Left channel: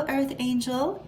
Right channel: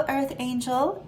Hello, Earth Angel.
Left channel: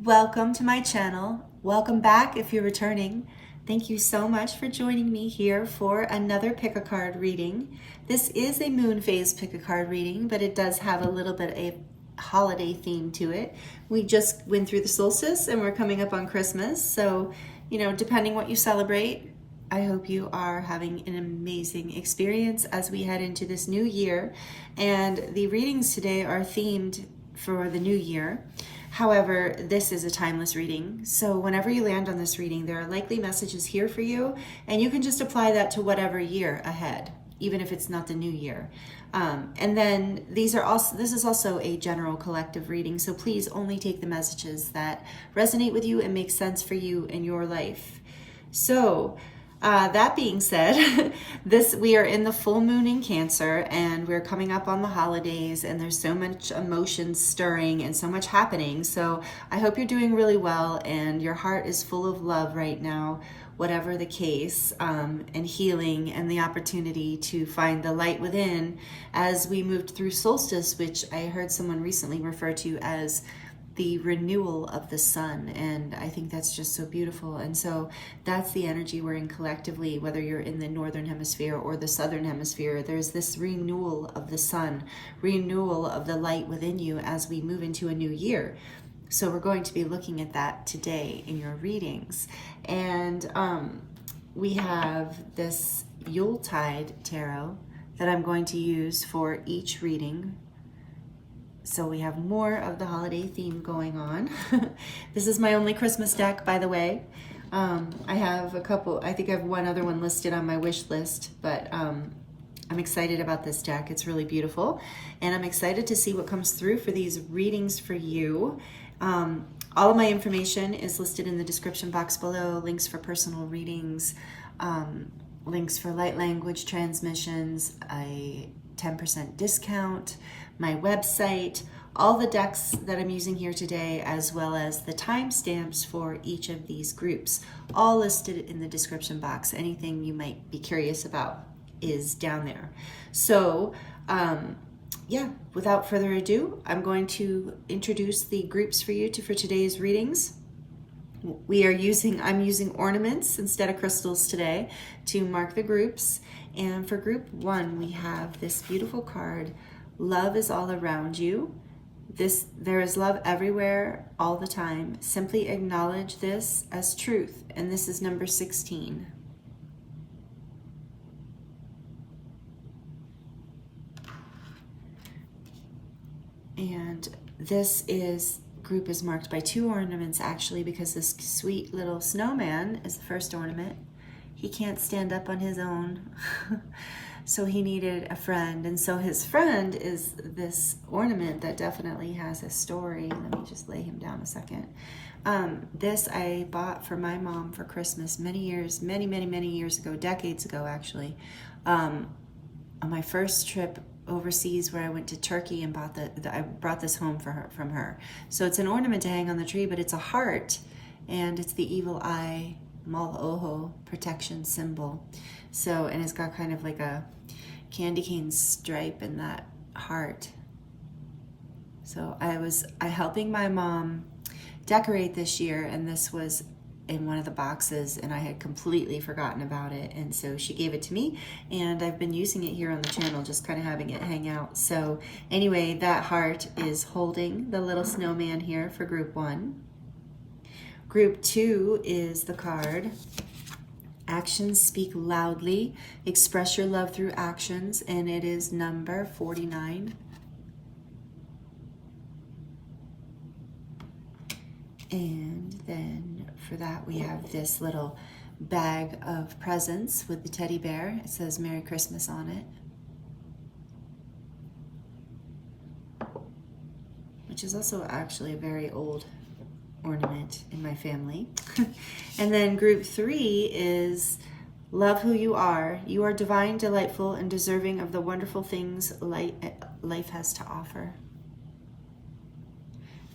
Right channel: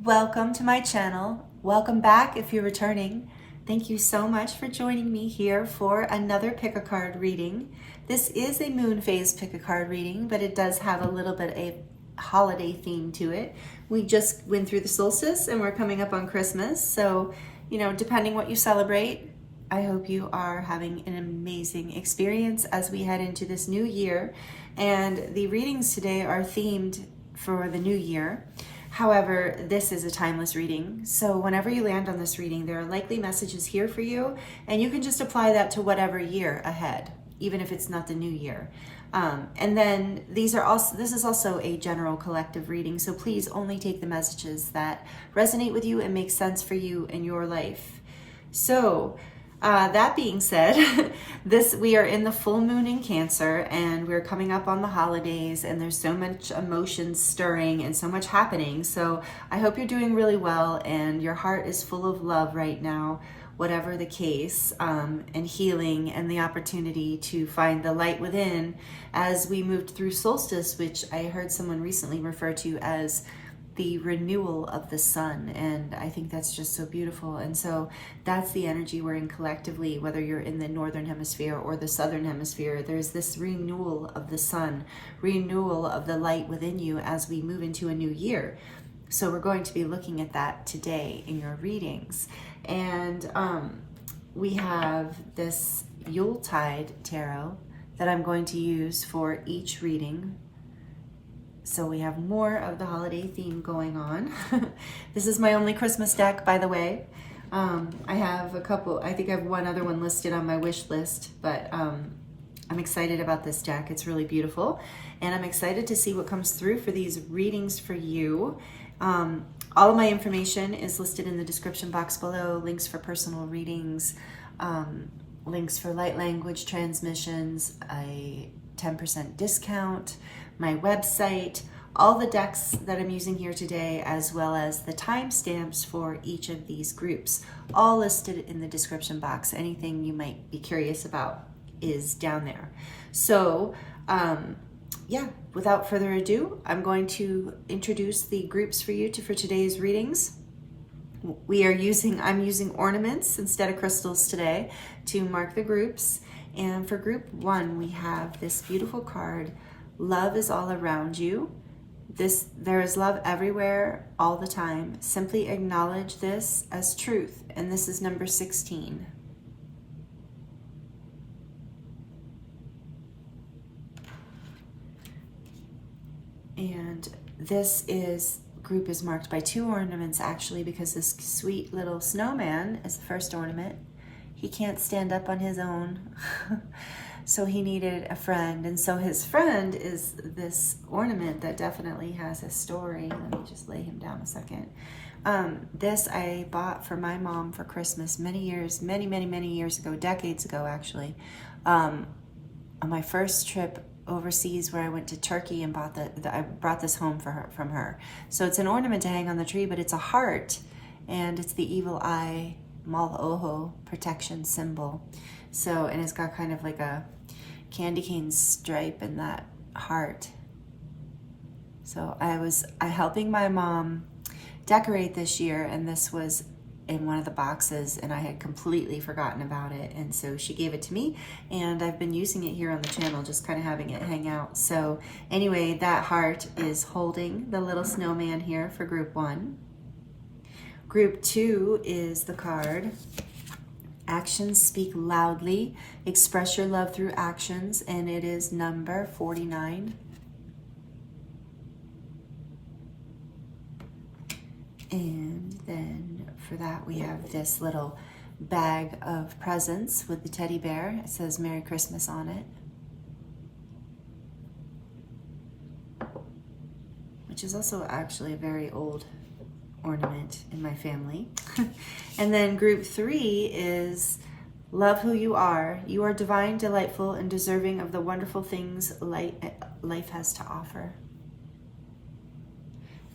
Welcome to my channel. Welcome back if you're returning. Thank you so much for joining me here for another pick a card reading. This is a moon phase pick a card reading, but it does have a little bit of a holiday theme to it. We just went through the solstice and we're coming up on Christmas. So, depending what you celebrate, I hope you are having an amazing experience as we head into this new year. And the readings today are themed for the new year. However, this is a timeless reading. So whenever you land on this reading, there are likely messages here for you, and you can just apply that to whatever year ahead, even if it's not the new year. And then this is also a general collective reading. So please only take the messages that resonate with you and make sense for you in your life. So, that being said, we are in the full moon in Cancer, and we're coming up on the holidays, and there's so much emotion stirring and so much happening. So I hope you're doing really well and your heart is full of love right now, whatever the case, and healing and the opportunity to find the light within as we moved through solstice, which I heard someone recently refer to as the renewal of the sun, and I think that's just so beautiful. And so that's the energy we're in collectively, whether you're in the northern hemisphere or the southern hemisphere. There's this renewal of the sun, renewal of the light within you as we move into a new year. So we're going to be looking at that today in your readings. And we have this Yuletide tarot that I'm going to use for each reading. So we have more of the holiday theme going on. This is my only Christmas deck, by the way. I have a couple, I think I have one other one listed on my wish list, but I'm excited about this deck. It's really beautiful. And I'm excited to see what comes through for these readings for you. All of my information is listed in the description box below. Links for personal readings, links for light language transmissions, a 10% discount, my website, all the decks that I'm using here today, as well as the timestamps for each of these groups, all listed in the description box. Anything you might be curious about is down there. So yeah, without further ado, I'm going to introduce the groups for you for today's readings. I'm using ornaments instead of crystals today to mark the groups. And for group 1, we have this beautiful card, Love is all around you. There is love everywhere, all the time. Simply acknowledge this as truth. And this is number 16. And this group is marked by 2 ornaments actually, because this sweet little snowman is the first ornament. He can't stand up on his own. So he needed a friend, and so his friend is this ornament that definitely has a story. Let me just lay him down a second. This I bought for my mom for Christmas many years ago, decades ago actually. On my first trip overseas, where I went to Turkey and I brought this home from her. So it's an ornament to hang on the tree, but it's a heart, and it's the evil eye, Mal-Oho, protection symbol. So, and it's got kind of like a candy cane stripe in that heart. So I helping my mom decorate this year, and this was in one of the boxes, and I had completely forgotten about it. And so she gave it to me, and I've been using it here on the channel, just kind of having it hang out. So anyway, that heart is holding the little snowman here for group 1. Group 2 is the card, Actions Speak Loudly, Express Your Love Through Actions, and it is number 49. And then for that we have this little bag of presents with the teddy bear. It says Merry Christmas on it, which is also actually a very old ornament in my family. And then group 3 is Love Who You Are. You are divine, delightful, and deserving of the wonderful things life has to offer.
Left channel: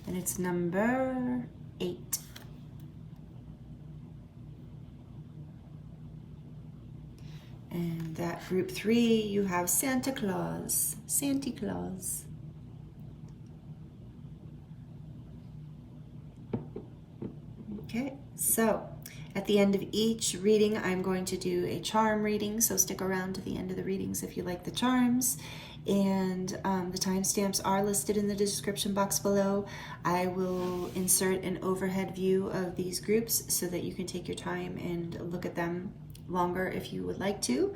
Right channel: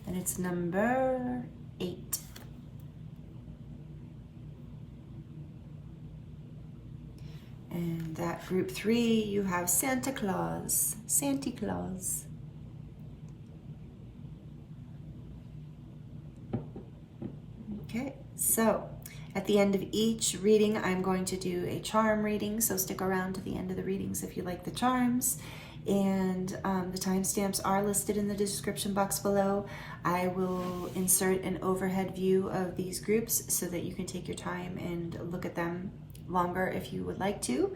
And it's number 8. And that group 3, you have Santa Claus. Santa Claus. Okay, so at the end of each reading, I'm going to do a charm reading, so stick around to the end of the readings if you like the charms. And the timestamps are listed in the description box below. I will insert an overhead view of these groups so that you can take your time and look at them longer if you would like to.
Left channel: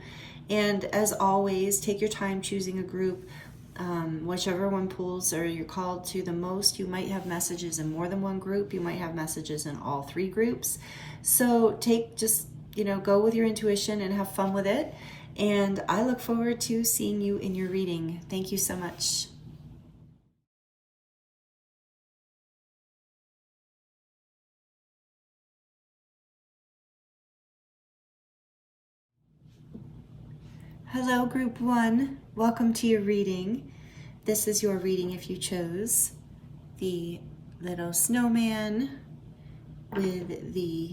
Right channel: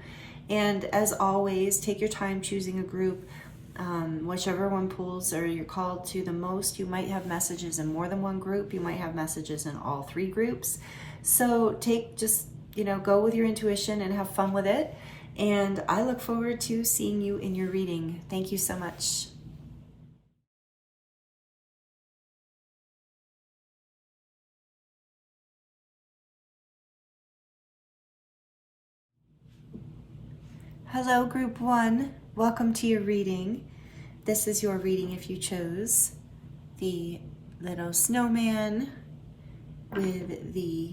And as always, take your time choosing a group. Whichever one pulls or you're called to the most. You might have messages in more than one group. You might have messages in all three groups. So go with your intuition and have fun with it. And I look forward to seeing you in your reading. Thank you so much. Hello, Group 1. Welcome to your reading. This is your reading if you chose the little snowman with the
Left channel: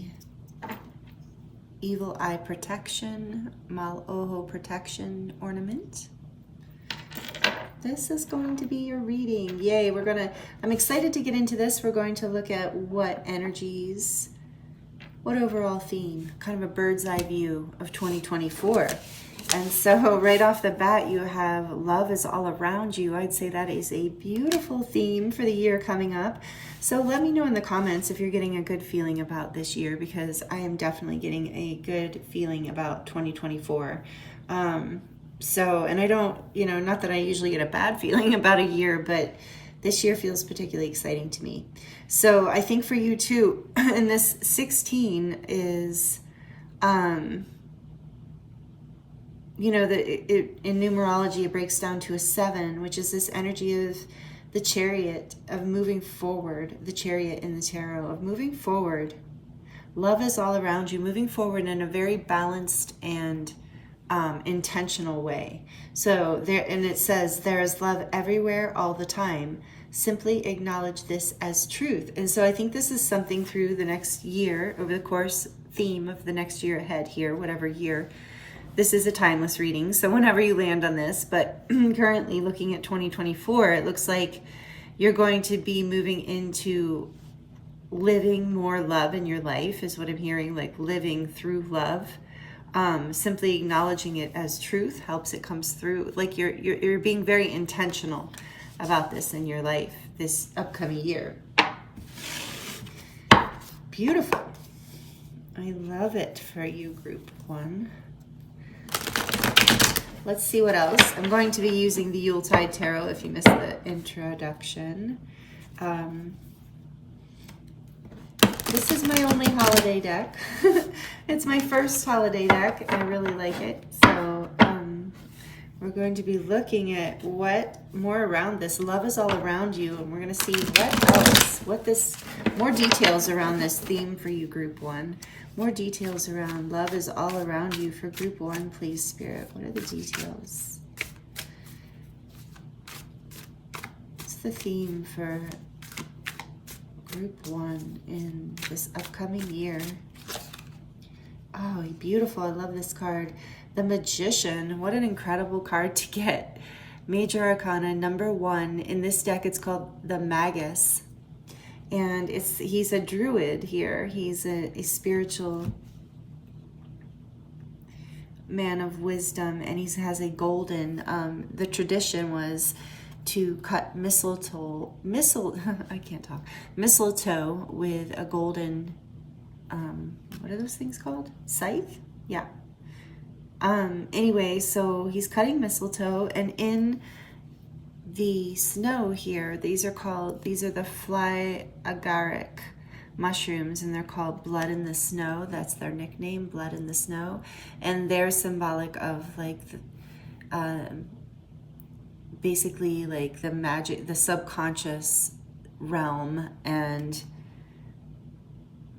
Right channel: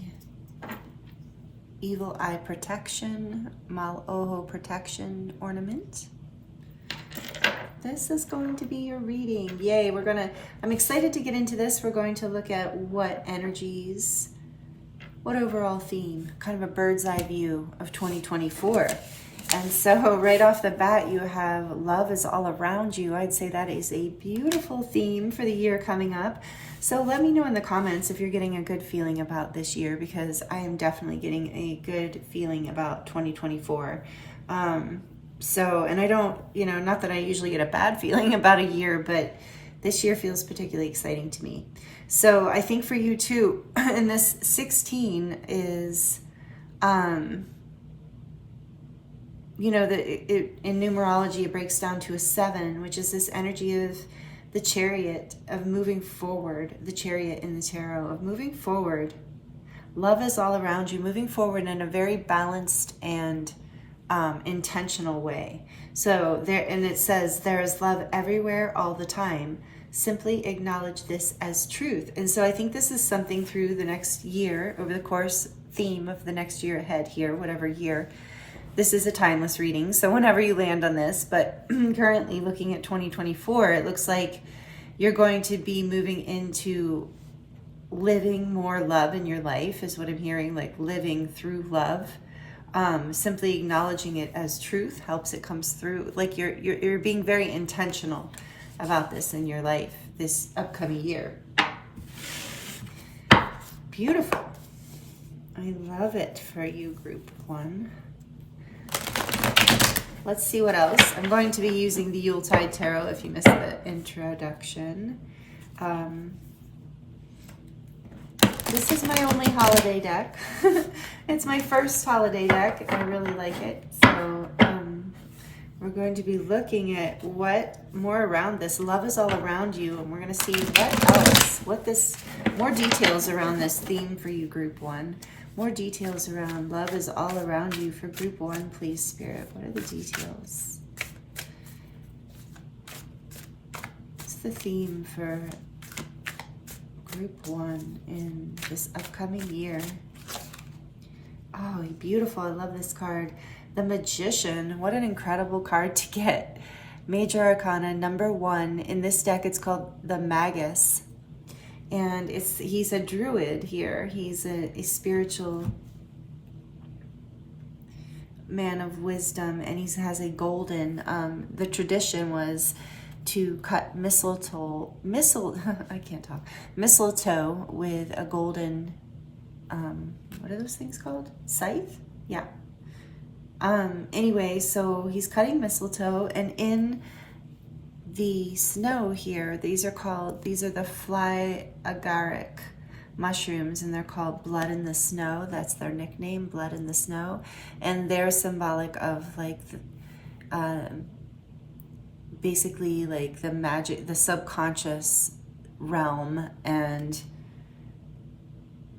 evil eye protection, Mal-Oho protection ornament. This is going to be your reading. Yay, I'm excited to get into this. We're going to look at what energies, what overall theme, kind of a bird's eye view of 2024. And so right off the bat, you have love is all around you. I'd say that is a beautiful theme for the year coming up. So let me know in the comments if you're getting a good feeling about this year, because I am definitely getting a good feeling about 2024. And I don't, not that I usually get a bad feeling about a year, but this year feels particularly exciting to me. So I think for you too, and this 16 is, in numerology, it breaks down to a 7, which is this energy of the chariot, of moving forward, the chariot in the tarot, of moving forward. Love is all around you, moving forward in a very balanced and intentional way. So it says, there is love everywhere all the time. Simply acknowledge this as truth. And so I think this is something through the next year, over the course theme of the next year ahead here, whatever year. This is a timeless reading, so whenever you land on this, but currently looking at 2024, it looks like you're going to be moving into living more love in your life, is what I'm hearing, like living through love. Simply acknowledging it as truth helps it comes through. Like you're being very intentional about this in your life this upcoming year. Beautiful. I love it for you, Group 1. Let's see what else. I'm going to be using the Yuletide Tarot if you missed the introduction. This is my only holiday deck. It's my first holiday deck, and I really like it. So we're going to be looking at what more around this. Love is all around you, and we're going to see what else, more details around this theme for you, Group 1. More details around love is all around you for Group 1, please, Spirit. What are the details? What's the theme for Group 1 in this upcoming year? Oh, beautiful. I love this card. The Magician. What an incredible card to get. Major Arcana number 1. In this deck, it's called the Magus. And he's a druid here. He's a spiritual man of wisdom, and he has a golden, the tradition was to cut mistletoe with a golden, what are those things called? Scythe? Yeah. Anyway, so he's cutting mistletoe, and in the snow here, these are the fly agaric mushrooms, and they're called blood in the snow. That's their nickname, blood in the snow. And they're symbolic of like basically like the magic, the subconscious realm, and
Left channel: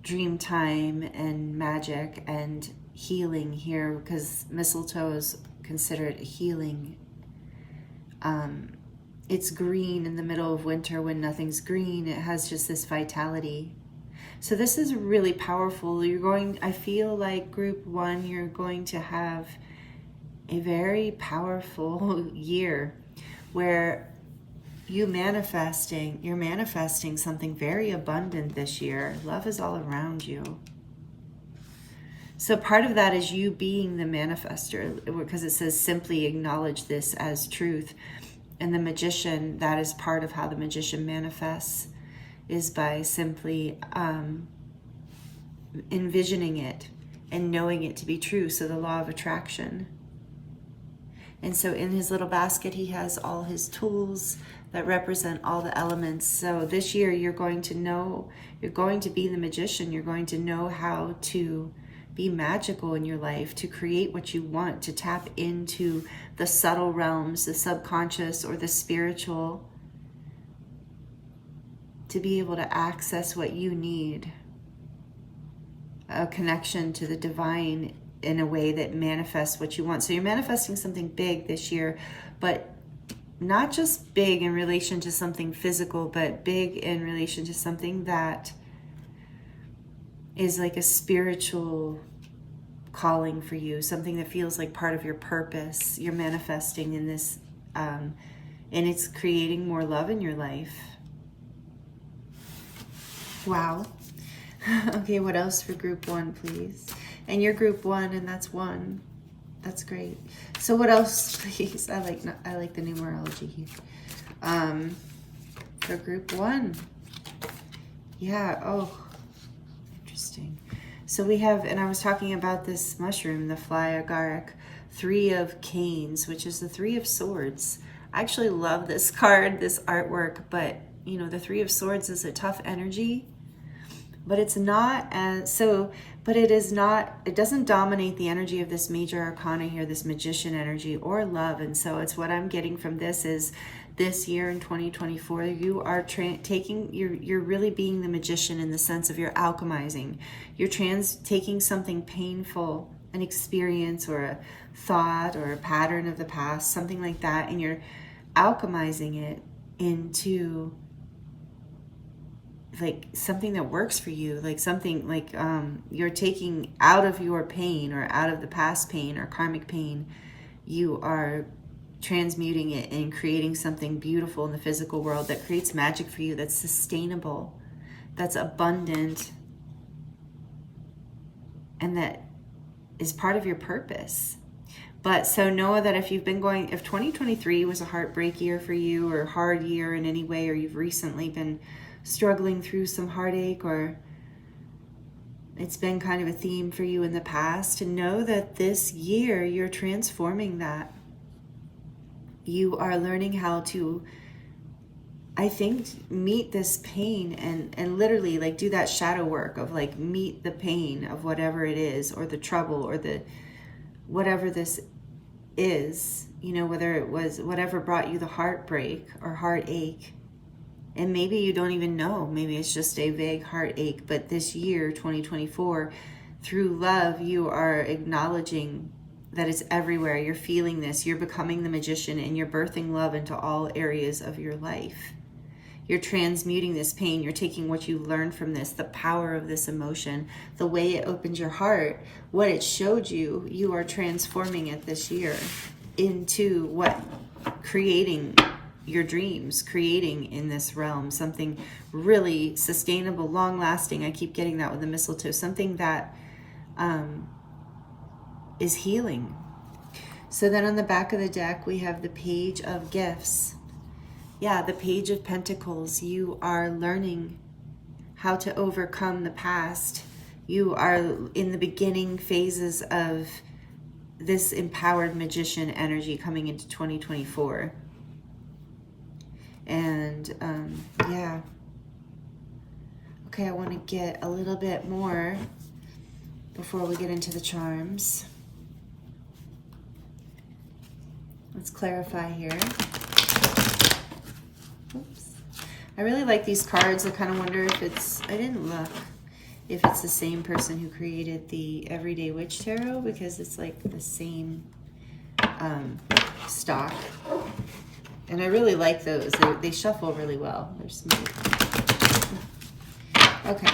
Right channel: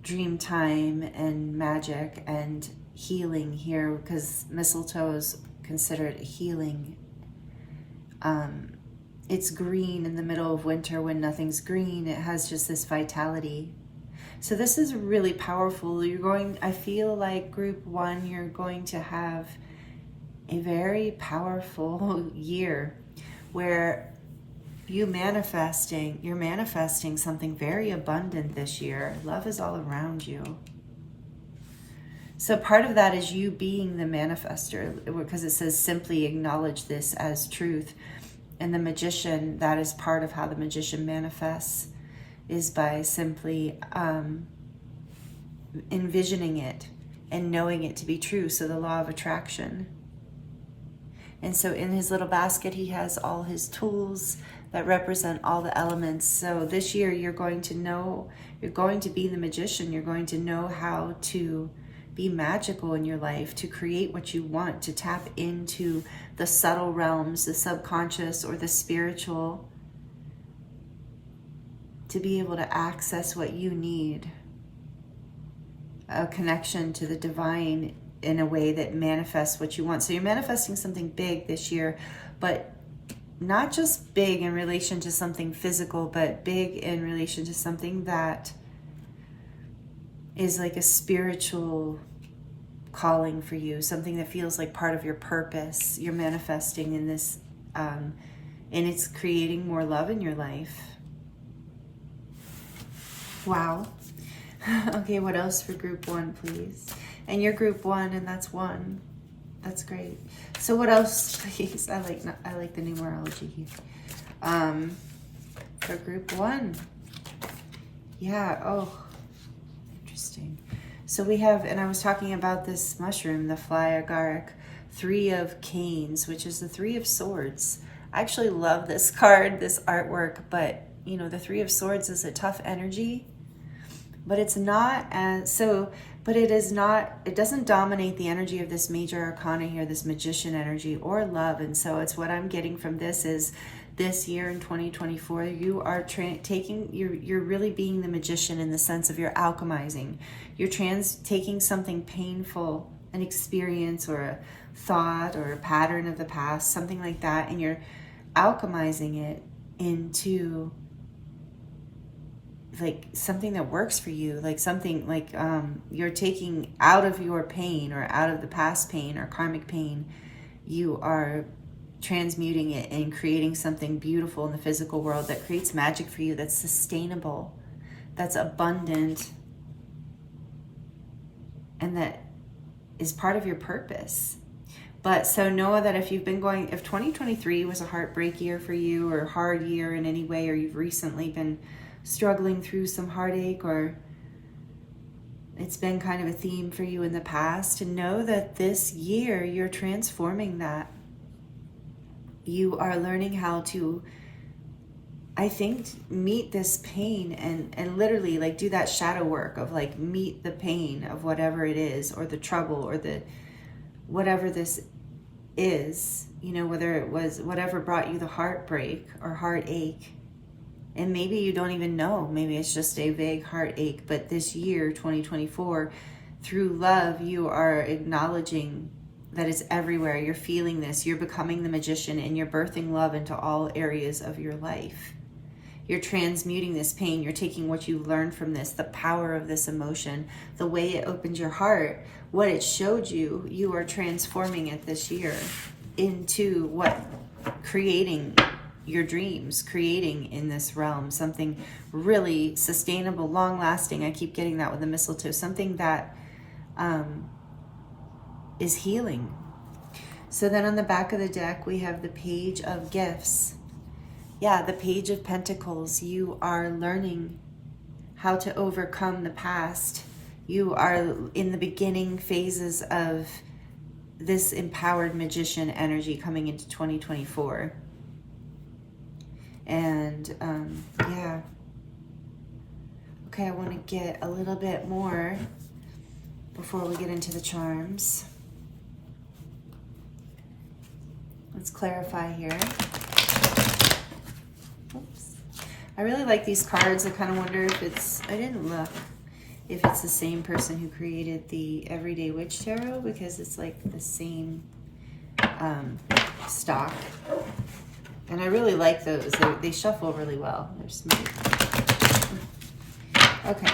dream time and magic and healing here, because mistletoe is considered healing. It's green in the middle of winter when nothing's green. It has just this vitality. So this is really powerful. I feel like Group 1, you're going to have a very powerful year where you're manifesting something very abundant this year. Love is all around you. So part of that is you being the manifester, because it says simply acknowledge this as truth. And the magician, that is part of how the magician manifests, is by simply envisioning it and knowing it to be true. So the law of attraction. And so in his little basket, he has all his tools that represent all the elements. So this year you're going to know, you're going to be the magician. You're going to know how to be magical in your life, to create what you want, to tap into the subtle realms, the subconscious or the spiritual, to be able to access what you need. A connection to the divine in a way that manifests what you want. So you're manifesting something big this year, but not just big in relation to something physical, but big in relation to something that is like a spiritual calling for you, something that feels like part of your purpose. You're manifesting in this, and it's creating more love in your life. Wow. Okay, what else for group 1, please? And you're group 1, and that's 1. That's great. So what else, please? I like the numerology. For group 1. Yeah, oh, interesting. So we have, and I was talking about this mushroom, the fly agaric, 3 of canes, which is the 3 of swords. I actually love this card, this artwork, but you know, the 3 of swords is a tough energy, but it's not as, so, but it is not, it doesn't dominate the energy of this major arcana here, this magician energy or love. And so it's what I'm getting from this is this year in 2024, you are you're really being the magician in the sense of you're alchemizing. You're taking something painful, an experience or a thought or a pattern of the past, something like that, and you're alchemizing it into like something that works for you, like something like you're taking out of your pain or out of the past pain or karmic pain, you are transmuting it and creating something beautiful in the physical world that creates magic for you, that's sustainable, that's abundant, and that is part of your purpose. But so know that if you've been going, if 2023 was a heartbreak year for you or a hard year in any way, or you've recently been struggling through some heartache, or it's been kind of a theme for you in the past, to know that this year you're transforming that. You are learning how to, I think, meet this pain and literally like do that shadow work of like meet the pain of whatever it is, or the trouble, or the whatever this is, you know, whether it was whatever brought you the heartbreak or heartache. And maybe you don't even know, maybe it's just a vague heartache, but this year, 2024, through love, you are acknowledging that it's everywhere. You're feeling this, you're becoming the magician, and you're birthing love into all areas of your life. You're transmuting this pain. You're taking what you learned from this, the power of this emotion, the way it opened your heart, what it showed you, you are transforming it this year into what? Creating your dreams, creating in this realm something really sustainable, long-lasting. I keep getting that with the mistletoe, something that is healing. So then on the back of the deck, we have the Page of Gifts. Yeah, the Page of Pentacles. You are learning how to overcome the past. You are in the beginning phases of this empowered magician energy coming into 2024. And yeah. Okay, I want to get a little bit more before we get into the charms. Let's clarify here. Oops. I really like these cards. I kind of wonder if it's, I didn't look, if it's the same person who created the Everyday Witch Tarot, because it's like the same stock. And I really like those. They shuffle really well. They're smooth. Okay.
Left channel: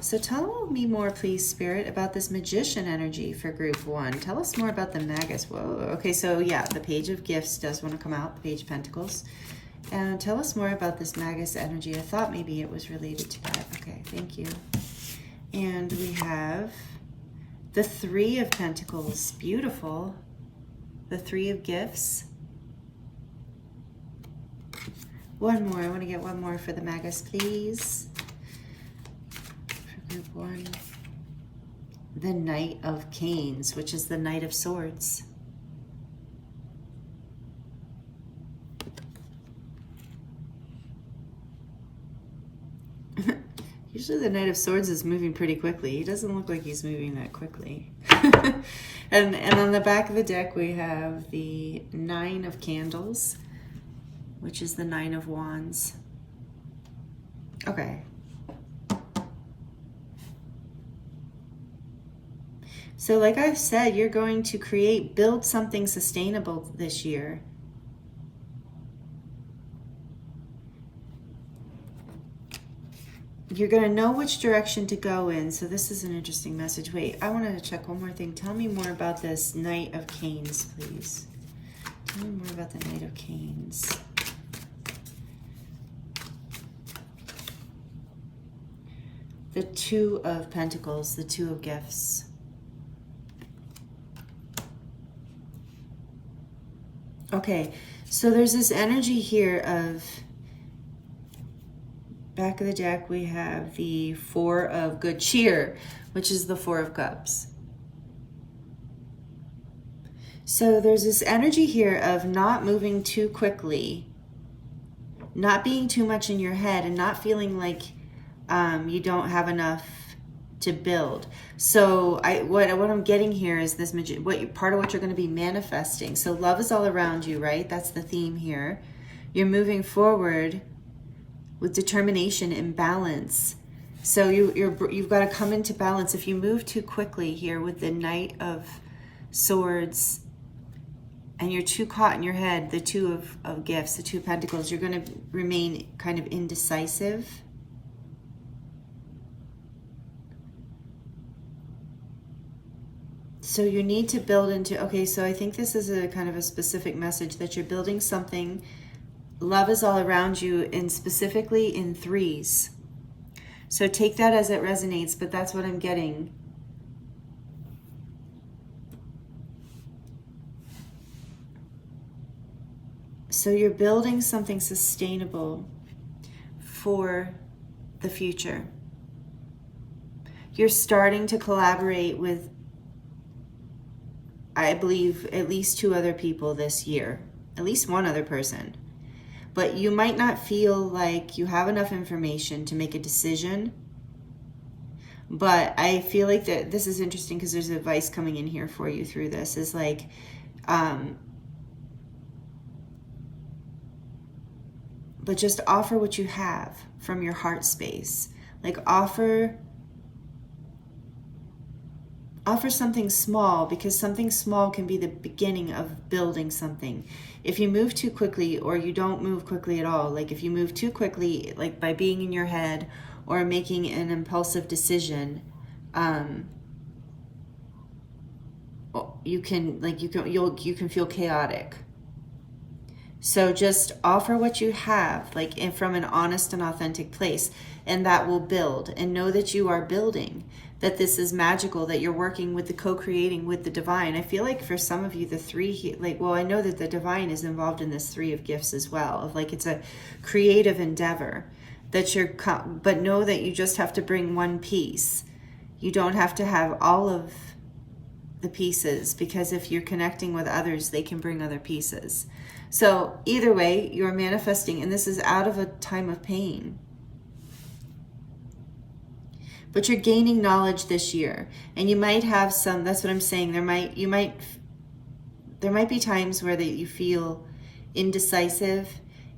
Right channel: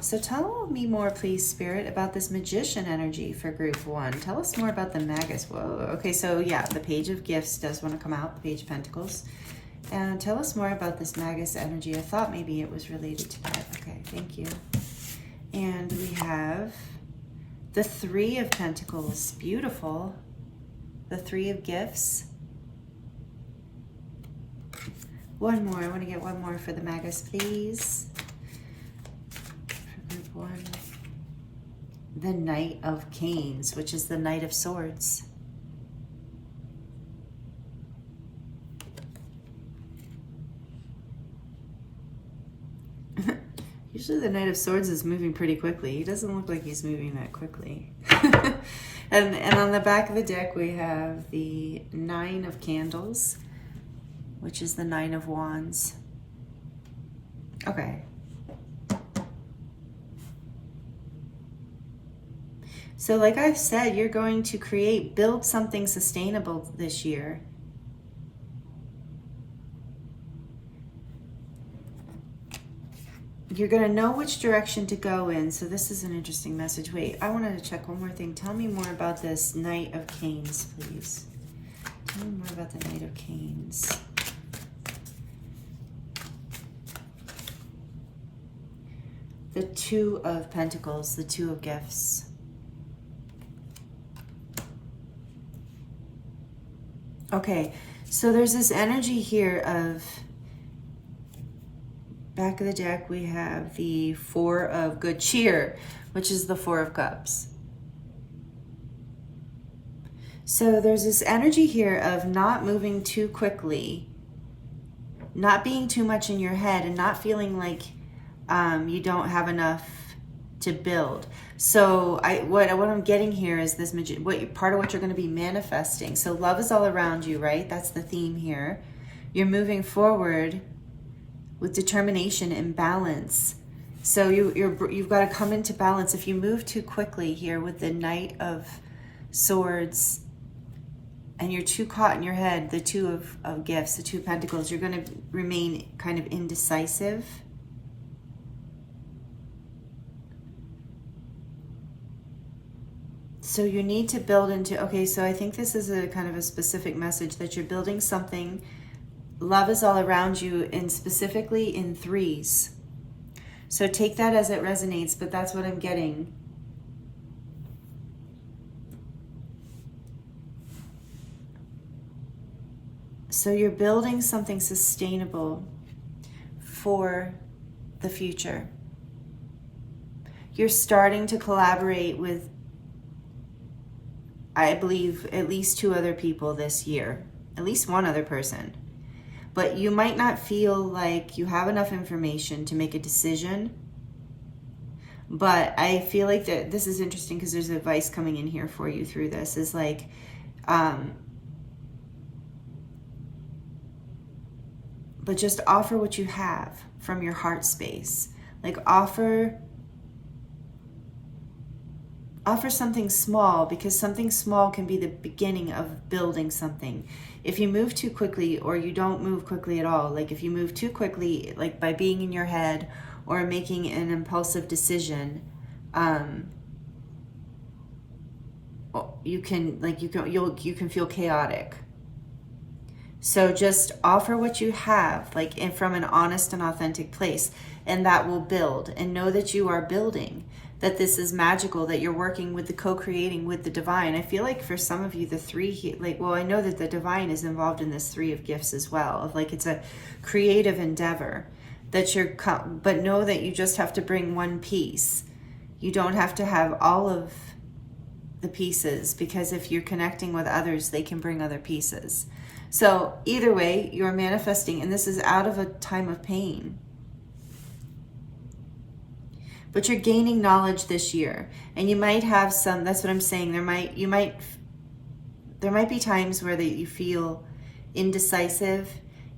So tell me more, please, Spirit, about this magician energy for group 1. Tell us more about the Magus. Whoa. Okay, so yeah, the Page of Gifts does want to come out, the Page of Pentacles. And tell us more about this Magus energy. I thought maybe it was related to that. Okay, thank you. And we have the Three of Pentacles. Beautiful. The Three of Gifts. One more. I want to get one more for the Magus, please. For group one. The Knight of Canes, which is the Knight of Swords. Usually the Knight of Swords is moving pretty quickly. He doesn't look like he's moving that quickly. and on the back of the deck we have the Nine of Candles, which is the Nine of Wands. Okay. So like I said, you're going to build something sustainable this year. You're going to know which direction to go in. So this is an interesting message. Wait, I wanted to check one more thing. Tell me more about this Knight of Canes, please. Tell me more about the Knight of Canes. The Two of Pentacles, the Two of Gifts. Okay, so there's this energy here of, back of the deck, we have the Four of Good Cheer, which is the Four of Cups. So there's this energy here of not moving too quickly, not being too much in your head, and not feeling like you don't have enough to build. So what I'm getting here is this part of what you're going to be manifesting. So love is all around you, right? That's the theme here. You're moving forward with determination and balance. So you've got to come into balance. If you move too quickly here with the Knight of Swords and you're too caught in your head, the Two of Gifts, the Two of Pentacles, you're going to remain kind of indecisive. So you need to build into, okay, so I think this is a kind of a specific message that you're building something. Love is all around you, and specifically in threes. So take that as it resonates, but that's what I'm getting. So you're building something sustainable for the future. You're starting to collaborate with, I believe, at least 2 other people this year, at least one other person. But you might not feel like you have enough information to make a decision. But I feel like that this is interesting because there's advice coming in here for you through this. Is like, but just offer what you have from your heart space. Like offer something small, because something small can be the beginning of building something. If you move too quickly, or you don't move quickly at all, like if you move too quickly, like by being in your head or making an impulsive decision, you can feel chaotic. So just offer what you have, like, and from an honest and authentic place, and that will build. And know that you are building, that this is magical, that you're working with the co-creating with the divine. I feel like for some of you, the three, like, well, I know that the divine is involved in this Three of Gifts as well. Of like, it's a creative endeavor that but know that you just have to bring one piece. You don't have to have all of the pieces, because if you're connecting with others, they can bring other pieces. So either way, you're manifesting, and this is out of a time of pain. But you're gaining knowledge this year, and you might have some, that's what I'm saying, there might be times where you feel indecisive,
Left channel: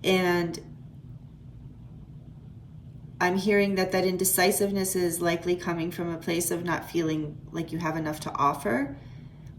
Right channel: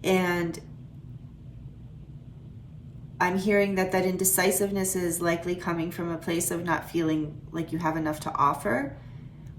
and I'm hearing that indecisiveness is likely coming from a place of not feeling like you have enough to offer,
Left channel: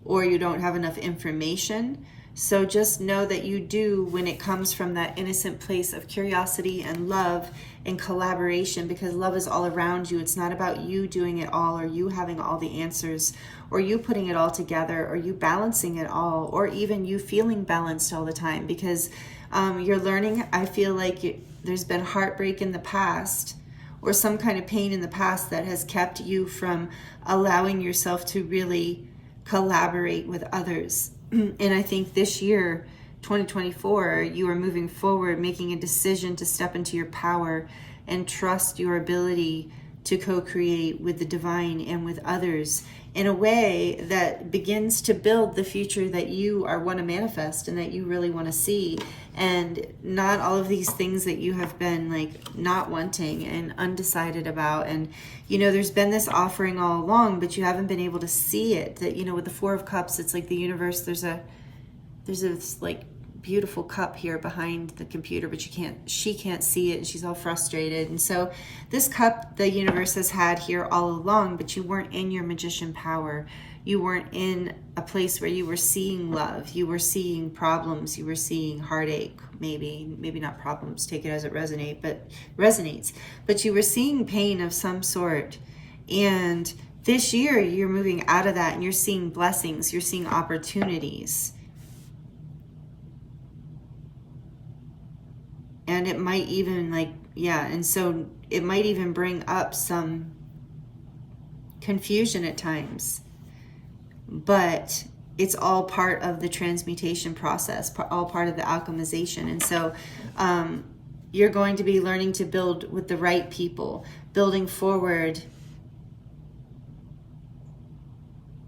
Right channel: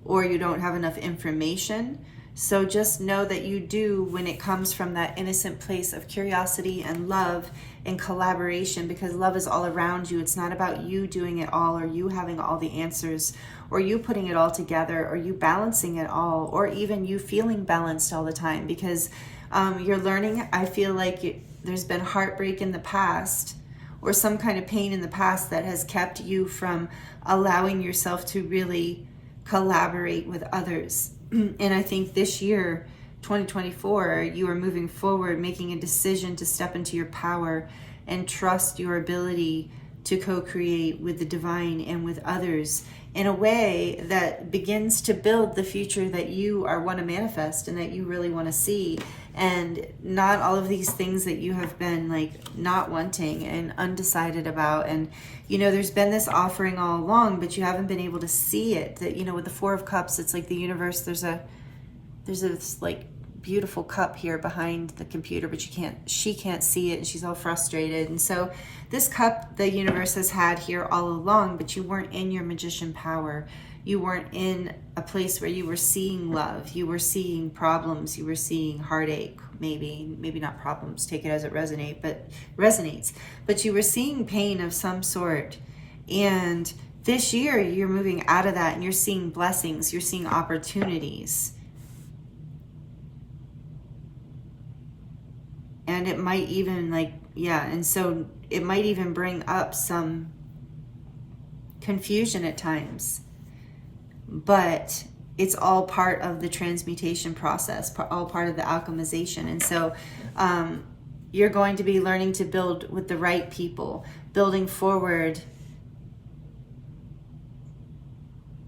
or you don't have enough information. So just know that you do, when it comes from that innocent place of curiosity and love and collaboration, because love is all around you. It's not about you doing it all, or you having all the answers, or you putting it all together, or you balancing it all, or even you feeling balanced all the time. Because You're learning, I feel like there's been heartbreak in the past or some kind of pain in the past that has kept you from allowing yourself to really collaborate with others. And I think this year, 2024, you are moving forward, making a decision to step into your power and trust your ability to co-create with the divine and with others in a way that begins to build the future that you want to manifest and that you really want to see, and not all of these things that you have been like not wanting and undecided about. And there's been this offering all along, but you haven't been able to see it. That with the Four of Cups, it's like the universe, there's this like beautiful cup here behind the computer, but she can't see it, and she's all frustrated. And so this cup the universe has had here all along, but you weren't in your magician power. You weren't in a place where you were seeing love. You were seeing problems. You were seeing heartache. Maybe not problems, take it as it resonates, but you were seeing pain of some sort. And this year you're moving out of that and you're seeing blessings. You're seeing opportunities. And it might even and so it might even bring up some confusion at times, but it's all part of the transmutation process, all part of the alchemization. And so you're going to be learning to build with the right people, building forward.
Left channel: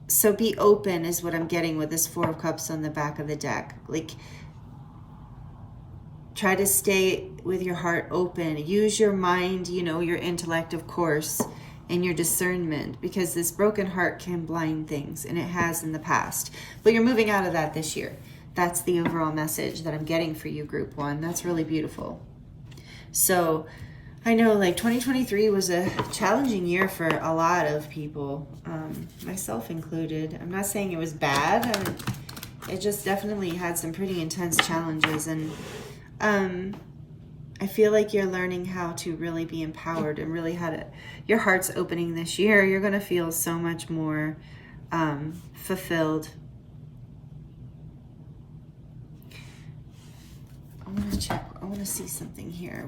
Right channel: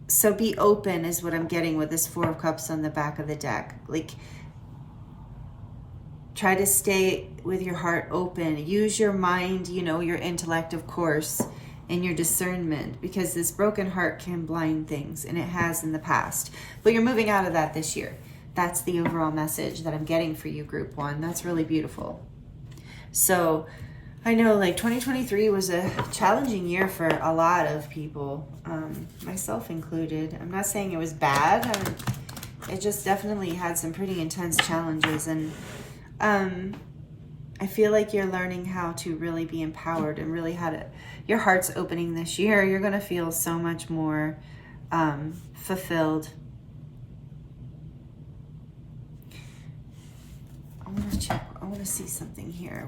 So be open is what I'm getting with this Four of Cups on the back of the deck. Like, try to stay with your heart open. Use your mind, your intellect, of course, and your discernment, because this broken heart can blind things, and it has in the past. But you're moving out of that this year. That's the overall message that I'm getting for you, Group 1. That's really beautiful. So I know 2023 was a challenging year for a lot of people, myself included. I'm not saying it was bad. It just definitely had some pretty intense challenges, and I feel like you're learning how to really be empowered and really your heart's opening this year. You're going to feel so much more fulfilled. I want to check. I want to see something here.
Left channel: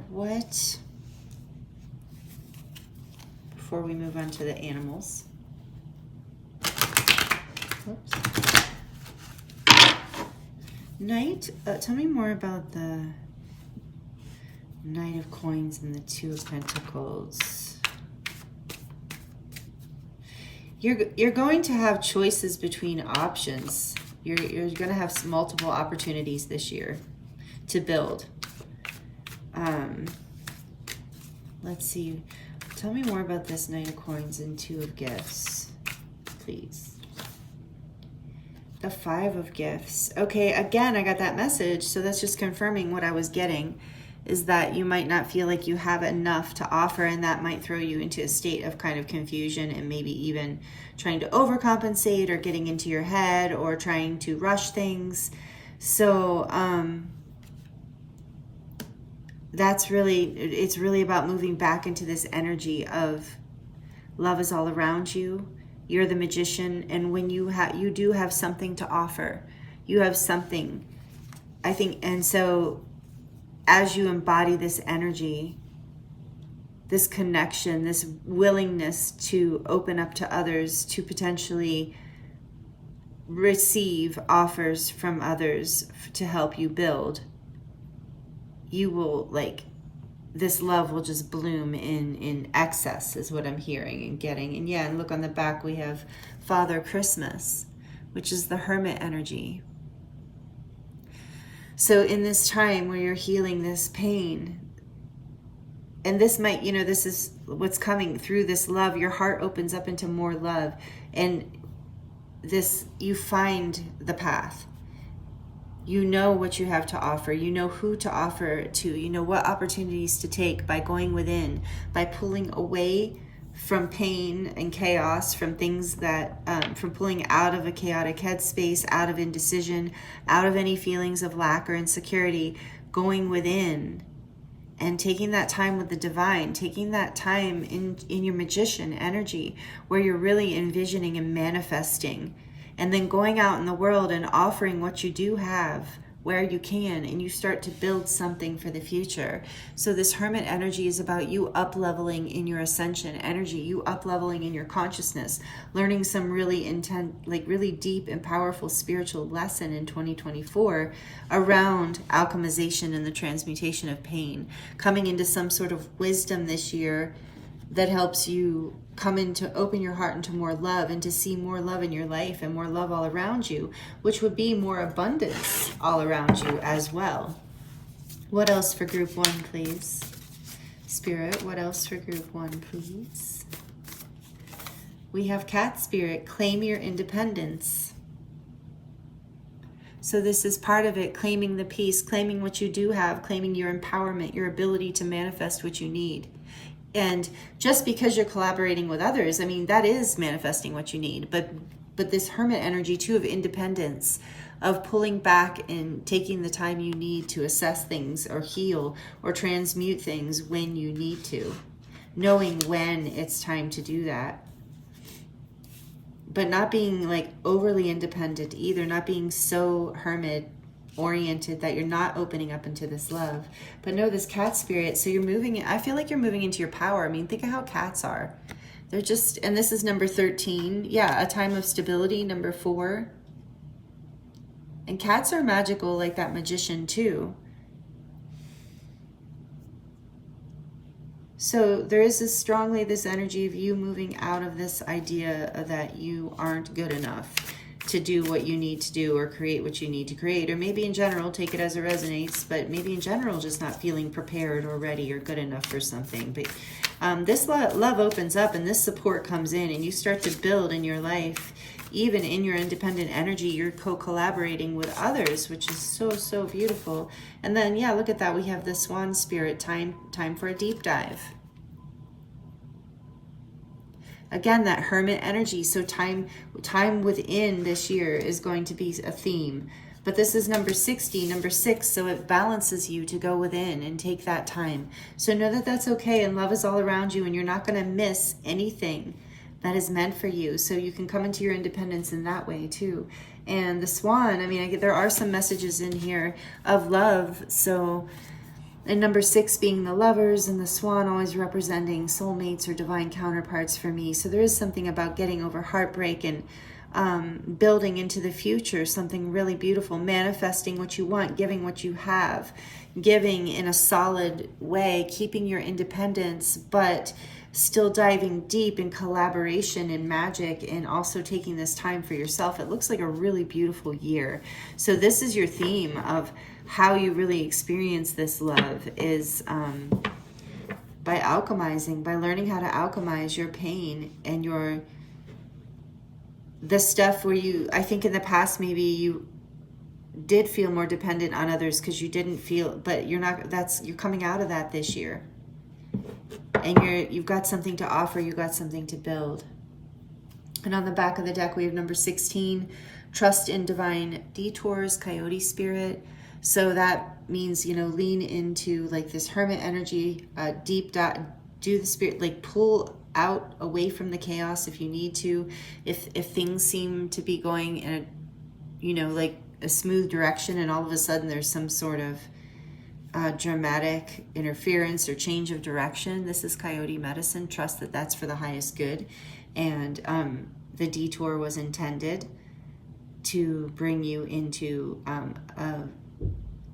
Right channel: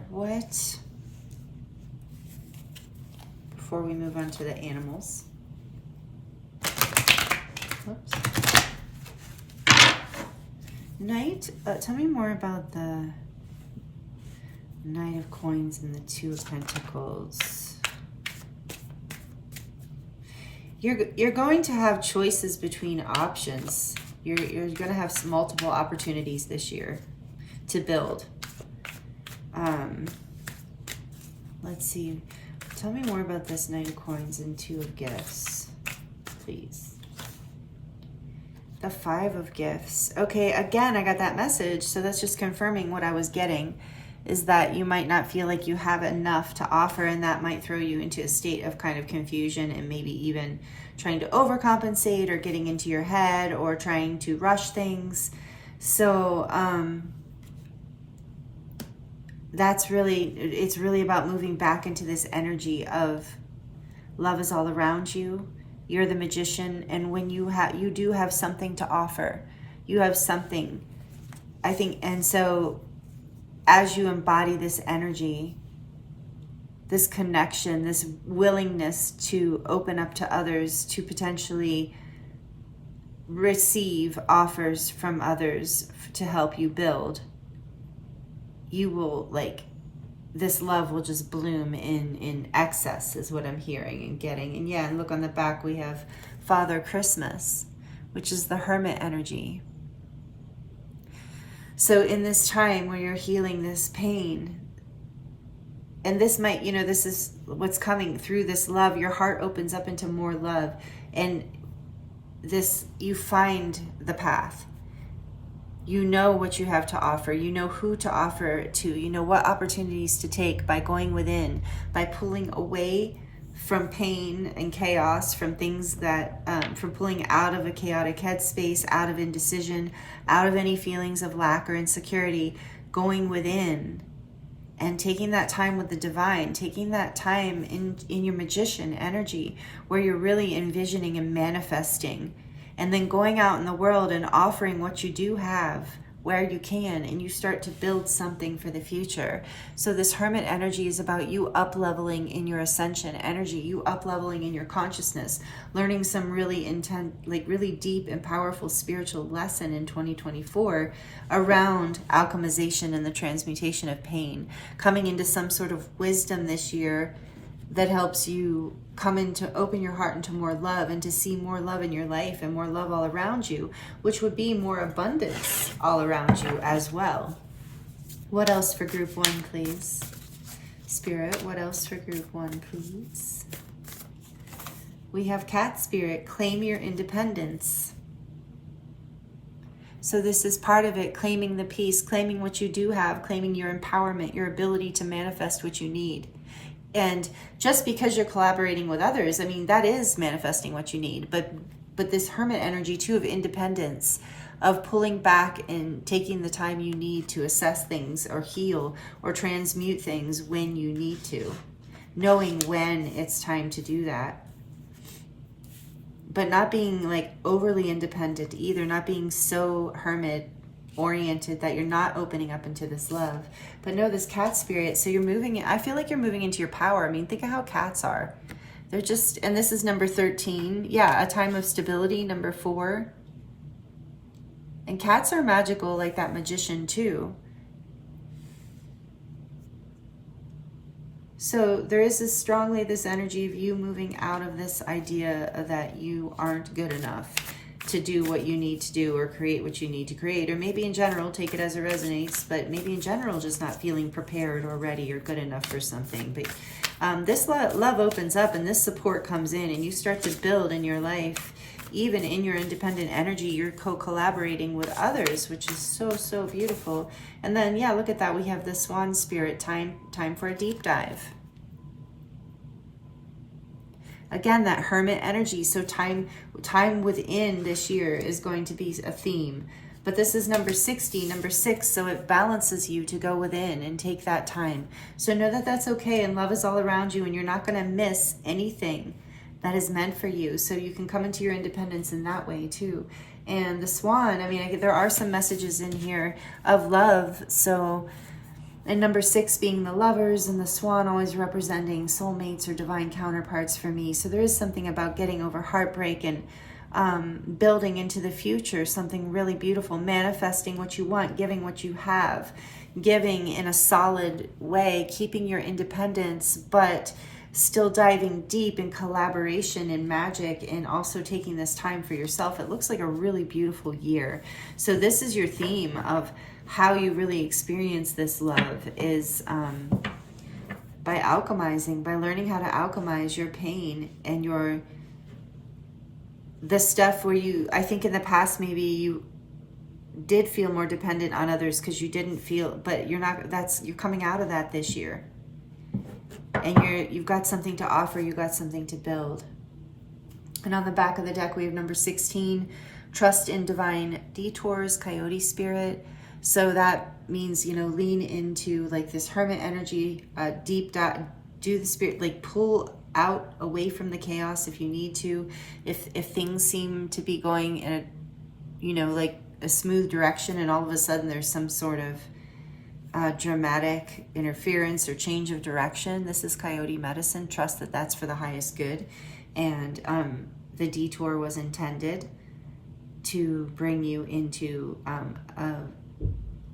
Before we move on to the animals. Oops. Knight, tell me more about the Knight of Coins and the Two of Pentacles. You're going to have choices between options. You're going to have multiple opportunities this year to build. Let's see. Tell me more about this Knight of Coins and Two of Gifts, please. The Five of Gifts. Okay, again, I got that message, so that's just confirming what I was getting, is that you might not feel like you have enough to offer, and that might throw you into a state of kind of confusion and maybe even trying to overcompensate or getting into your head or trying to rush things. So it's really about moving back into this energy of love is all around you. You're the magician, and when you do have something to offer, you have something, I think. And so as you embody this energy, this connection, this willingness to open up to others, to potentially receive offers from others to help you build, you will this love will just bloom in excess, is what I'm hearing and getting. And yeah, and look on the back, we have Father Christmas, which is the Hermit energy. So in this time where you're healing this pain, and this might, this is what's coming through this love, your heart opens up into more love, and this, you find the path. You know what you have to offer. You know who to offer to. You know what opportunities to take by going within, by pulling away from pain and chaos, from things that, from pulling out of a chaotic headspace, out of indecision, out of any feelings of lack or insecurity, going within and taking that time with the divine, taking that time in your magician energy where you're really envisioning and manifesting, and then going out in the world and offering what you do have where you can, and you start to build something for the future. So this Hermit energy is about you up-leveling in your ascension energy, you up-leveling in your consciousness, learning some really intense, like really deep and powerful spiritual lesson in 2024 around alchemization and the transmutation of pain, coming into some sort of wisdom this year that helps you come into, open your heart into more love, and to see more love in your life and more love all around you, which would be more abundance all around you as well. What else for group 1, please? Spirit, what else for group 1, please? We have Cat Spirit, claim your independence. So this is part of it, claiming the peace, claiming what you do have, claiming your empowerment, your ability to manifest what you need. And just because you're collaborating with others, I mean, that is manifesting what you need. But this Hermit energy too of independence, of pulling back and taking the time you need to assess things or heal or transmute things when you need to, knowing when it's time to do that. But not being like overly independent either, not being so hermit oriented that you're not opening up into this love. But no, this Cat Spirit, so you're moving, I feel like you're moving into your power. I mean, think of how cats are. They're just, and this is number 13. Yeah, a time of stability, number 4. And cats are magical like that magician too. So there is this energy of you moving out of this idea that you aren't good enough to do what you need to do or create what you need to create. Or maybe in general, take it as it resonates, but maybe in general, just not feeling prepared or ready or good enough for something. But this love opens up and this support comes in, and you start to build in your life. Even in your independent energy, you're co-collaborating with others, which is so, so beautiful. And then, yeah, look at that. We have the Swan Spirit, time for a deep dive. Again, that Hermit energy. So time within this year is going to be a theme. But this is number 60, number 6, so it balances you to go within and take that time. So know that that's okay, and love is all around you, and you're not going to miss anything that is meant for you. So you can come into your independence in that way too. And the Swan, I mean, there are some messages in here of love. So, and number 6 being the Lovers, and the Swan always representing soulmates or divine counterparts for me. So there is something about getting over heartbreak and building into the future, something really beautiful, manifesting what you want, giving what you have, giving in a solid way, keeping your independence, but still diving deep in collaboration and magic, and also taking this time for yourself. It looks like a really beautiful year. So this is your theme of how you really experience this love, is by alchemizing, by learning how to alchemize your pain and the stuff where you, I think in the past maybe you did feel more dependent on others because you didn't feel, but you're coming out of that this year. And you've got something to offer, you got something to build. And on the back of the deck, we have number 16, trust in divine detours, Coyote Spirit. So that means, lean into like this Hermit energy, deep dive, do the spirit, like pull out away from the chaos if you need to. If things seem to be going in a, like a smooth direction, and all of a sudden there's some sort of dramatic interference or change of direction, this is Coyote Medicine. Trust that that's for the highest good, and the detour was intended to bring you into a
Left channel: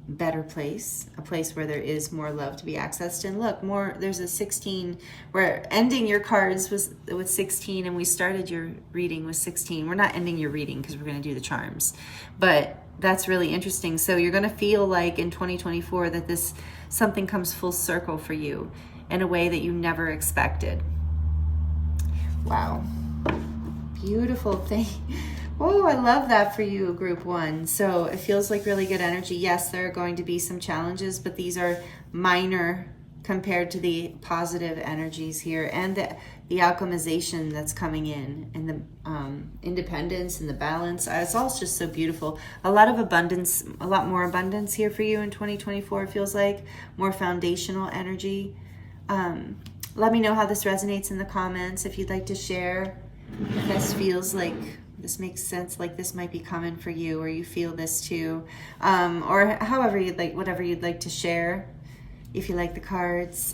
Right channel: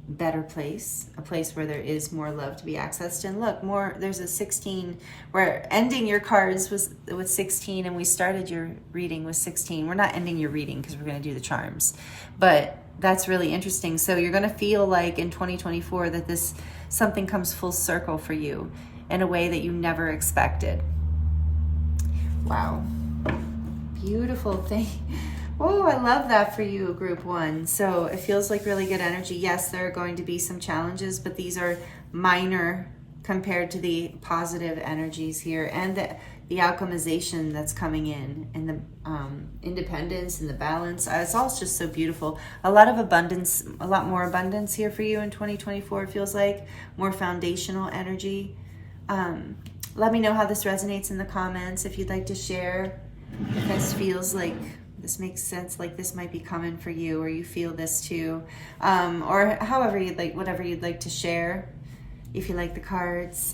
better place, a place where there is more love to be accessed. And look, there's a 16, we're ending your cards with 16, and we started your reading with 16. We're not ending your reading because we're going to do the charms, but that's really interesting. So you're going to feel like in 2024 that something comes full circle for you in a way that you never expected. Wow. Beautiful thing. Oh, I love that for you, group 1. So it feels like really good energy. Yes, there are going to be some challenges, but these are minor compared to the positive energies here, and the alchemization that's coming in, and the independence and the balance. It's all just so beautiful. A lot of abundance, a lot more abundance here for you in 2024. It feels like more foundational energy. Let me know how this resonates in the comments. If you'd like to share, if this feels like This makes sense, like this might be coming for you, or you feel this too, or however you'd like, whatever you'd like to share, if you like the cards.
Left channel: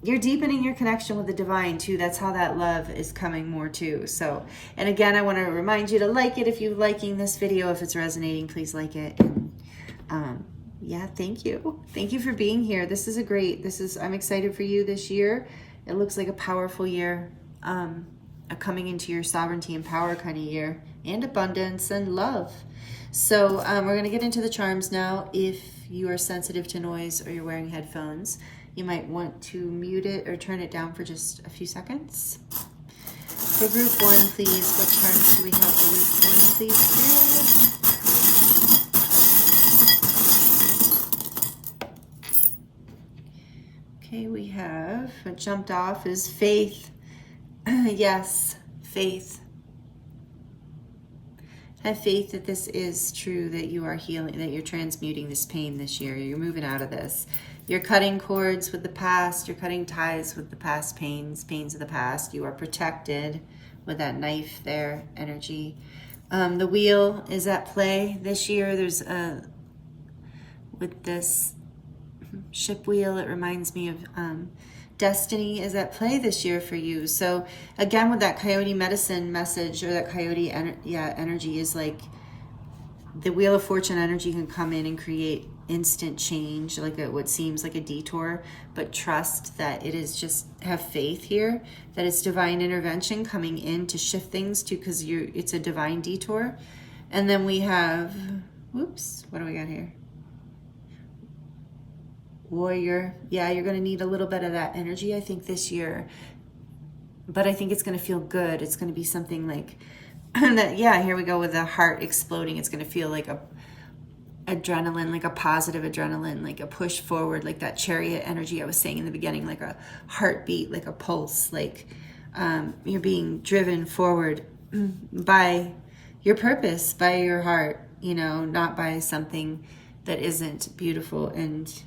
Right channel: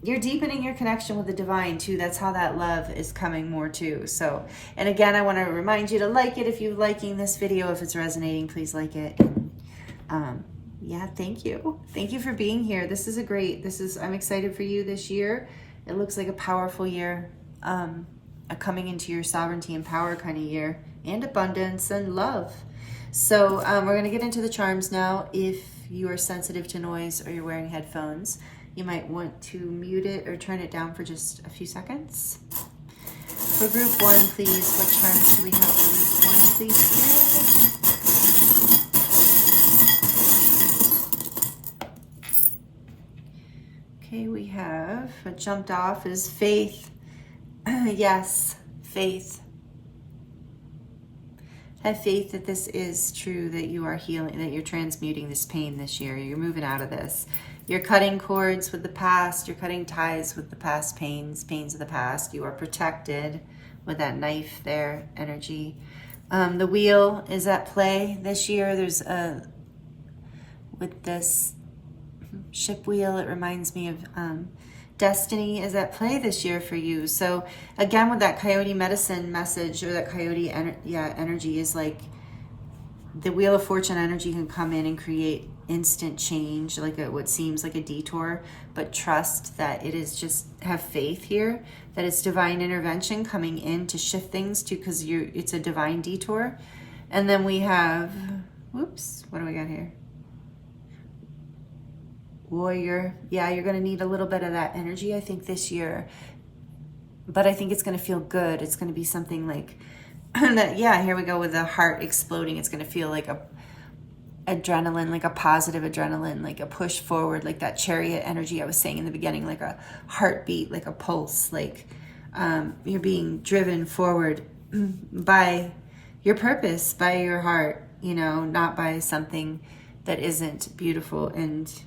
You're deepening your connection with the divine too. That's how that love is coming more too. So, and again, I want to remind you to like it if you're liking this video. If it's resonating, please like it. And yeah, thank you. Thank you for being here. This is I'm excited for you this year. It looks like a powerful year, a coming into your sovereignty and power kind of year, and abundance and love. So we're going to get into the charms now. If you are sensitive to noise or you're wearing headphones, you might want to mute it or turn it down for just a few seconds. For group 1, please, what charms do we have for group 1, please? Okay, we have, what jumped off is faith. Yes, faith. Have faith that this is true, that you are healing, that you're transmuting this pain this year. You're moving out of this. You're cutting cords with the past. You're cutting ties with the past pains of the past. You are protected with that knife there, energy. The wheel is at play this year. There's with this ship wheel, it reminds me of destiny is at play this year for you. So again, with that coyote medicine message, or that coyote energy, is like the wheel of fortune energy can come in and create instant change, like what seems like a detour, but trust that it is, just have faith here that it's divine intervention coming in to shift things to, because it's a divine detour. And then we have, whoops, what do we got here? Warrior. Yeah, you're going to need a little bit of that energy, I think, this year, but I think it's going to feel good. It's going to be something like that. Yeah, here we go with the heart exploding. It's going to feel like a adrenaline, like a positive adrenaline, like a push forward, like that chariot energy I was saying in the beginning, like a heartbeat, like a pulse, like you're being driven forward by your purpose, by your heart, you know, not by something that isn't beautiful and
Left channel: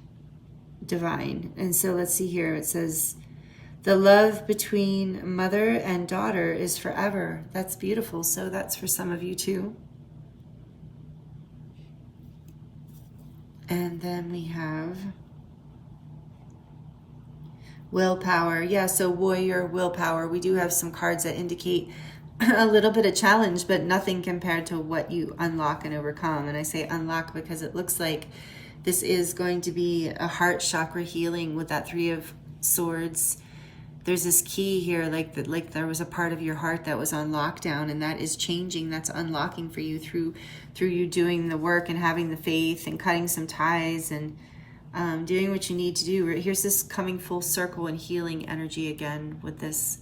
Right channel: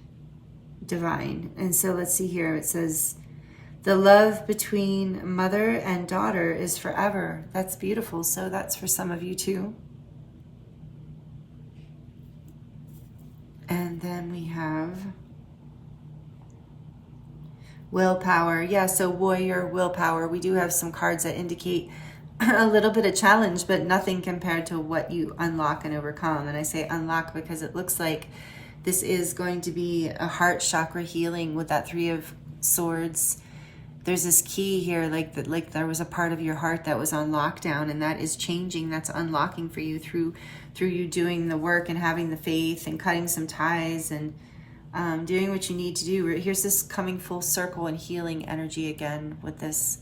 divine. And so let's see here. It says, the love between mother and daughter is forever. That's beautiful. So that's for some of you too. And then we have willpower. Yeah, so warrior, willpower. We do have some cards that indicate a little bit of challenge, but nothing compared to what you unlock and overcome. And I say unlock because it looks like this is going to be a heart chakra healing with that 3 of Swords. There's this key here, like there was a part of your heart that was on lockdown, and that is changing. That's unlocking for you through you doing the work and having the faith and cutting some ties and doing what you need to do. Here's this coming full circle and healing energy again with this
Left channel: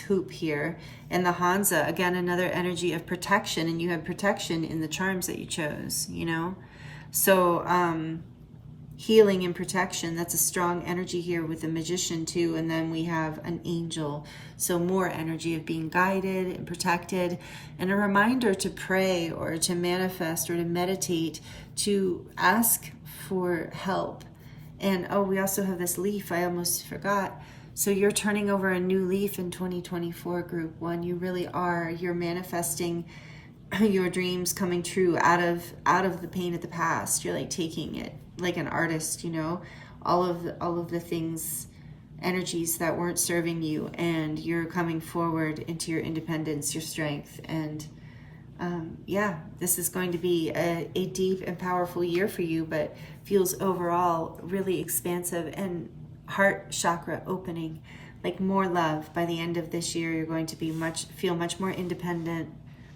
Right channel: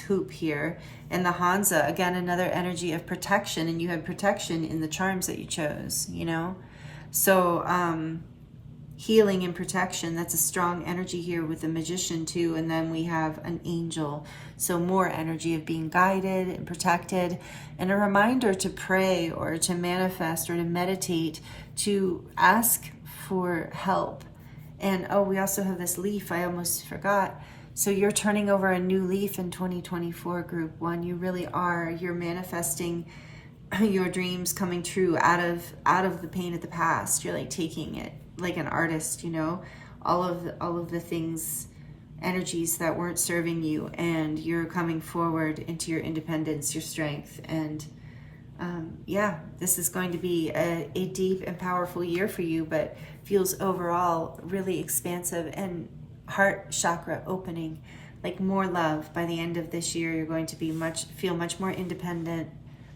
hoop here. And the Hansa, again, another energy of protection, and you had protection in the charms that you chose, you know? So healing and protection, that's a strong energy here with the Magician too. And then we have an angel, so more energy of being guided and protected, and a reminder to pray or to manifest or to meditate, to ask for help. And oh, we also have this leaf, I almost forgot. So you're turning over a new leaf in 2024, group 1. You really are. You're manifesting your dreams coming true out of the pain of the past. You're like taking it like an artist, you know, all of the things, energies that weren't serving you, and you're coming forward into your independence, your strength. And yeah, this is going to be a deep and powerful year for you, but feels overall really expansive and heart chakra opening, like more love. By the end of this year, you're going to be feel much more independent.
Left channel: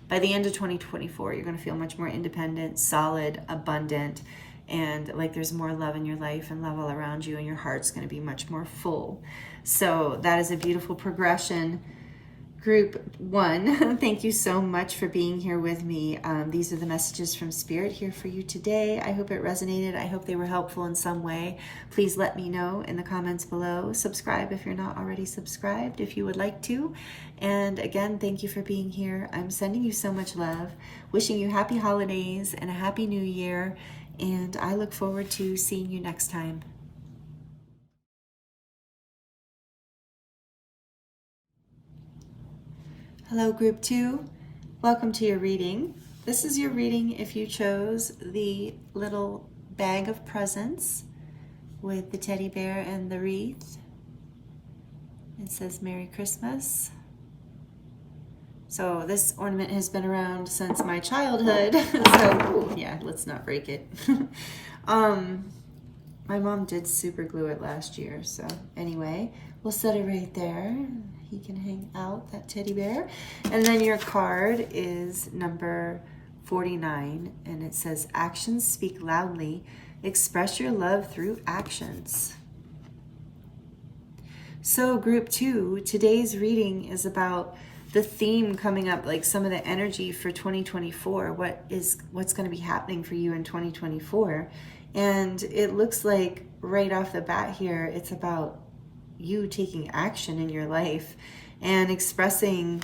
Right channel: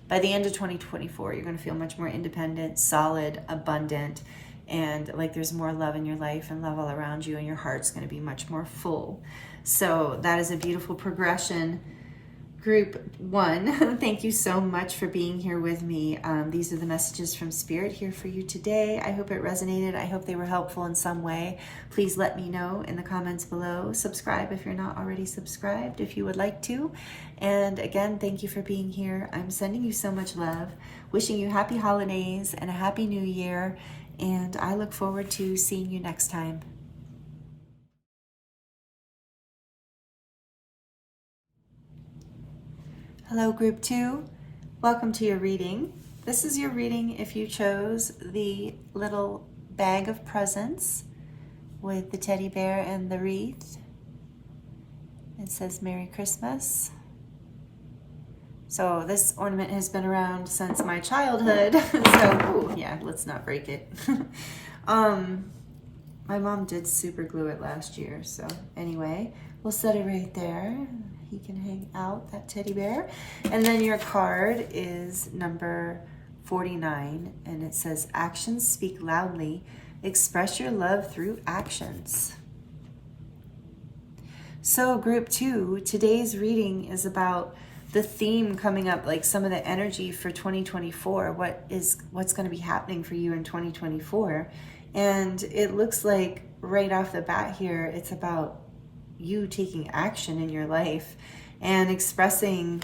By the end of 2024, you're going to feel much more independent, solid, abundant, and like there's more love in your life and love all around you, and your heart's going to be much more full. So that is a beautiful progression. Group 1, thank you so much for being here with me. These are the messages from Spirit here for you today. I hope it resonated. I hope they were helpful in some way. Please let me know in the comments below. Subscribe if you're not already subscribed, if you would like to. And again, thank you for being here. I'm sending you so much love, wishing you happy holidays and a happy new year. And I look forward to seeing you next time. Hello, Group 2. Welcome to your reading. This is your reading if you chose the little bag of presents with the teddy bear and the wreath. It says Merry Christmas. So this ornament has been around since my childhood. So, yeah, let's not break it. My mom did super glue it last year. So anyway, we'll set it right there. He can hang out, that teddy bear. And then your card is number 49, and it says, actions speak loudly. Express your love through actions. So Group 2, today's reading is about the theme coming up, like some of the energy for 2024. What's going to be happening for you in 2024? And it looks like right off the bat here, it's about you taking action in your life and expressing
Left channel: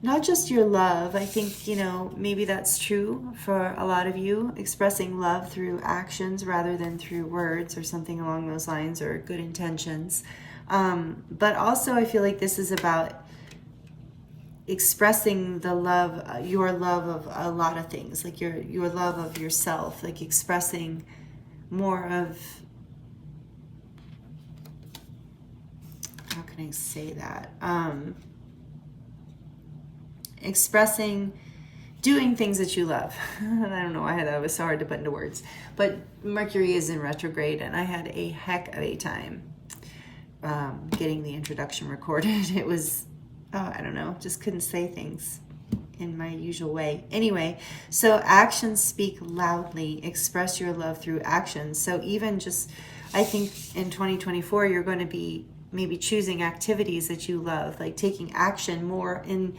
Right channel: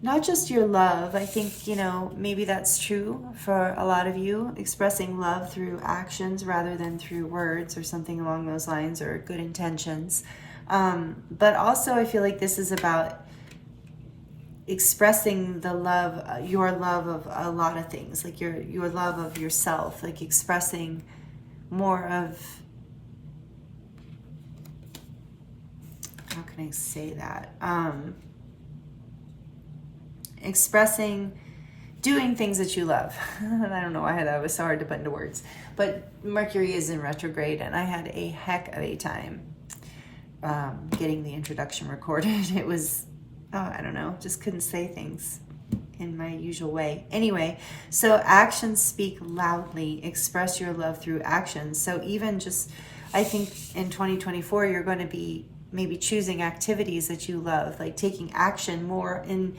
not just your love. I think, maybe that's true for a lot of you, expressing love through actions rather than through words or something along those lines, or good intentions. But also I feel like this is about expressing the love, your love of a lot of things, like your love of yourself, like expressing more of, how can I say that? Expressing, doing things that you love. I don't know why that was so hard to put into words, but Mercury is in retrograde, and I had a heck of a time getting the introduction recorded. It was, I don't know, just couldn't say things in my usual way. Anyway, so actions speak loudly. Express your love through actions. So even just, I think in 2024, you're going to be maybe choosing activities that you love, like taking action more in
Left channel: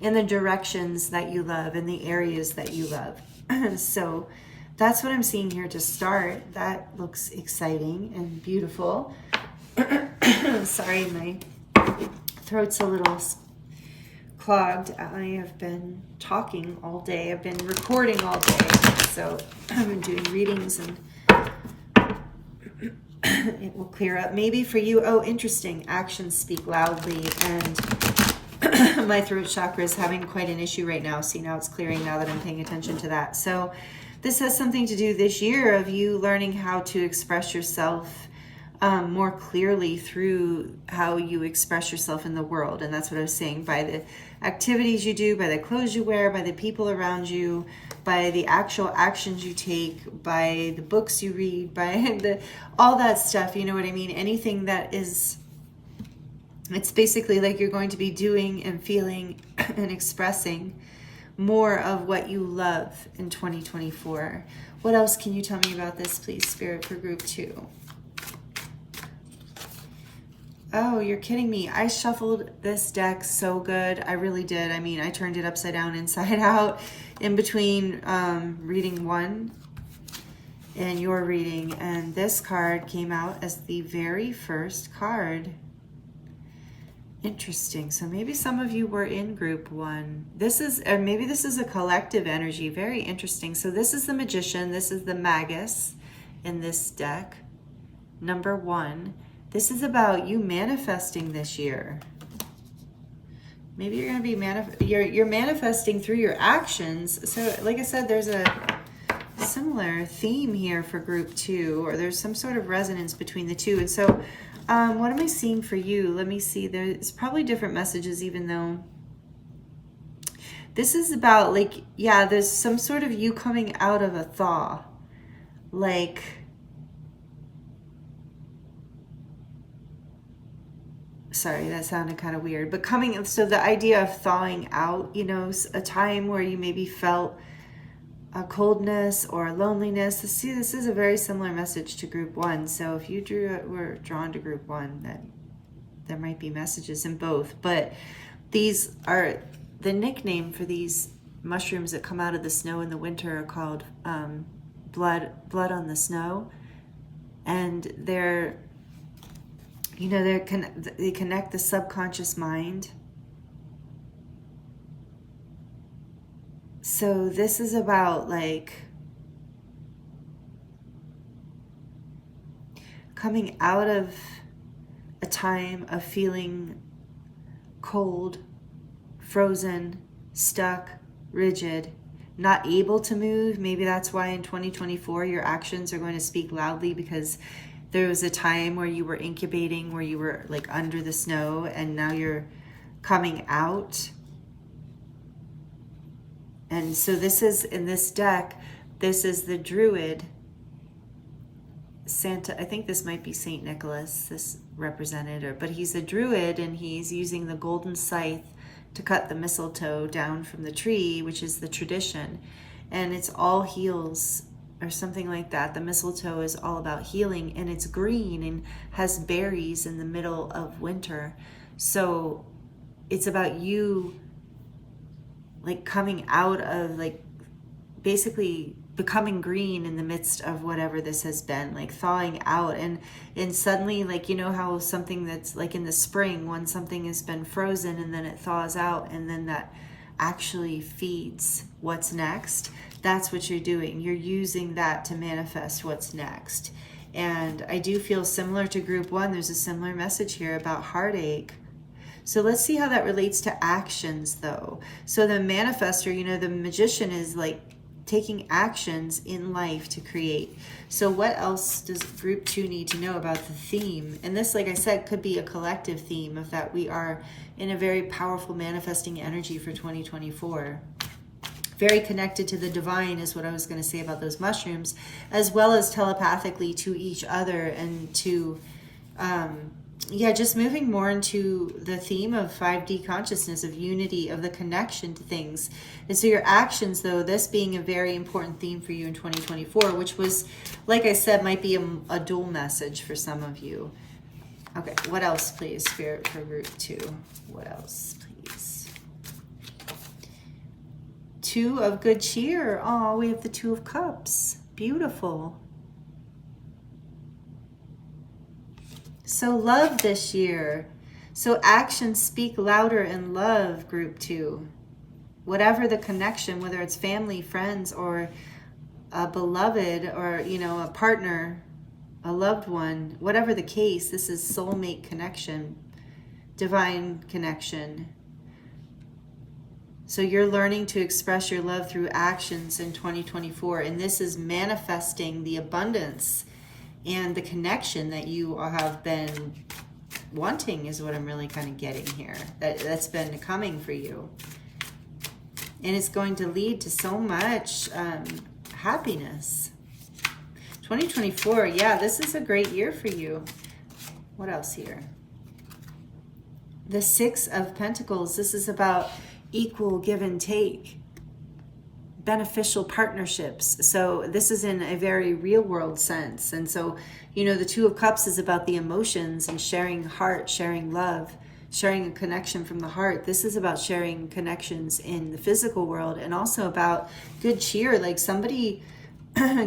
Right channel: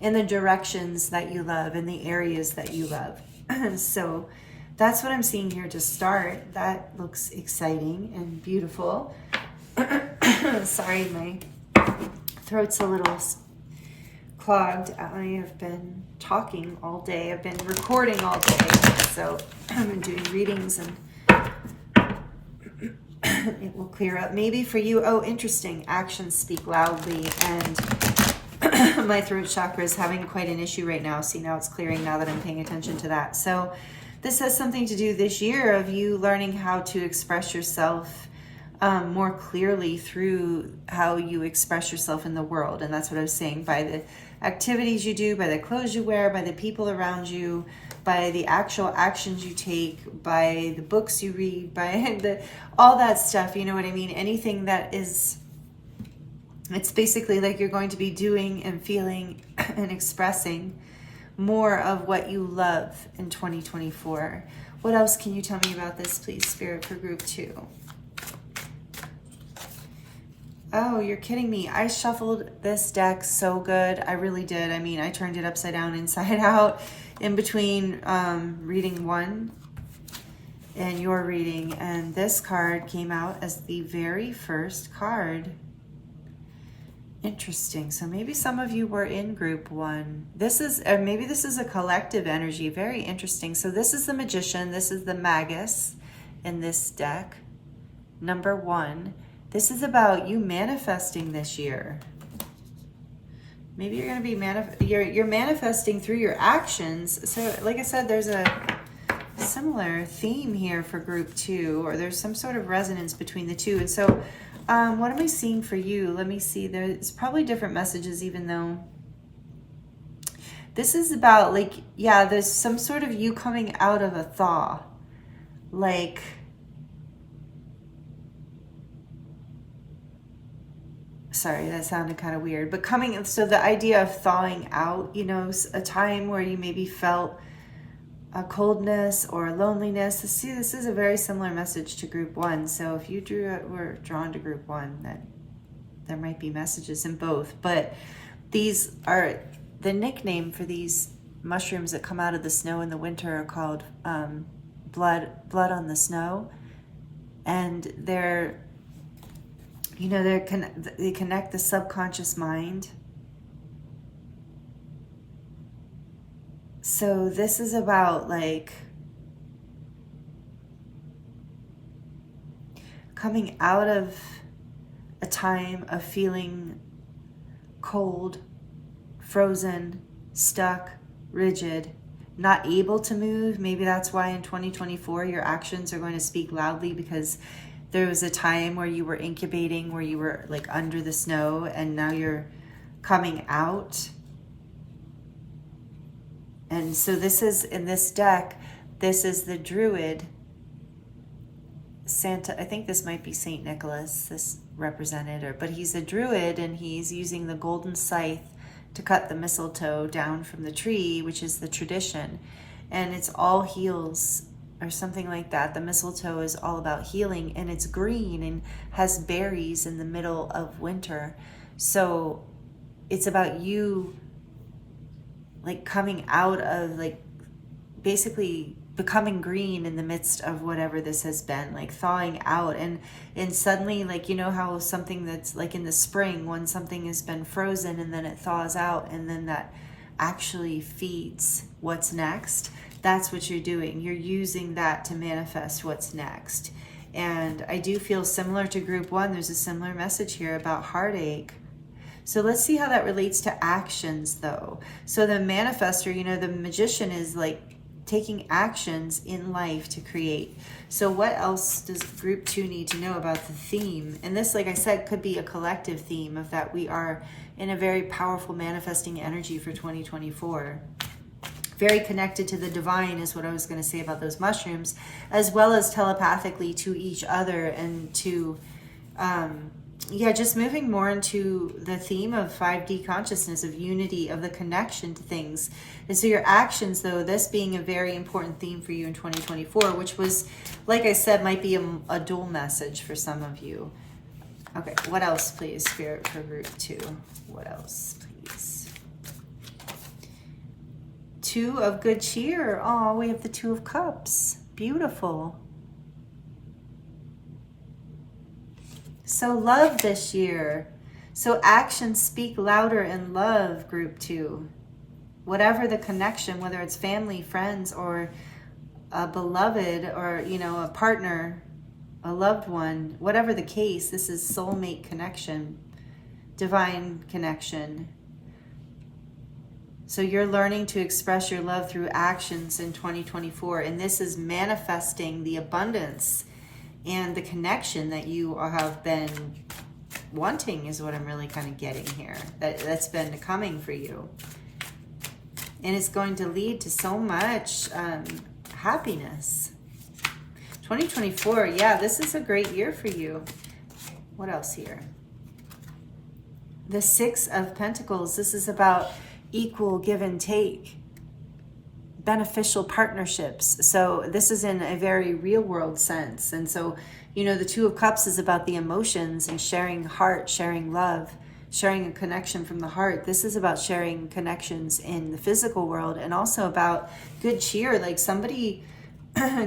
the directions that you love, in the areas that you love. So that's what I'm seeing here to start. That looks exciting and beautiful. Sorry, my throat's a little clogged. I have been talking all day. I've been recording all day. So I've been doing readings, and it will clear up. Maybe for you, oh, interesting. Actions speak loudly, and my throat chakra is having quite an issue right now. See, now it's clearing now that I'm paying attention to that. So this has something to do this year of you learning how to express yourself more clearly through how you express yourself in the world. And that's what I was saying, by the activities you do, by the clothes you wear, by the people around you, by the actual actions you take, by the books you read, by all that stuff, you know what I mean? Anything that is, it's basically like you're going to be doing and feeling and expressing more of what you love in 2024. What else can you tell me about this, please, Spirit, for Group 2? Oh, you're kidding me. I shuffled this deck so good. I really did. I mean, I turned it upside down, inside out, in between reading one and your reading. And this card came out as the very first card. Interesting. So maybe some of you were in Group 1. This is, maybe this is a collective energy. Very interesting. So this is the Magician. This is the Magus in this deck. Number 1. This is about you manifesting this year. Maybe you're going to be you're manifesting through your actions. So like I said, there's a similar theme here for Group 2, or there's some sort of resonance between the two. And so what am I seeing for you? Let me see. There's probably different messages, even though this is about, like, yeah, there's some sort of you coming out of a thaw. Like, sorry, that sounded kind of weird, but so the idea of thawing out, a time where you maybe felt a coldness or loneliness. See, this is a very similar message to Group 1. So if you were drawn to Group 1, then there might be messages in both. But these are, the nickname for these mushrooms that come out of the snow in the winter are called blood on the snow. And they're, they connect the subconscious mind. So this is about, like, coming out of a time of feeling cold, frozen, stuck, rigid, not able to move. Maybe that's why in 2024 your actions are going to speak loudly, because there was a time where you were incubating, where you were like under the snow, and now you're coming out. And so this is, in this deck, this is the Druid Santa. I think this might be Saint Nicholas, this represented, but he's a Druid, and he's using the golden scythe to cut the mistletoe down from the tree, which is the tradition. And it's all heals, or something like that. The mistletoe is all about healing, and it's green and has berries in the middle of winter. So it's about you like coming out of, like, basically becoming green in the midst of whatever this has been, like thawing out. And suddenly, like, you know how something that's like in the spring, when something has been frozen and then it thaws out, and then that actually feeds what's next. That's what you're doing. You're using that to manifest what's next. And I do feel similar to group one. There's a similar message here about heartache. So let's see how that relates to actions, though. So the manifestor, you know, the magician is like taking actions in life to create. So what else does group two need to know about the theme? And this, like I said, could be a collective theme of that we are in a very powerful manifesting energy for 2024. Very connected to the divine is what I was going to say about those mushrooms, as well as telepathically to each other, and to just moving more into the theme of 5D consciousness, of unity, of the connection to things. And so your actions, though, this being a very important theme for you in 2024, which was, like I said, might be a dual message for some of you. Okay, what else, please, Spirit, for group two? What else, please? Two of good cheer. Oh, we have the Two of Cups. Beautiful. So love this year. So actions speak louder in love, group two. Whatever the connection, whether it's family, friends, or a beloved, or, you know, a partner, a loved one, whatever the case, this is soulmate connection, divine connection. So you're learning to express your love through actions in 2024, and this is manifesting the abundance and the connection that you have been wanting, is what I'm really kind of getting here. That's been coming for you. And it's going to lead to so much happiness. 2024, yeah, this is a great year for you. What else here? The Six of Pentacles. This is about equal give and take, beneficial partnerships. So this is in a very real world sense. And so, you know, the Two of Cups is about the emotions and sharing heart, sharing love, sharing a connection from the heart. This is about sharing connections in the physical world, and also about good cheer, like somebody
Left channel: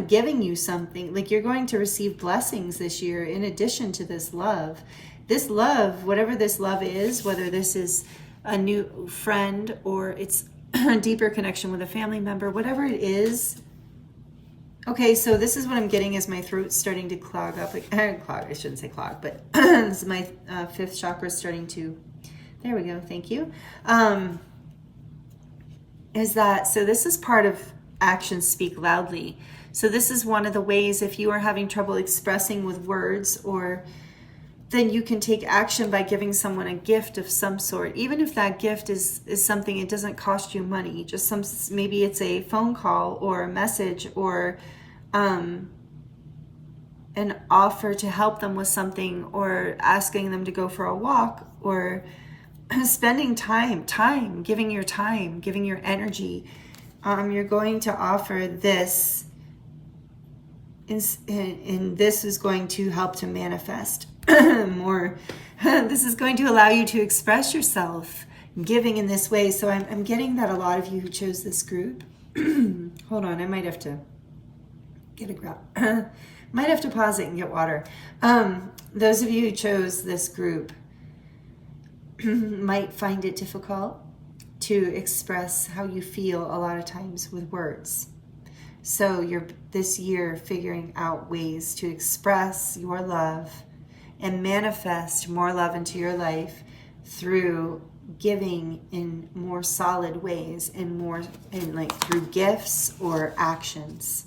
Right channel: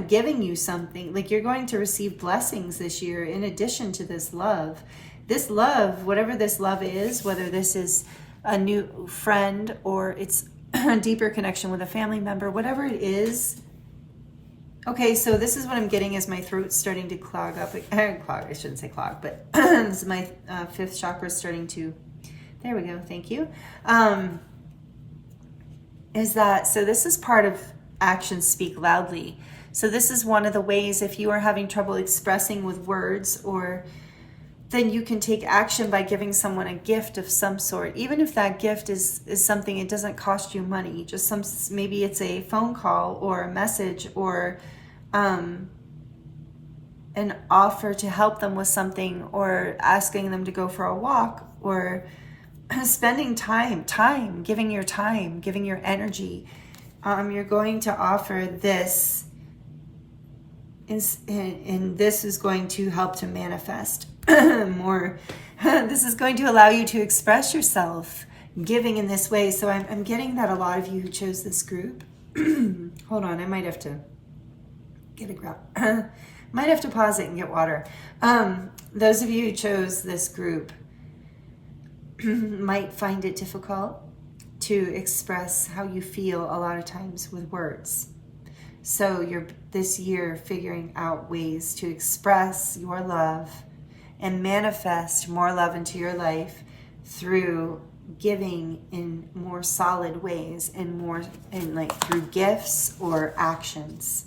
giving you something. Like you're going to receive blessings this year in addition to this love. This love, whatever this love is, whether this is a new friend or it's a deeper connection with a family member, whatever it is. Okay, so this is what I'm getting as my throat's starting to clog up. I shouldn't say clog, but this is my fifth chakra starting to, there we go, thank you. Is that, so this is part of actions speak loudly. So this is one of the ways, if you are having trouble expressing with words, or then you can take action by giving someone a gift of some sort. Even if that gift is something, it doesn't cost you money, just maybe it's a phone call or a message, or an offer to help them with something, or asking them to go for a walk, or spending time, giving your time, giving your energy. You're going to offer this, and this is going to help to manifest more. This is going to allow you to express yourself, giving in this way. So I'm getting that a lot of you who chose this group, hold on, I might have to get a grab. Might have to pause it and get water. Those of you who chose this group might find it difficult to express how you feel a lot of times with words. So you're this year figuring out ways to express your love and manifest more love into your life through giving in more solid ways and more in like through gifts or actions.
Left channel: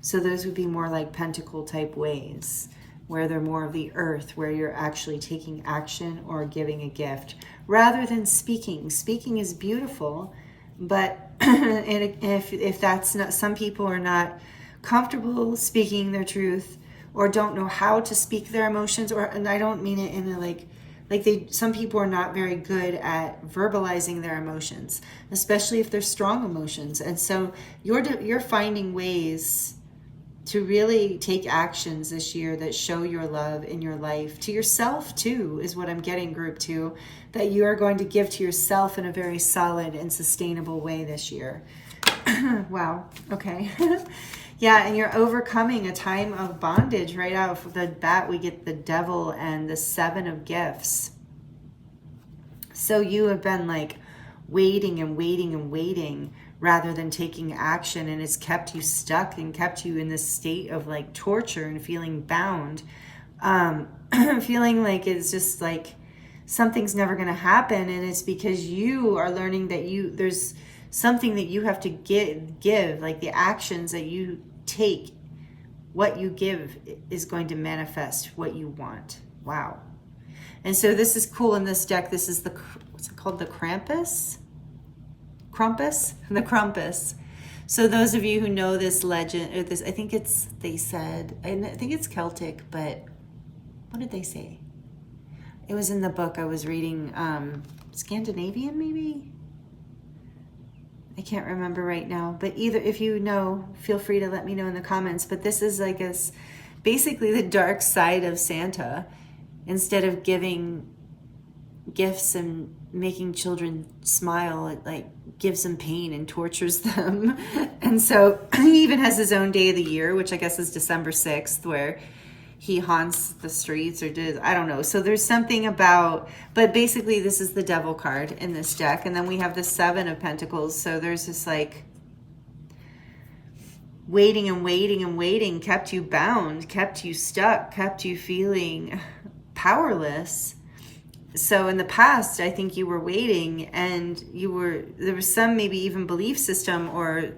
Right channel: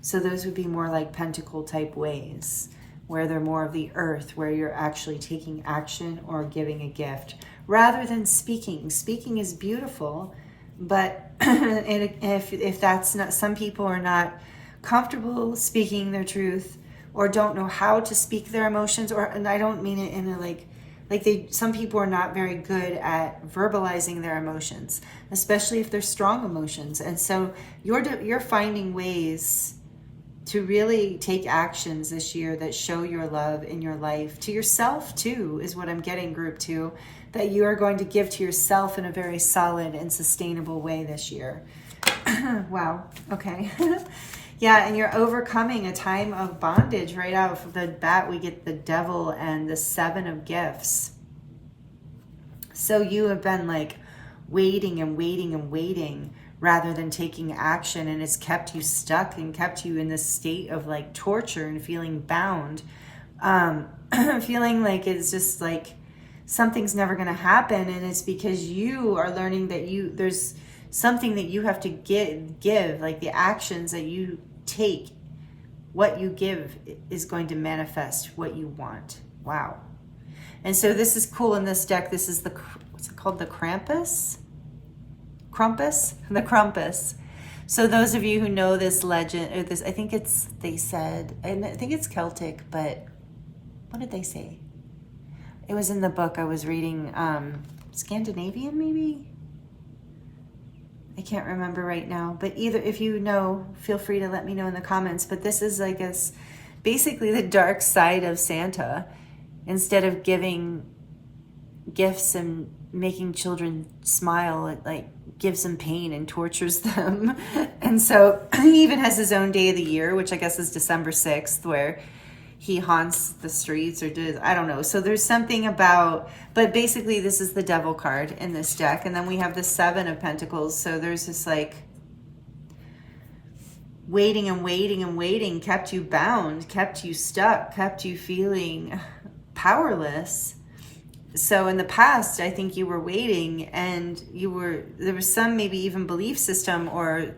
So those would be more like pentacle type ways, where they're more of the earth, where you're actually taking action or giving a gift rather than speaking. Speaking is beautiful, but if that's not, some people are not comfortable speaking their truth or don't know how to speak their emotions, or, and I don't mean it in a some people are not very good at verbalizing their emotions, especially if they're strong emotions. And so you're finding ways to really take actions this year that show your love in your life to yourself too, is what I'm getting, group 2, that you are going to give to yourself in a very solid and sustainable way this year. Wow. Okay. Yeah, and you're overcoming a time of bondage. Right out of the bat, we get the Devil and the 7 of Gifts. So you have been like waiting and waiting and waiting rather than taking action, and it's kept you stuck and kept you in this state of like torture and feeling bound, feeling like it's just like something's never going to happen. And it's because you are learning that there's something that you have to give, like the actions that you take, what you give is going to manifest what you want. Wow. And so this is cool in this deck. This is what's it called? The Krampus? The Krampus. So those of you who know this legend, or this, I think they said, I think it's Celtic, but what did they say? It was in the book I was reading, Scandinavian maybe? I can't remember right now, but either, if you know, feel free to let me know in the comments. But this is, I guess, basically the dark side of Santa. Instead of giving gifts and making children smile, it like gives them pain and tortures them. And so he even has his own day of the year, which I guess is December 6th, where he haunts the streets, or I don't know. So there's something about, but basically this is the Devil card in this deck. And then we have the 7 of Pentacles. So there's this like waiting and waiting and waiting kept you bound, kept you stuck, kept you feeling powerless. So in the past, I think you were waiting, and there was some maybe even belief system or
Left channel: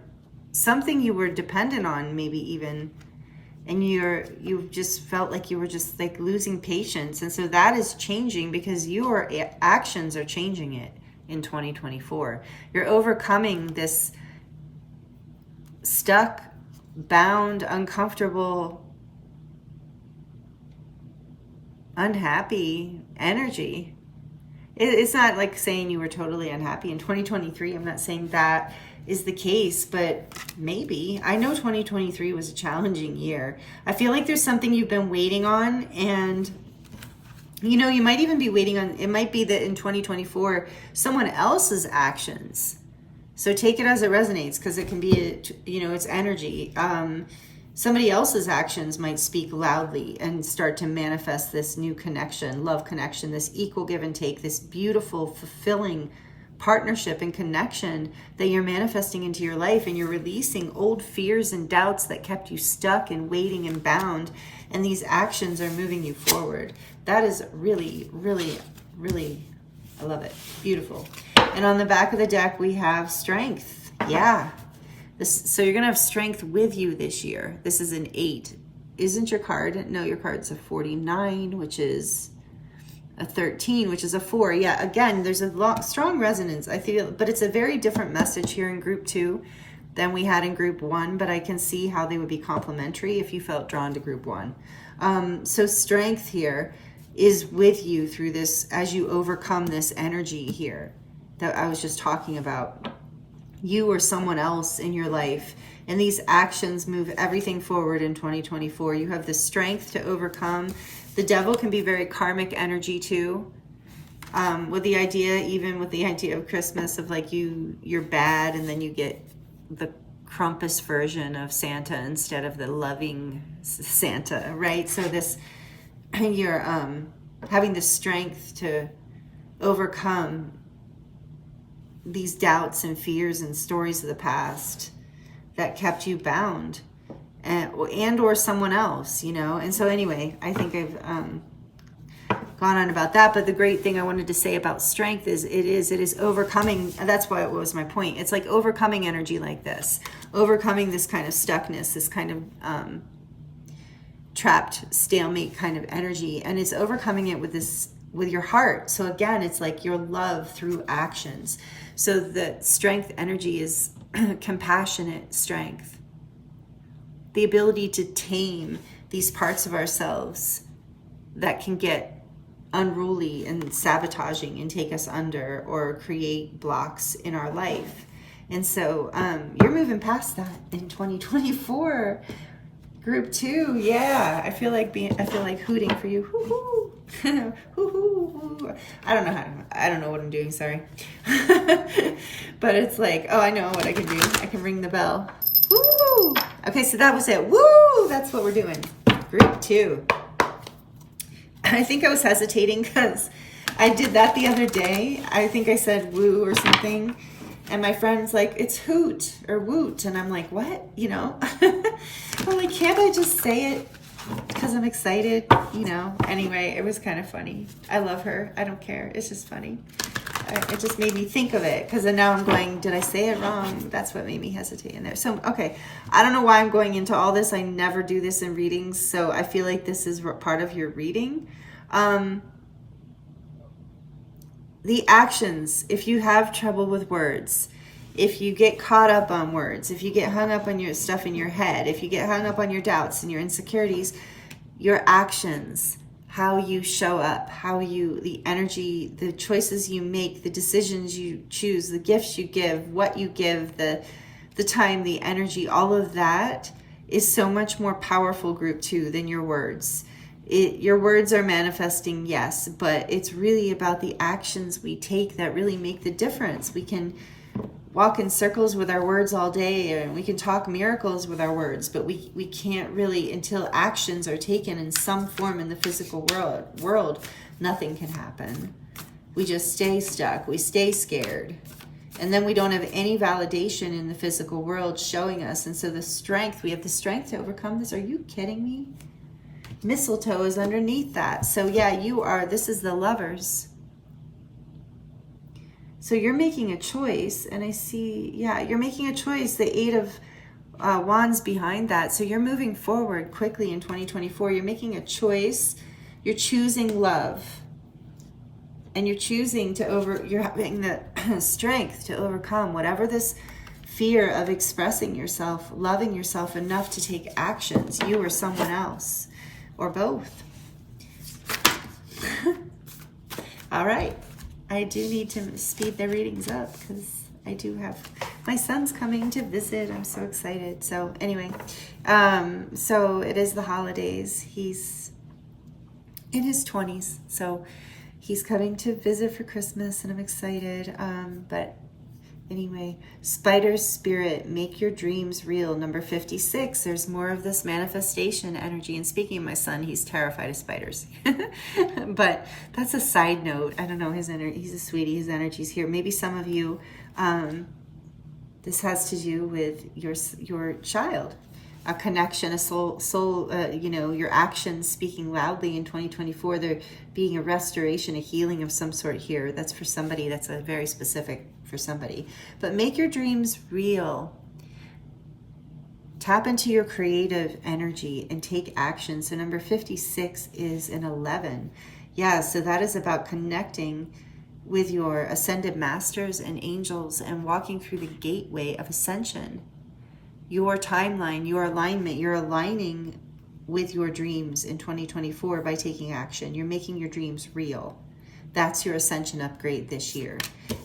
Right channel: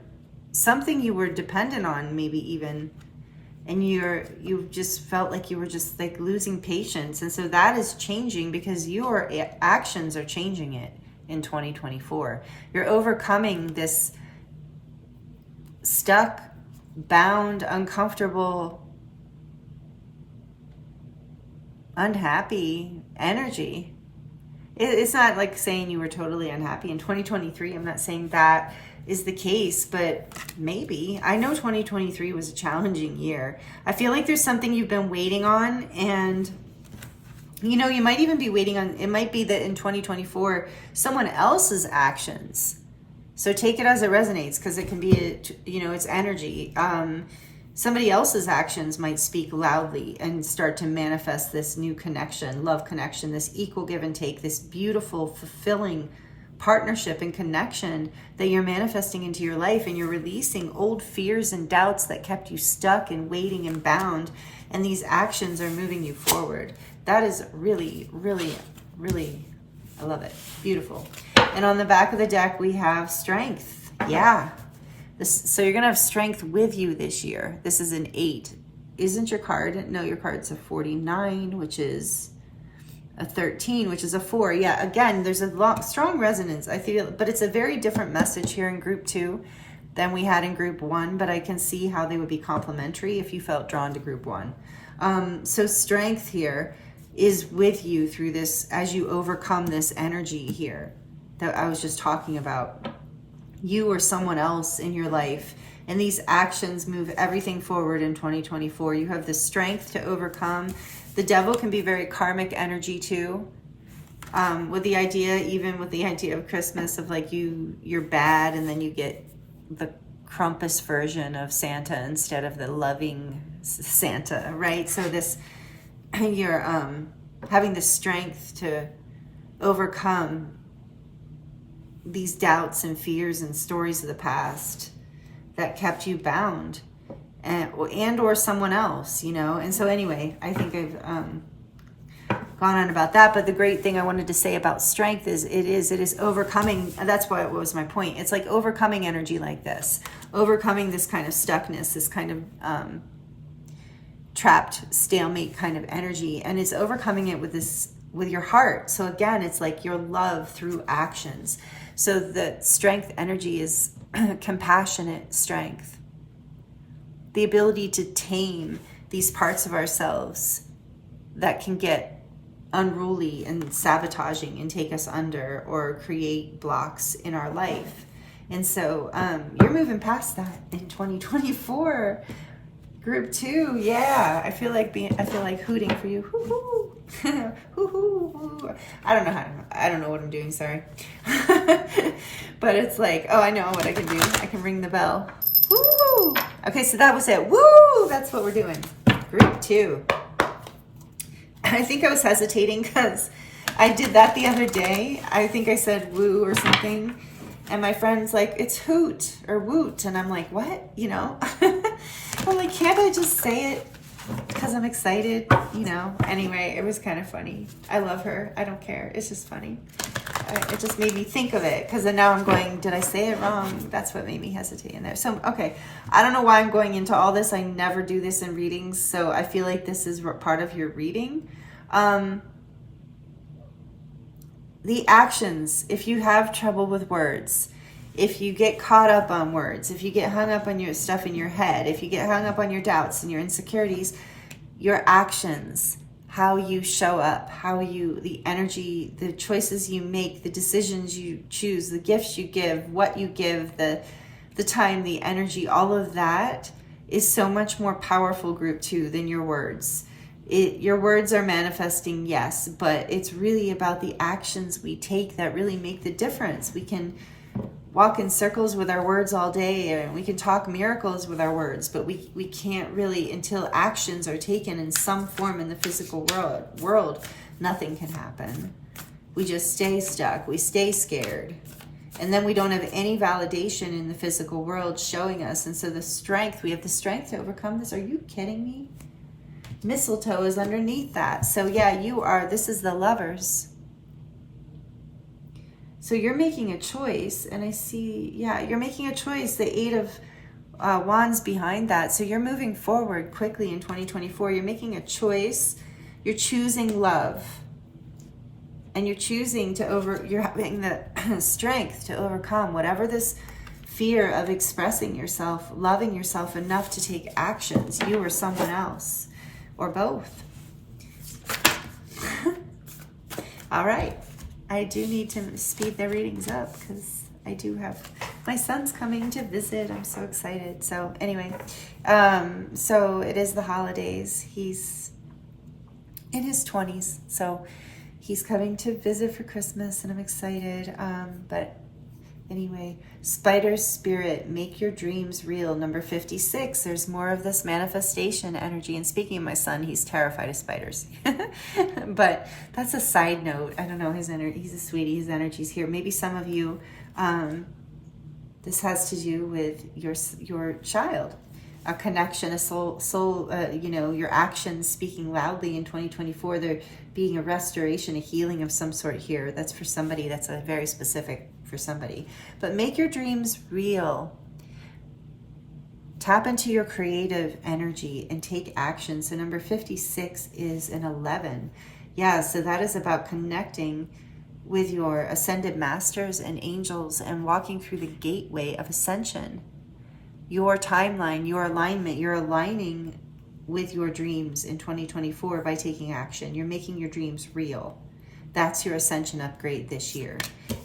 something you were dependent on, maybe even, and you just felt like you were just like losing patience. And so that is changing because your actions are changing it in 2024. You're overcoming this stuck, bound, uncomfortable, unhappy energy. It's not like saying you were totally unhappy in 2023. I'm not saying that is the case, but maybe. I know 2023 was a challenging year. I feel like there's something you've been waiting on, and you know, you might even be waiting on, it might be that in 2024, someone else's actions. So take it as it resonates, because it can be, you know, it's energy. Somebody else's actions might speak loudly and start to manifest this new connection, love connection, this equal give and take, this beautiful, fulfilling partnership and connection that you're manifesting into your life. And you're releasing old fears and doubts that kept you stuck and waiting and bound. And these actions are moving you forward. That is really, really, really, I love it. Beautiful. And on the back of the deck, we have strength. Yeah. So you're going to have strength with you this year. This is an 8. Isn't your card? No, your card's a 49, which is a 13, which is a 4. Yeah, again, there's a strong resonance, I feel, but it's a very different message here in group 2 than we had in group 1, but I can see how they would be complementary if you felt drawn to group 1. So strength here is with you through this as you overcome this energy here that I was just talking about. You or someone else in your life, and these actions move everything forward in 2024. You have the strength to overcome. The Devil can be very karmic energy too, with the idea of Christmas of like you're bad, and then you get the Krampus version of Santa instead of the loving Santa, right? So this, you're having the strength to overcome these doubts and fears and stories of the past that kept you bound, and or someone else, you know. And so anyway, I think gone on about that. But the great thing I wanted to say about strength is it is overcoming. That's why it was my point. It's like overcoming energy like this, overcoming this kind of stuckness, this kind of trapped stalemate kind of energy, and it's overcoming it with your heart. So again, it's like your love through actions. So the strength energy is compassionate strength, the ability to tame these parts of ourselves that can get unruly and sabotaging and take us under or create blocks in our life. And so you're moving past that in 2024. Group 2, yeah. I feel like hooting for you. Hoo-hoo. Hoo-hoo. I don't know what I'm doing, sorry. But it's like, oh, I know what I can do. I can ring the bell. Woo! Okay, so that was it. Woo! That's what we're doing. Group 2. I think I was hesitating because I did that the other day. I think I said woo or something. And my friend's like, it's hoot or woot. And I'm like, what? You know? I'm like, can't I just say it because I'm excited? You know? Anyway, it was kind of funny. I love her. I don't care. It's just funny. It just made me think of it because then now I'm going, did I say it wrong? That's what made me hesitate in there. So, okay. I don't know why I'm going into all this. I never do this in readings. So I feel like this is part of your reading. The actions, if you have trouble with words, if you get caught up on words, if you get hung up on your stuff in your head, if you get hung up on your doubts and your insecurities, your actions, how you show up, the energy, the choices you make, the decisions you choose, the gifts you give, what you give, the time, the energy, all of that is so much more powerful, group 2, than your words. Your words are manifesting, yes, but it's really about the actions we take that really make the difference. We can walk in circles with our words all day, and we can talk miracles with our words, but we can't really, until actions are taken in some form in the physical world, nothing can happen. We just stay stuck. We stay scared. And then we don't have any validation in the physical world showing us. And so we have the strength to overcome this. Are you kidding me? Mistletoe is underneath that. So yeah, this is the Lovers. So you're making a choice, and I see, yeah, you're making a choice. The 8 of Wands behind that. So you're moving forward quickly in 2024. You're making a choice. You're choosing love. And you're choosing you're having the strength to overcome whatever this fear of expressing yourself, loving yourself enough to take actions, you or someone else. Or both. All right. I do need to speed the readings up because I do have my son's coming to visit. I'm so excited. So anyway, so it is the holidays. He's in his 20s. So he's coming to visit for Christmas and I'm excited. But anyway, Spider Spirit, make your dreams real. Number 56, there's more of this manifestation energy. And speaking of my son, he's terrified of spiders. But that's a side note. I don't know, he's a sweetie, his energy's here. Maybe some of you, this has to do with your child. A connection, a soul, your actions speaking loudly in 2024. There being a restoration, a healing of some sort here. That's for somebody, that's a very specific for somebody. But make your dreams real. Tap into your creative energy and take action. So number 56 is an 11. Yeah, so that is about connecting with your ascended masters and angels and walking through the gateway of ascension. Your timeline, your alignment, you're aligning with your dreams in 2024 by taking action. You're making your dreams real. That's your ascension upgrade this year.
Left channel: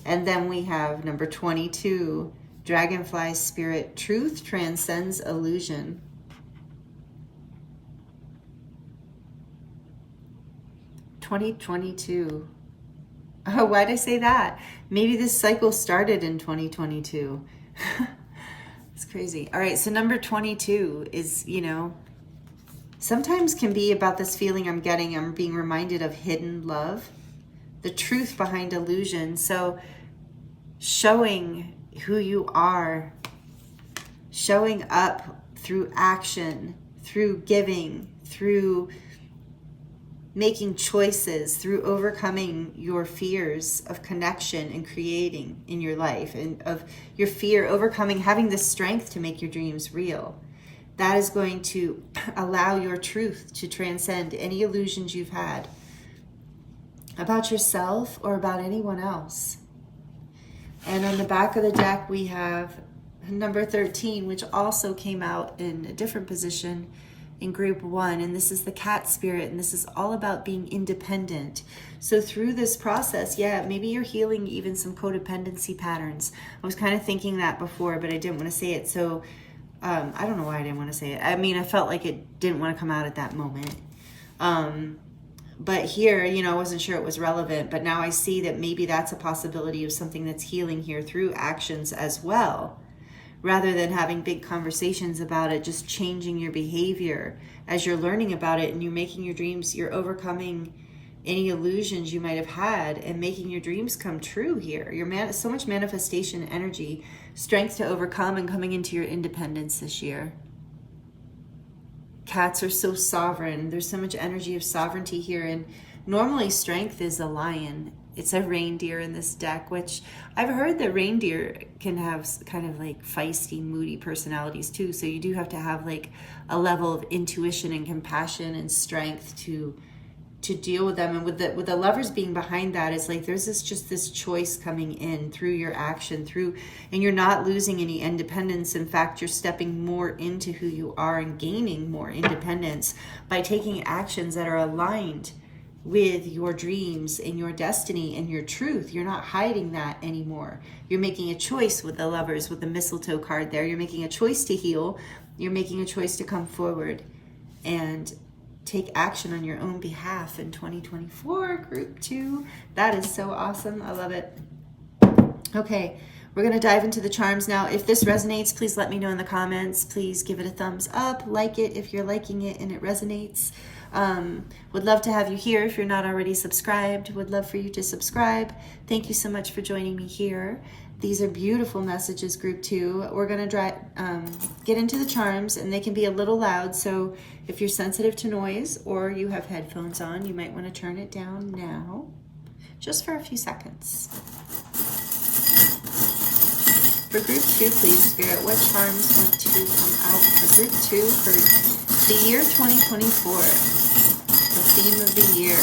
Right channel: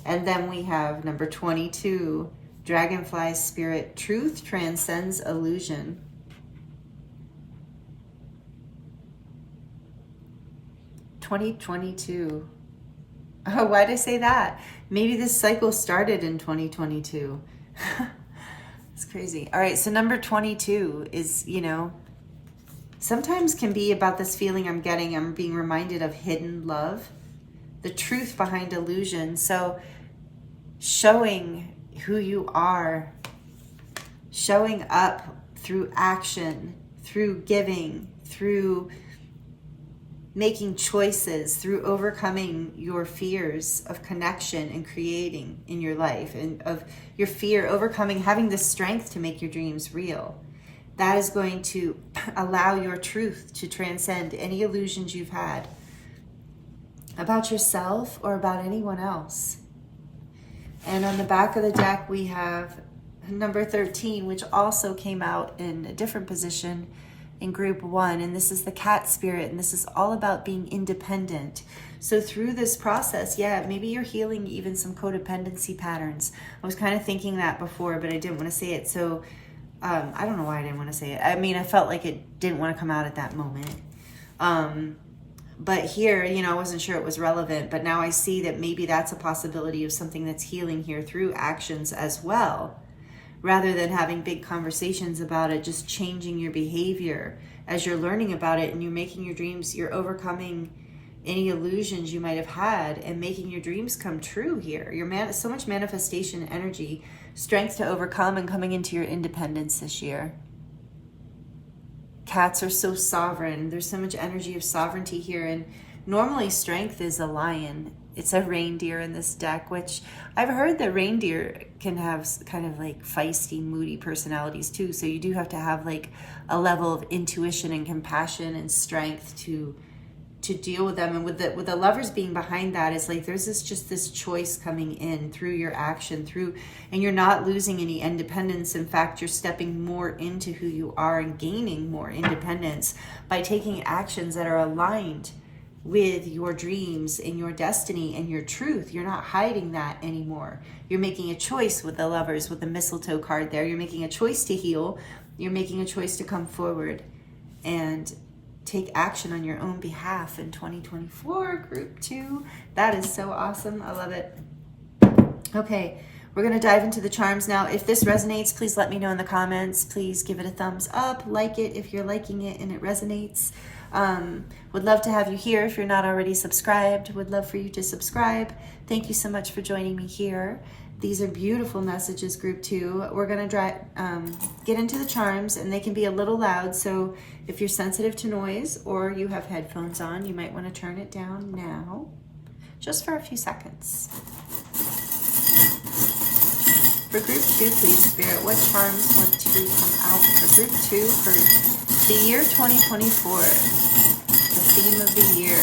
And then we have number 22, Dragonfly Spirit, truth transcends illusion. (2022). Oh, why did I say that? Maybe this cycle started in 2022. It's crazy. All right, so number 22 is, sometimes can be about this feeling I'm being reminded of hidden love, the truth behind illusion. So showing who you are, showing up through action, through giving, through making choices, through overcoming your fears of connection and creating in your life, and of your fear, overcoming, having the strength to make your dreams real. That is going to allow your truth to transcend any illusions you've had about yourself or about anyone else. And on the back of the deck, we have number 13, which also came out in a different position in group 1. And this is the cat spirit. And this is all about being independent. So through this process, yeah, maybe you're healing even some codependency patterns. I was kind of thinking that before, but I didn't want to say it. So I don't know why I didn't want to say it. I mean, I felt like it didn't want to come out at that moment. But here, you know, I wasn't sure it was relevant, but now I see that maybe that's a possibility of something that's healing here through actions as well, rather than having big conversations about it, just changing your behavior as you're learning about it and you're making your dreams, you're overcoming any illusions you might have had and making your dreams come true here. You're so much manifestation energy, strength to overcome, and coming into your independence this year. Cats are so sovereign. There's so much energy of sovereignty here. And normally strength is a lion. It's a reindeer in this deck, which I've heard that reindeer can have kind of like feisty, moody personalities too. So you do have to have like a level of intuition and compassion and strength to deal with them. And with the lovers being behind that, is like there's this choice coming in through your action, and you're not losing any independence. In fact, you're stepping more into who you are and gaining more independence by taking actions that are aligned with your dreams and your destiny and your truth. You're not hiding that anymore. You're making a choice with the lovers, with the mistletoe card there. You're making a choice to heal. You're making a choice to come forward and take action on your own behalf in 2024, group 2. That is so awesome. I love it. Okay, we're going to dive into the charms now. If this resonates, please let me know in the comments. Please give it a thumbs up, like it if you're liking it and it resonates. Would love to have you here if you're not already subscribed. Would love for you to subscribe. Thank you so much for joining me here. These are beautiful messages, group 2. We're going to get into the charms, and they can be a little loud. So if you're sensitive to noise or you have headphones on, you might want to turn it down now, just for a few seconds. For group 2, please, Spirit, what charms want to come out for group 2 for the year 2024? The theme of the year.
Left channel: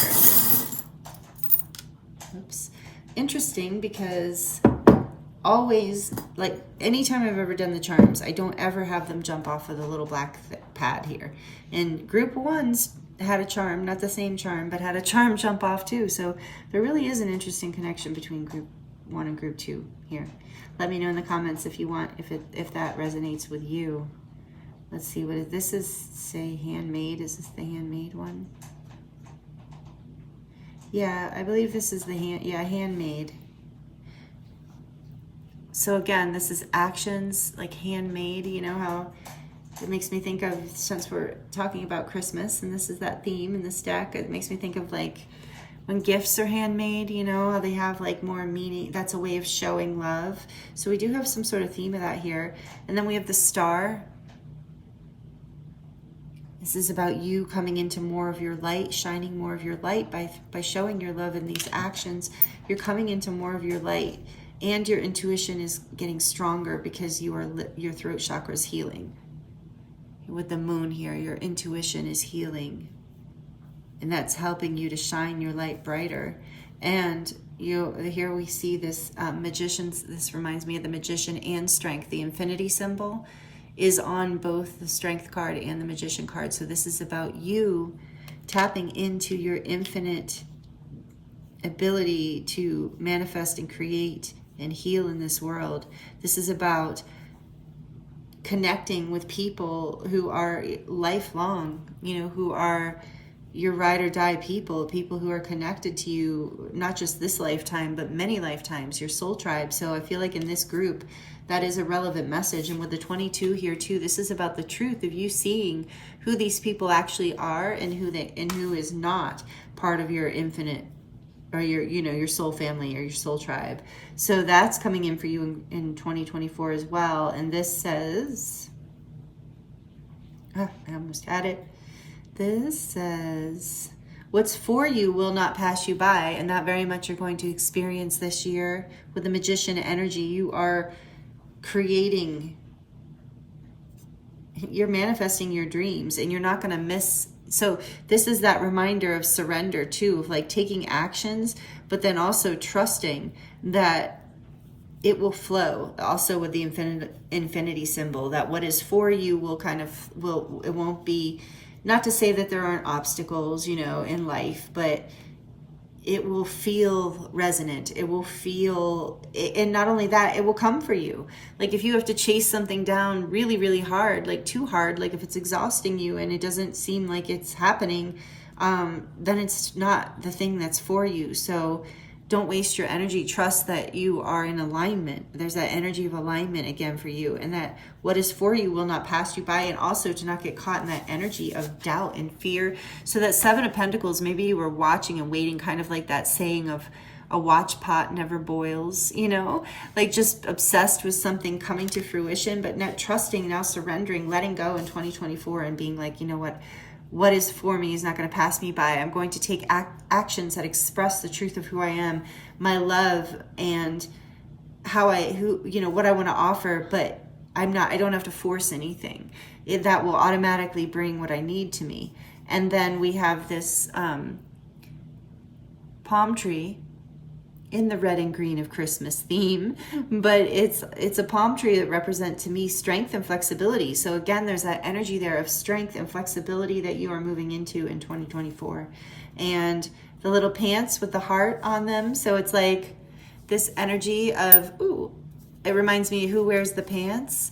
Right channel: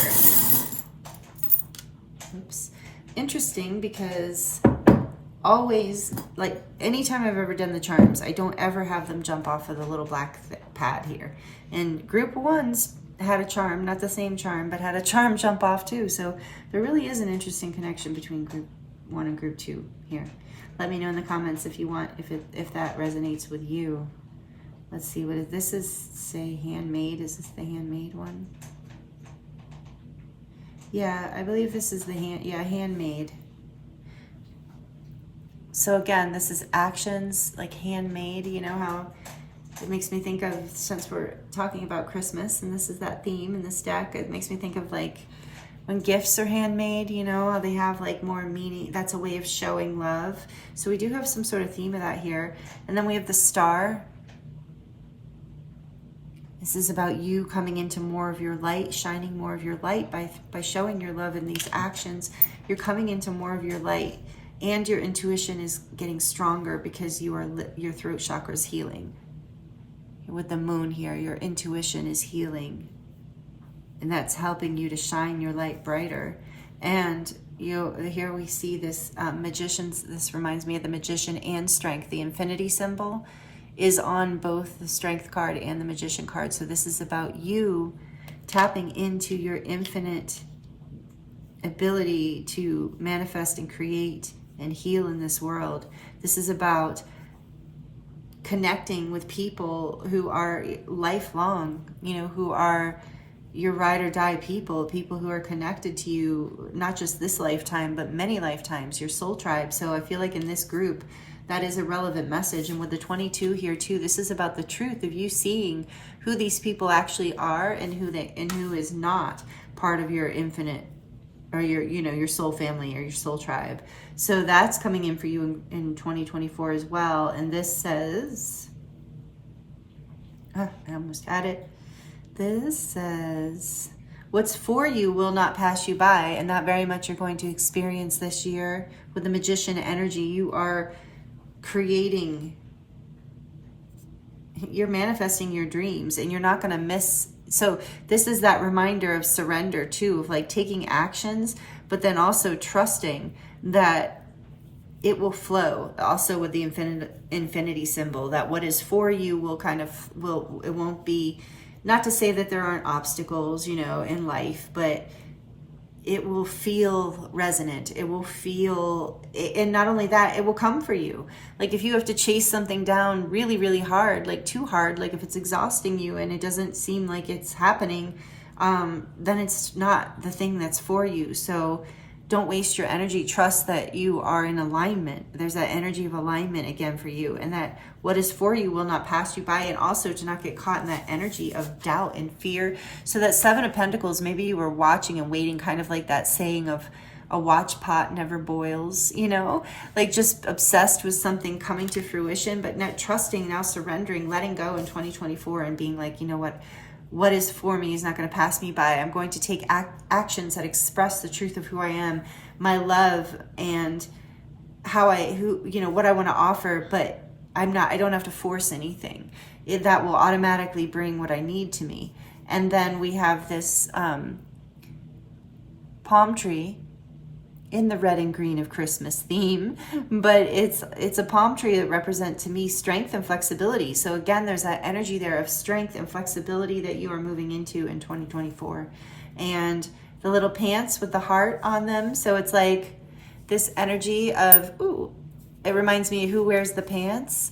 Oops. Interesting, because always, like anytime I've ever done the charms, I don't ever have them jump off of the little black pad here. And group 1's had a charm, not the same charm, but had a charm jump off too. So there really is an interesting connection between group 1 and group 2 here. Let me know in the comments if you want, if that resonates with you. Let's see, what this is, say handmade. Is this the handmade one? Yeah, I believe this is the handmade. So again, this is actions, like handmade. You know how it makes me think of, since we're talking about Christmas, and this is that theme in this deck, it makes me think of like when gifts are handmade, you know, how they have like more meaning. That's a way of showing love. So we do have some sort of theme of that here. And then we have the star. This is about you coming into more of your light, shining more of your light by showing your love in these actions. You're coming into more of your light. And your intuition is getting stronger because your throat chakra is healing. With the moon here, your intuition is healing. And that's helping you to shine your light brighter. And here we see this magician's, this reminds me of the magician and strength. The infinity symbol is on both the strength card and the magician card. So this is about you tapping into your infinite ability to manifest and create and heal in this world. This is about connecting with people who are lifelong, you know, who are your ride or die people who are connected to you, not just this lifetime, but many lifetimes, your soul tribe. So I feel like in this group, that is a relevant message. And with the 22 here too, this is about the truth of you seeing who these people actually are and who is not part of your infinite, or your soul family or your soul tribe. So that's coming in for you in 2024 as well. And this says, I almost had it. This says, What's for you will not pass you by, and that very much you're going to experience this year with the Magician energy. You are creating, you're manifesting your dreams, and you're not going to miss. So this is that reminder of surrender too, of like taking actions, but then also trusting that it will flow. Also with the infinity symbol, that what is for you will it won't be, not to say that there aren't obstacles, you know, in life, but it will feel resonant. It will feel, and not only that, it will come for you. Like if you have to chase something down really, really hard, like too hard, like if it's exhausting you and it doesn't seem like it's happening, then it's not the thing that's for you. So don't waste your energy. Trust that you are in alignment. There's that energy of alignment again for you, and that what is for you will not pass you by, and also to not get caught in that energy of doubt and fear. So that Seven of Pentacles, maybe you were watching and waiting, kind of like that saying of a watch pot never boils, you know, like just obsessed with something coming to fruition, but not trusting, now surrendering, letting go in 2024 and being like, you know what is for me is not going to pass me by. I'm going to take actions that express the truth of who I am, my love, and what I want to offer, but I don't have to force anything. That will automatically bring what I need to me. And then we have this palm tree in the red and green of Christmas theme, but it's a palm tree that represent to me strength and flexibility. So again, there's that energy there of strength and flexibility that you are moving into in 2024. And the little pants with the heart on them, so it's like this energy of, ooh, it reminds me of who wears the pants.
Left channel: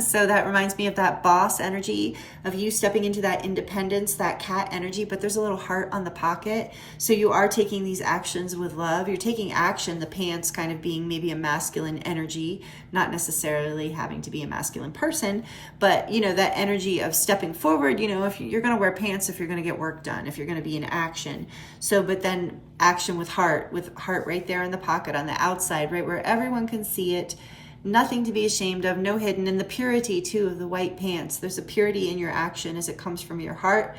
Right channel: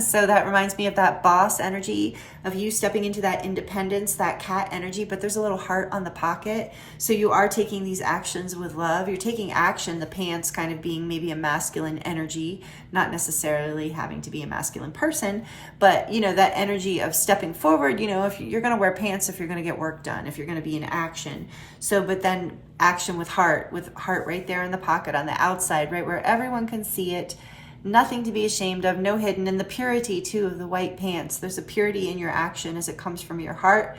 So that reminds me of that boss energy, of you stepping into that independence, that cat energy, but there's a little heart on the pocket. So you are taking these actions with love. You're taking action, the pants kind of being maybe a masculine energy, not necessarily having to be a masculine person, but you know, that energy of stepping forward, you know, if you're going to wear pants, if you're going to get work done, if you're going to be in action. So, but then action with heart right there in the pocket on the outside, right where everyone can see it. Nothing to be ashamed of, no hidden. And the purity too of the white pants. There's a purity in your action as it comes from your heart.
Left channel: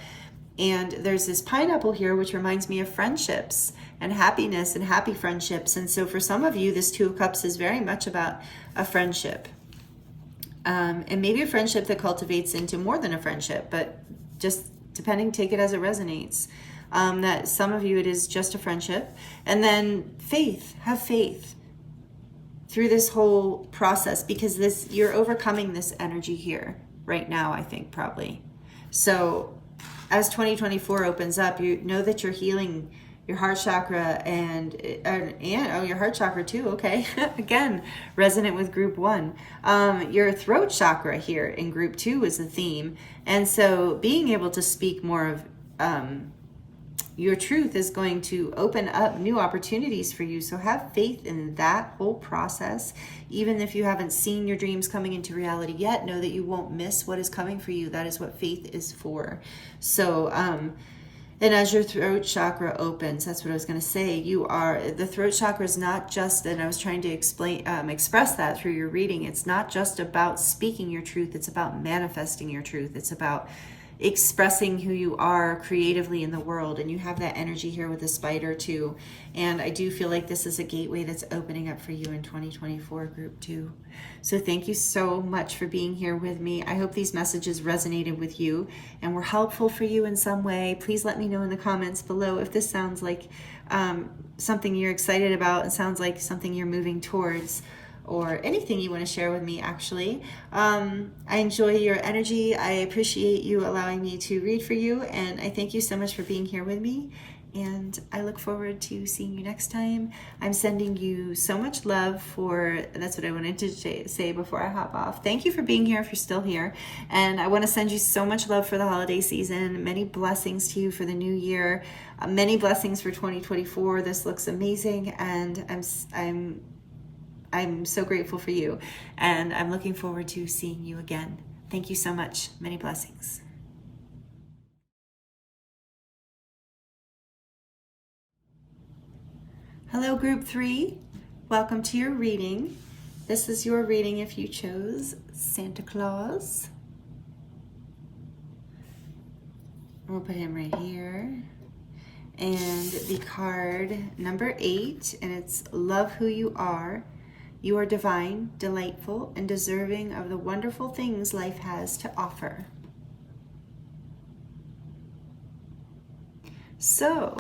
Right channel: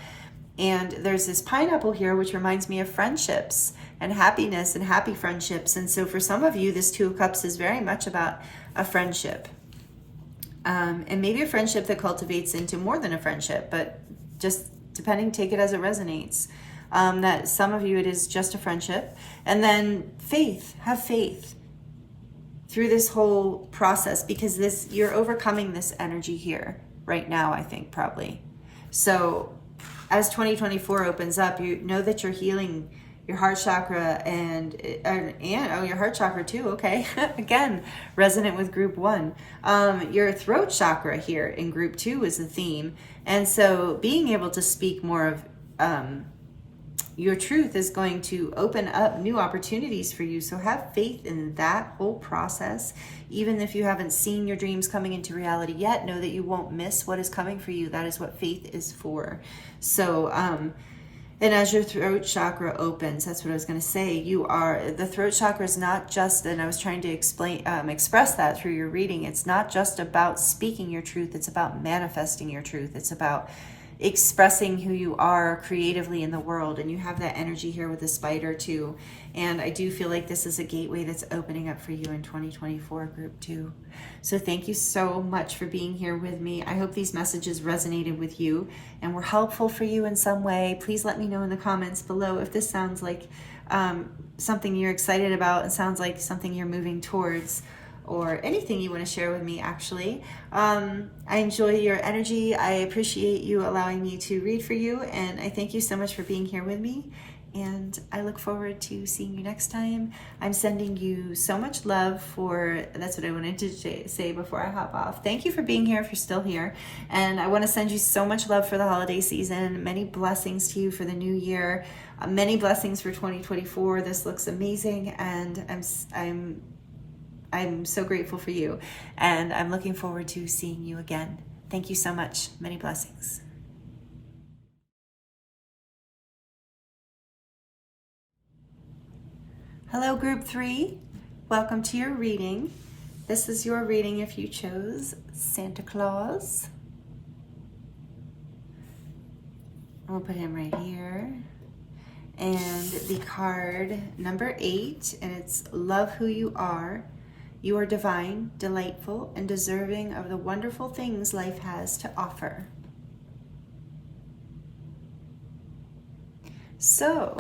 And there's this pineapple here, which reminds me of friendships and happiness and happy friendships. And so for some of you, this Two of Cups is very much about a friendship. And maybe a friendship that cultivates into more than a friendship, but just depending, take it as it resonates. That some of you, it is just a friendship. And then faith, have faith through this whole process, because you're overcoming this energy here right now, I think, probably. So as 2024 opens up, you know that you're healing your heart chakra and your heart chakra too. Okay. Again, resonant with group 1. Your throat chakra here in group 2 is the theme. And so being able to speak more of your truth is going to open up new opportunities for you. So have faith in that whole process. Even if you haven't seen your dreams coming into reality yet, know that you won't miss what is coming for you. That is what faith is for. So, and as your throat chakra opens, that's what I was going to say. The throat chakra is not just, and I was trying to express that through your reading. It's not just about speaking your truth. It's about manifesting your truth. It's about expressing who you are creatively in the world. And you have that energy here with the spider too. And I do feel like this is a gateway that's opening up for you in 2024, group 2. So thank you so much for being here with me. I hope these messages resonated with you and were helpful for you in some way. Please let me know in the comments below if this sounds like something you're excited about. It sounds like something you're moving towards, or anything you want to share with me, actually. I enjoy your energy. I appreciate you allowing me to read for you, and I thank you so much for being here with me, and I look forward to seeing you next time. I'm sending you so much love that's what I wanted to say before I hop off. Thank you for being here if you're still here, and I want to send you so much love for the holiday season. Many blessings to you for the new year. Many blessings for 2024. This looks amazing, and I'm so grateful for you, and I'm looking forward to seeing you again. Thank you so much. Many blessings. Hello, group 3. Welcome to your reading. This is your reading if you chose Santa Claus. We'll put him right here. And the card number 8, and it's love who you are. You are divine, delightful, and deserving of the wonderful things life has to offer. So,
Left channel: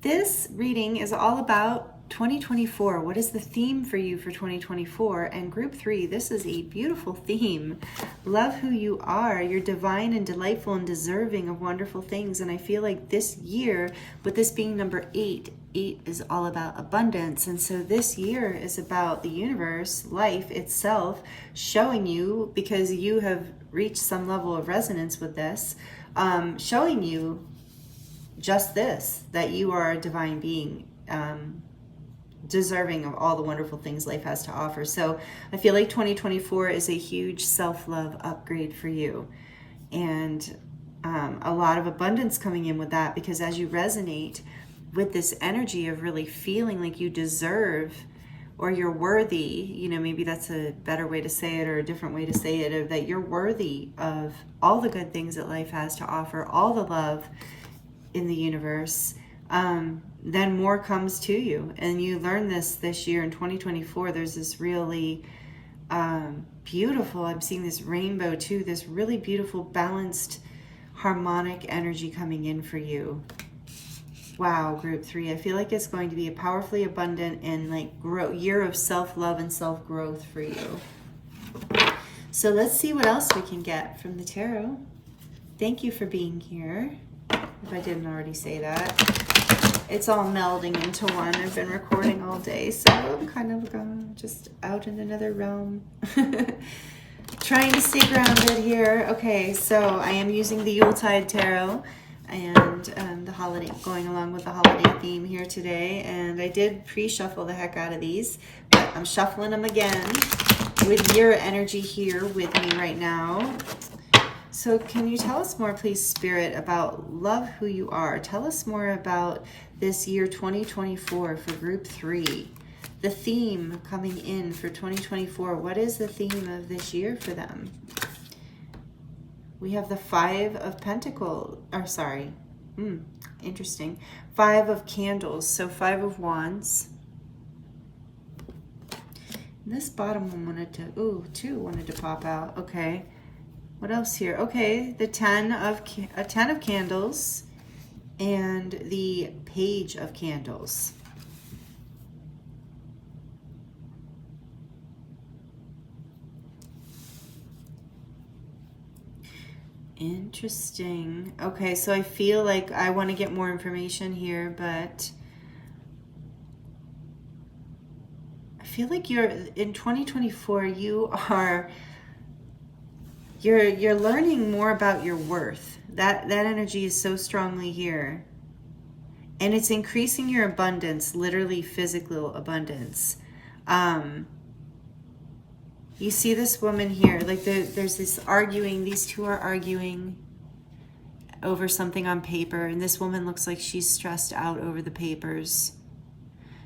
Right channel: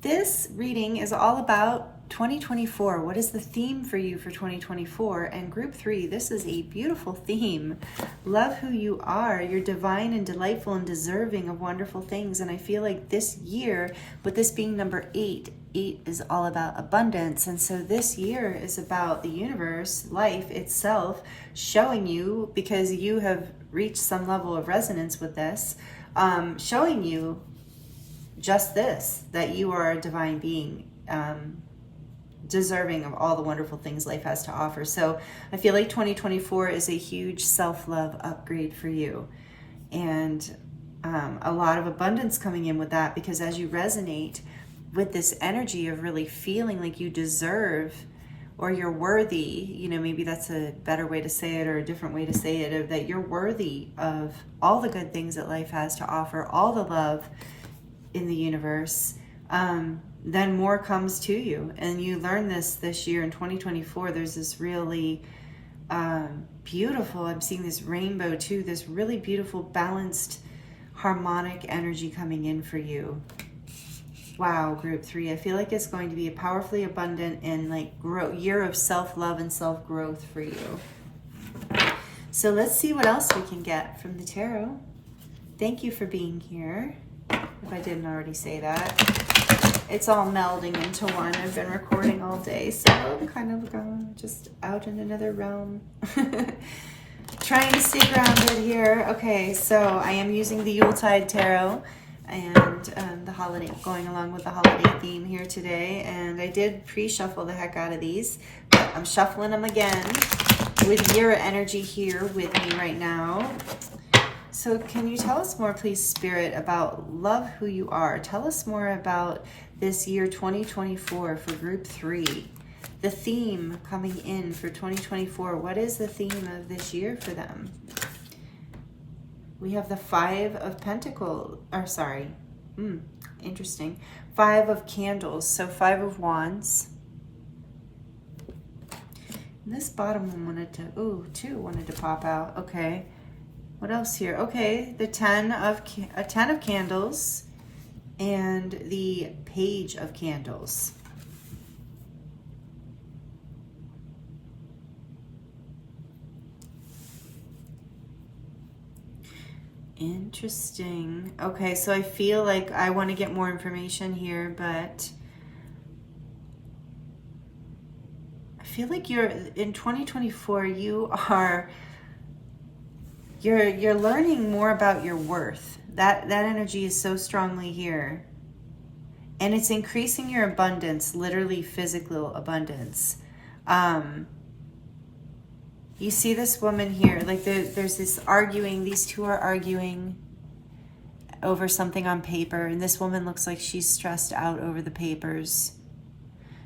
this reading is all about 2024. What is the theme for you for 2024? And group 3, this is a beautiful theme. Love who you are. You're divine and delightful and deserving of wonderful things. And I feel like this year, with this being number 8, 8 is all about abundance. And so this year is about the universe, life itself, showing you, because you have reached some level of resonance with this, showing you just this, that you are a divine being, deserving of all the wonderful things life has to offer. So I feel like 2024 is a huge self-love upgrade for you, and a lot of abundance coming in with that, because as you resonate with this energy of really feeling like you deserve, or you're worthy, you know, maybe that's a better way to say it, or a different way to say it, of that you're worthy of all the good things that life has to offer, all the love in the universe, then more comes to you. And you learn this year in 2024. There's this really beautiful, I'm seeing this rainbow too, this really beautiful, balanced, harmonic energy coming in for you. Wow, group 3, I feel like it's going to be a powerfully abundant and like year of self-love and self-growth for you. So let's see what else we can get from the tarot. Thank you for being here, if I didn't already say that. It's all melding into one. I've been recording all day, so I'm kind of just out in another realm. Trying to stay grounded here. Okay, so I am using the Yuletide tarot, and the holiday, going along with the holiday theme here today. And I did pre-shuffle the heck out of these, but I'm shuffling them again with your energy here with me right now. So can you tell us more, please, Spirit, about love who you are? Tell us more about this year 2024 for group 3. The theme coming in for 2024. What is the theme of this year for them? We have the 5 of Pentacles, or sorry, interesting. 5 of Candles, so 5 of Wands. And this bottom one wanted to, 2 wanted to pop out, okay. What else here? Okay, the 10 of Candles and the Page of Candles. Interesting. Okay, so I feel like I want to get more information here, but I feel like you're in 2024. You're learning more about your worth. That energy is so strongly here. And it's increasing your abundance, literally physical abundance. You see this woman here, like there's this arguing, these two are arguing over something on paper, and this woman looks like she's stressed out over the papers.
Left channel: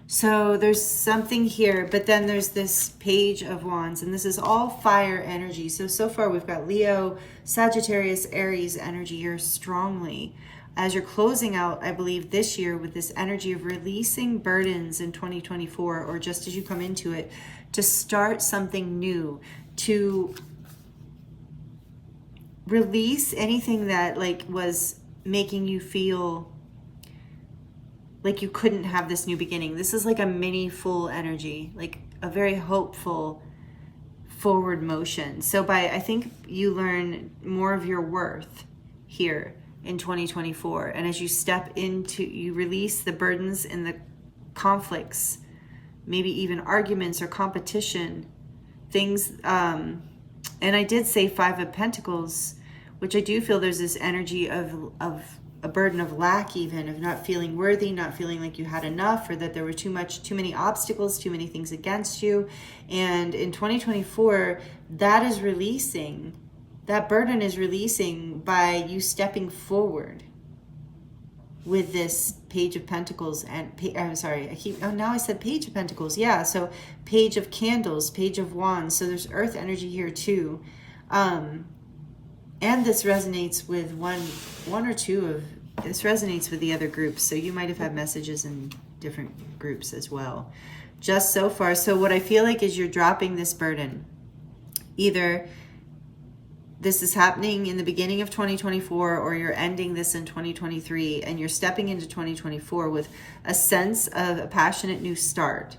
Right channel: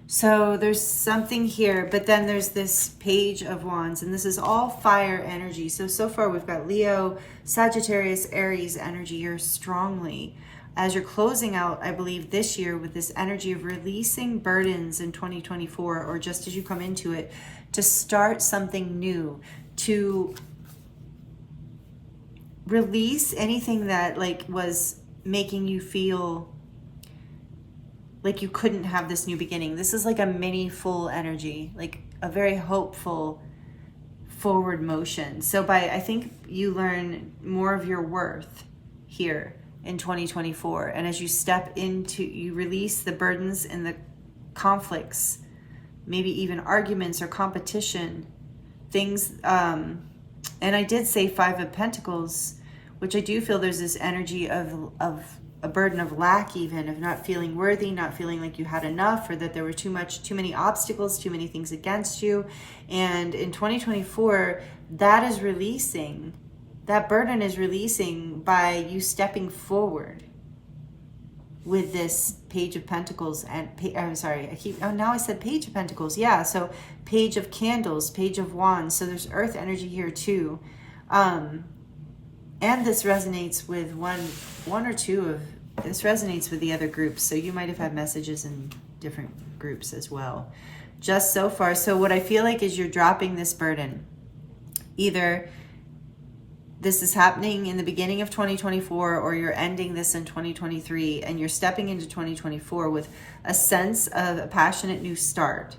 So there's something here, but then there's this Page of Wands, and this is all fire energy. So far we've got Leo, Sagittarius, Aries energy here strongly. As you're closing out, I believe, this year with this energy of releasing burdens in 2024, or just as you come into it, to start something new, to release anything that like was making you feel like you couldn't have this new beginning. This is like a mini full energy, like a very hopeful forward motion. So I think you learn more of your worth here in 2024. And as you step into, you release the burdens and the conflicts, maybe even arguments or competition, things. And I did say 5 of Pentacles, which I do feel there's this energy of a burden of lack, even of not feeling worthy, not feeling like you had enough, or that there were too many obstacles, too many things against you. And in 2024, that is releasing. That burden is releasing by you stepping forward with this Page of Pentacles and I'm sorry, now I said Page of Pentacles. Yeah, so Page of Candles, Page of Wands. So there's earth energy here too. And this resonates with one or two of This resonates with the other groups, so you might have had messages in different groups as well. Just so far. So what I feel like is you're dropping this burden. Either this is happening in the beginning of 2024, or you're ending this in 2023, and you're stepping into 2024 with a sense of a passionate new start.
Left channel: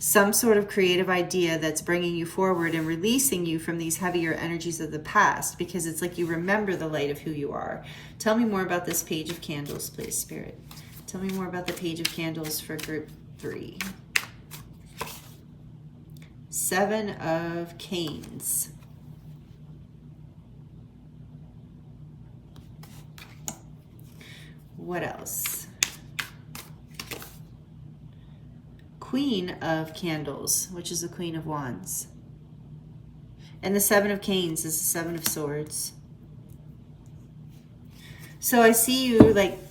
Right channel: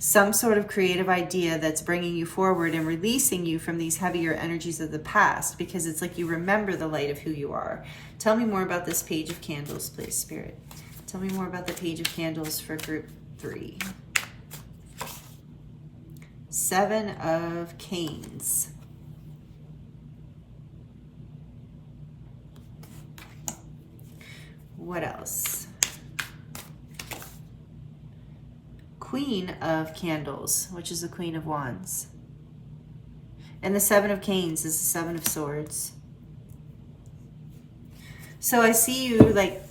Some sort of creative idea that's bringing you forward and releasing you from these heavier energies of the past, because it's like you remember the light of who you are. Tell me more about this Page of Candles, please, Spirit. Tell me more about the Page of Candles for group 3. 7 of Canes. What else? Queen of Candles, which is the Queen of Wands. And the 7 of Canes is the 7 of Swords. So I see you like,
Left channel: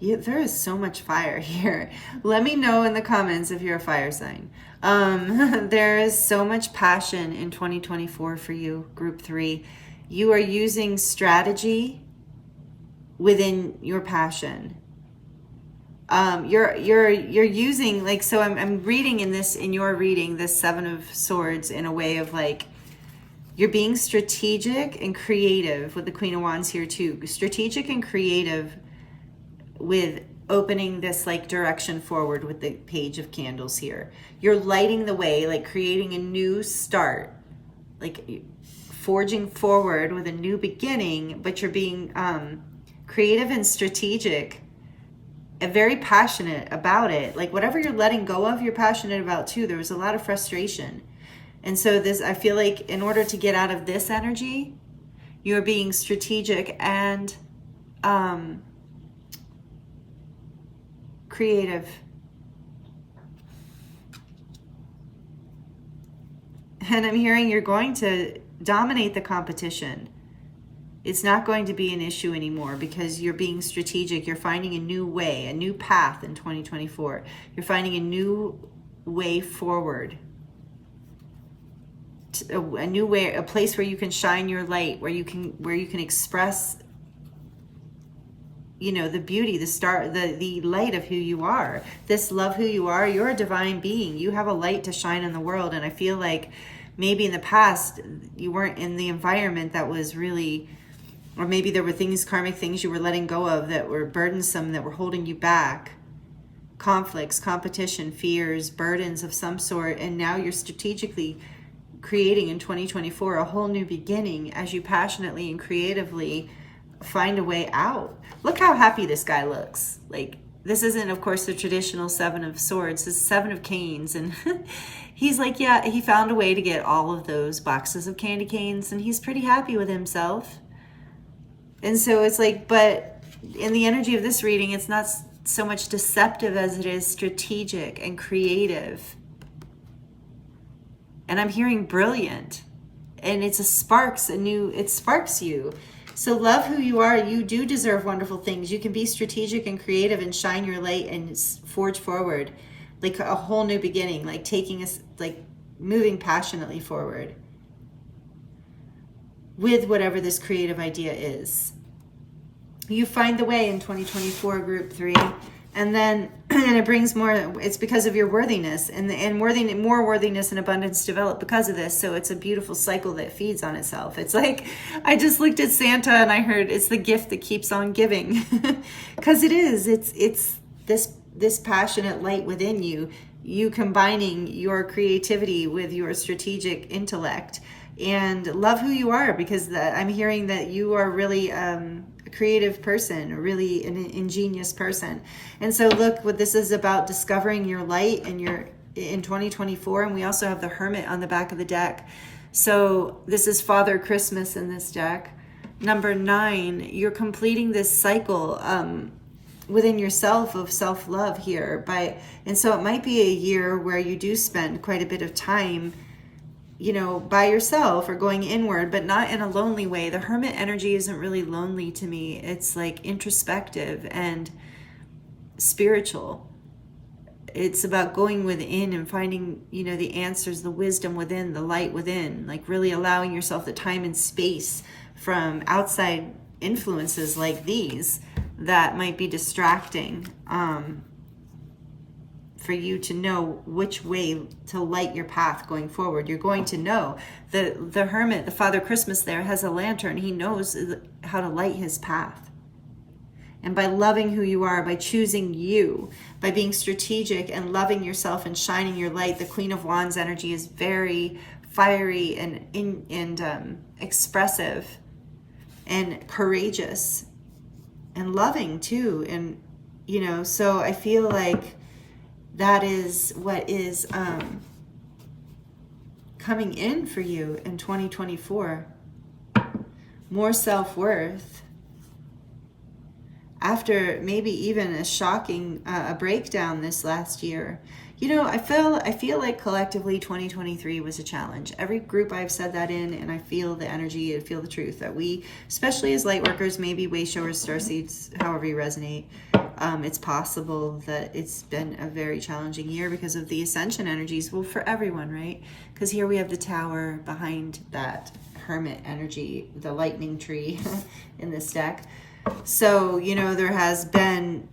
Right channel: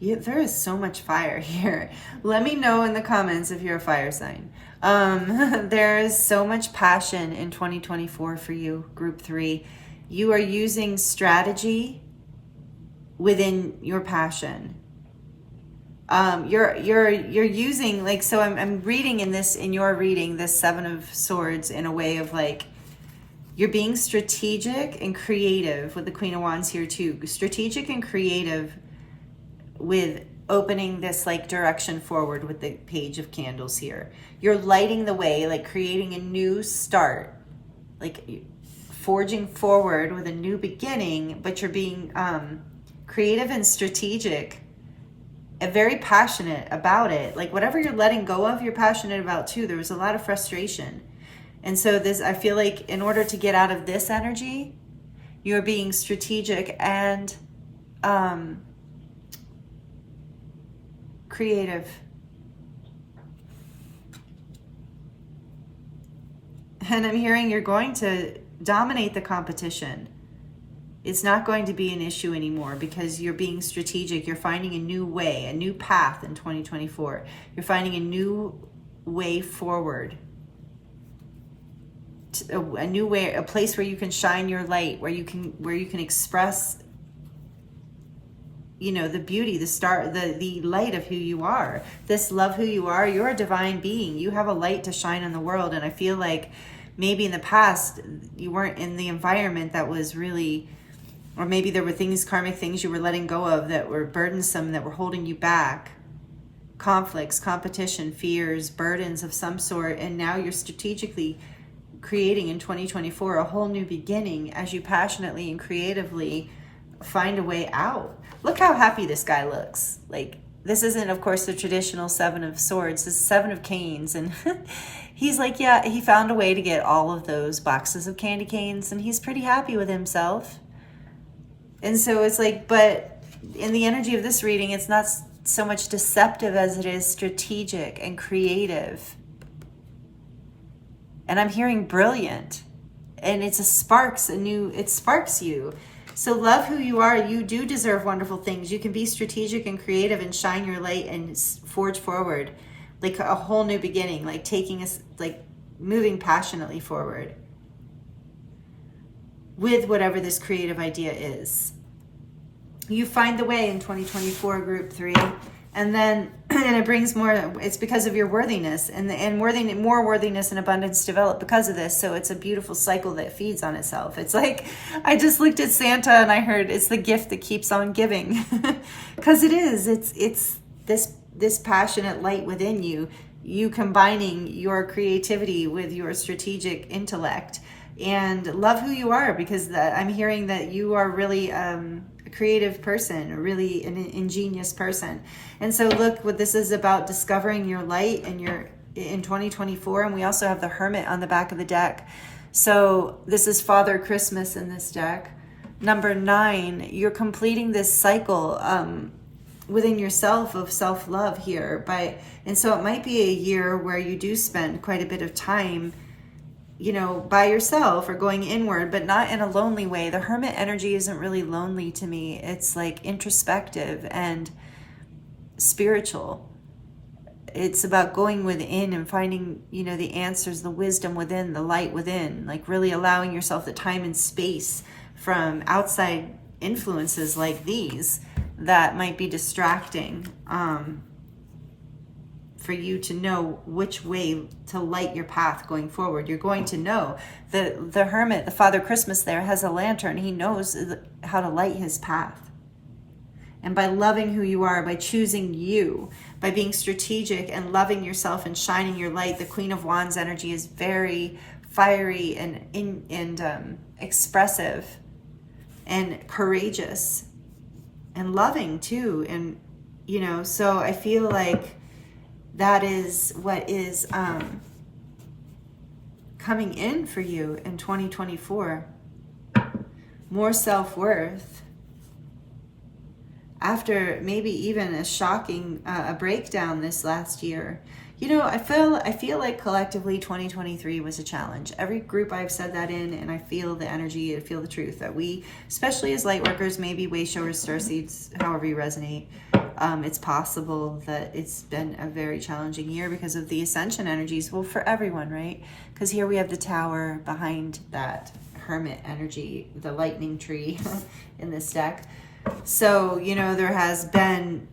there is so much fire here. Let me know in the comments if you're a fire sign. There is so much passion in 2024 for you, group 3. You are using strategy within your passion. You're using, like, so I'm reading in your reading, this 7 of Swords in a way of like, you're being strategic and creative with the Queen of Wands here too. Strategic and creative with opening this like direction forward with the Page of Candles here. You're lighting the way, like creating a new start, like forging forward with a new beginning, but you're being creative and strategic and very passionate about it. Like whatever you're letting go of, you're passionate about too. There was a lot of frustration. And so this, I feel like in order to get out of this energy, you're being strategic and creative. And I'm hearing you're going to dominate the competition. It's not going to be an issue anymore because you're being strategic. You're finding a new way, a new path in 2024. You're finding a new way forward. A new way, a place where you can shine your light, where you can express, you know, the beauty, the star, the light of who you are. This love who you are. You're a divine being. You have a light to shine in the world. And I feel like maybe in the past you weren't in the environment that was really, or maybe there were things, karmic things you were letting go of that were burdensome, that were holding you back. Conflicts, competition, fears, burdens of some sort. And now you're strategically creating in 2024 a whole new beginning as you passionately and creatively find a way out. Look how happy this guy looks. Like, this isn't, of course, the traditional 7 of Swords. This is 7 of Canes. And he's like, yeah, he found a way to get all of those boxes of candy canes, and he's pretty happy with himself. And so it's like, but in the energy of this reading, it's not so much deceptive as it is strategic and creative. And I'm hearing brilliant. And it sparks you. So love who you are. You do deserve wonderful things. You can be strategic and creative and shine your light and forge forward. Like a whole new beginning, like taking us, like moving passionately forward with whatever this creative idea is. You find the way in 2024, group 3. And then, and it brings more, it's because of your worthiness, and more worthiness and abundance develop because of this. So it's a beautiful cycle that feeds on itself. It's like, I just looked at Santa and I heard it's the gift that keeps on giving. Because it is, it's this passionate light within you, you combining your creativity with your strategic intellect, and love who you are, because I'm hearing that you are really a creative person, really an ingenious person. And so look, what this is about, discovering your light and in 2024. And we also have the Hermit on the back of the deck. So this is Father Christmas in this deck. Number 9, you're completing this cycle within yourself of self-love here. And so it might be a year where you do spend quite a bit of time, you know, by yourself or going inward, but not in a lonely way. The Hermit energy isn't really lonely to me. It's like introspective and spiritual. it's about going within and finding, the answers, the wisdom within, the light within, like really allowing yourself the time and space from outside influences like these that might be distracting, for you to know which way to light your path going forward. You're going to know. The hermit, the Father Christmas there, has a lantern. He knows how to light his path. And by loving who you are, by choosing you, by being strategic and loving yourself and shining your light, the Queen of Wands energy is very fiery and expressive and courageous and loving too. And, so I feel like that is what is coming in for you in 2024. More self-worth. After maybe even a shocking a breakdown this last year. I feel like collectively 2023 was a challenge. Every group I've said that in, and I feel the energy, I feel the truth that we, especially as light workers, maybe way showers, starseeds, however you resonate, it's possible that it's been a very challenging year because of the ascension energies. Well, for everyone, right? Because here we have the tower behind that hermit energy, the lightning tree in this deck. So, there has been,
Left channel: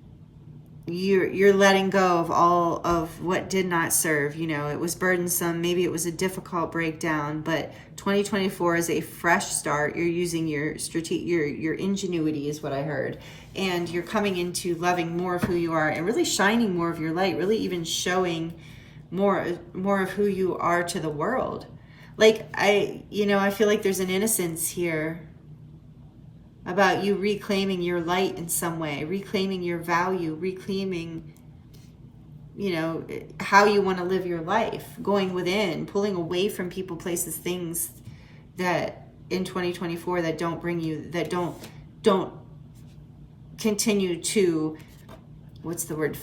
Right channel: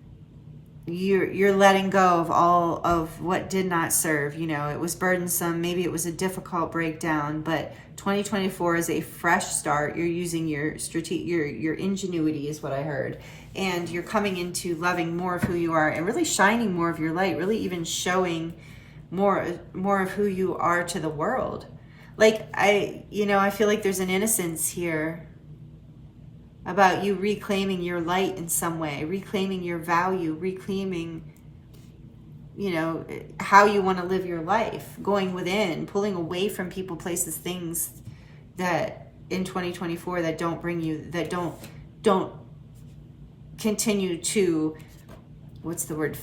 you're letting go of all of what did not serve. It was burdensome. Maybe it was a difficult breakdown, but 2024 is a fresh start. You're using your ingenuity is what I heard. And you're coming into loving more of who you are and really shining more of your light, really even showing more of who you are to the world. Like I feel like there's an innocence here about you reclaiming your light in some way, reclaiming your value, reclaiming, how you want to live your life, going within, pulling away from people, places, things that in 2024 that don't bring you, that don't continue to,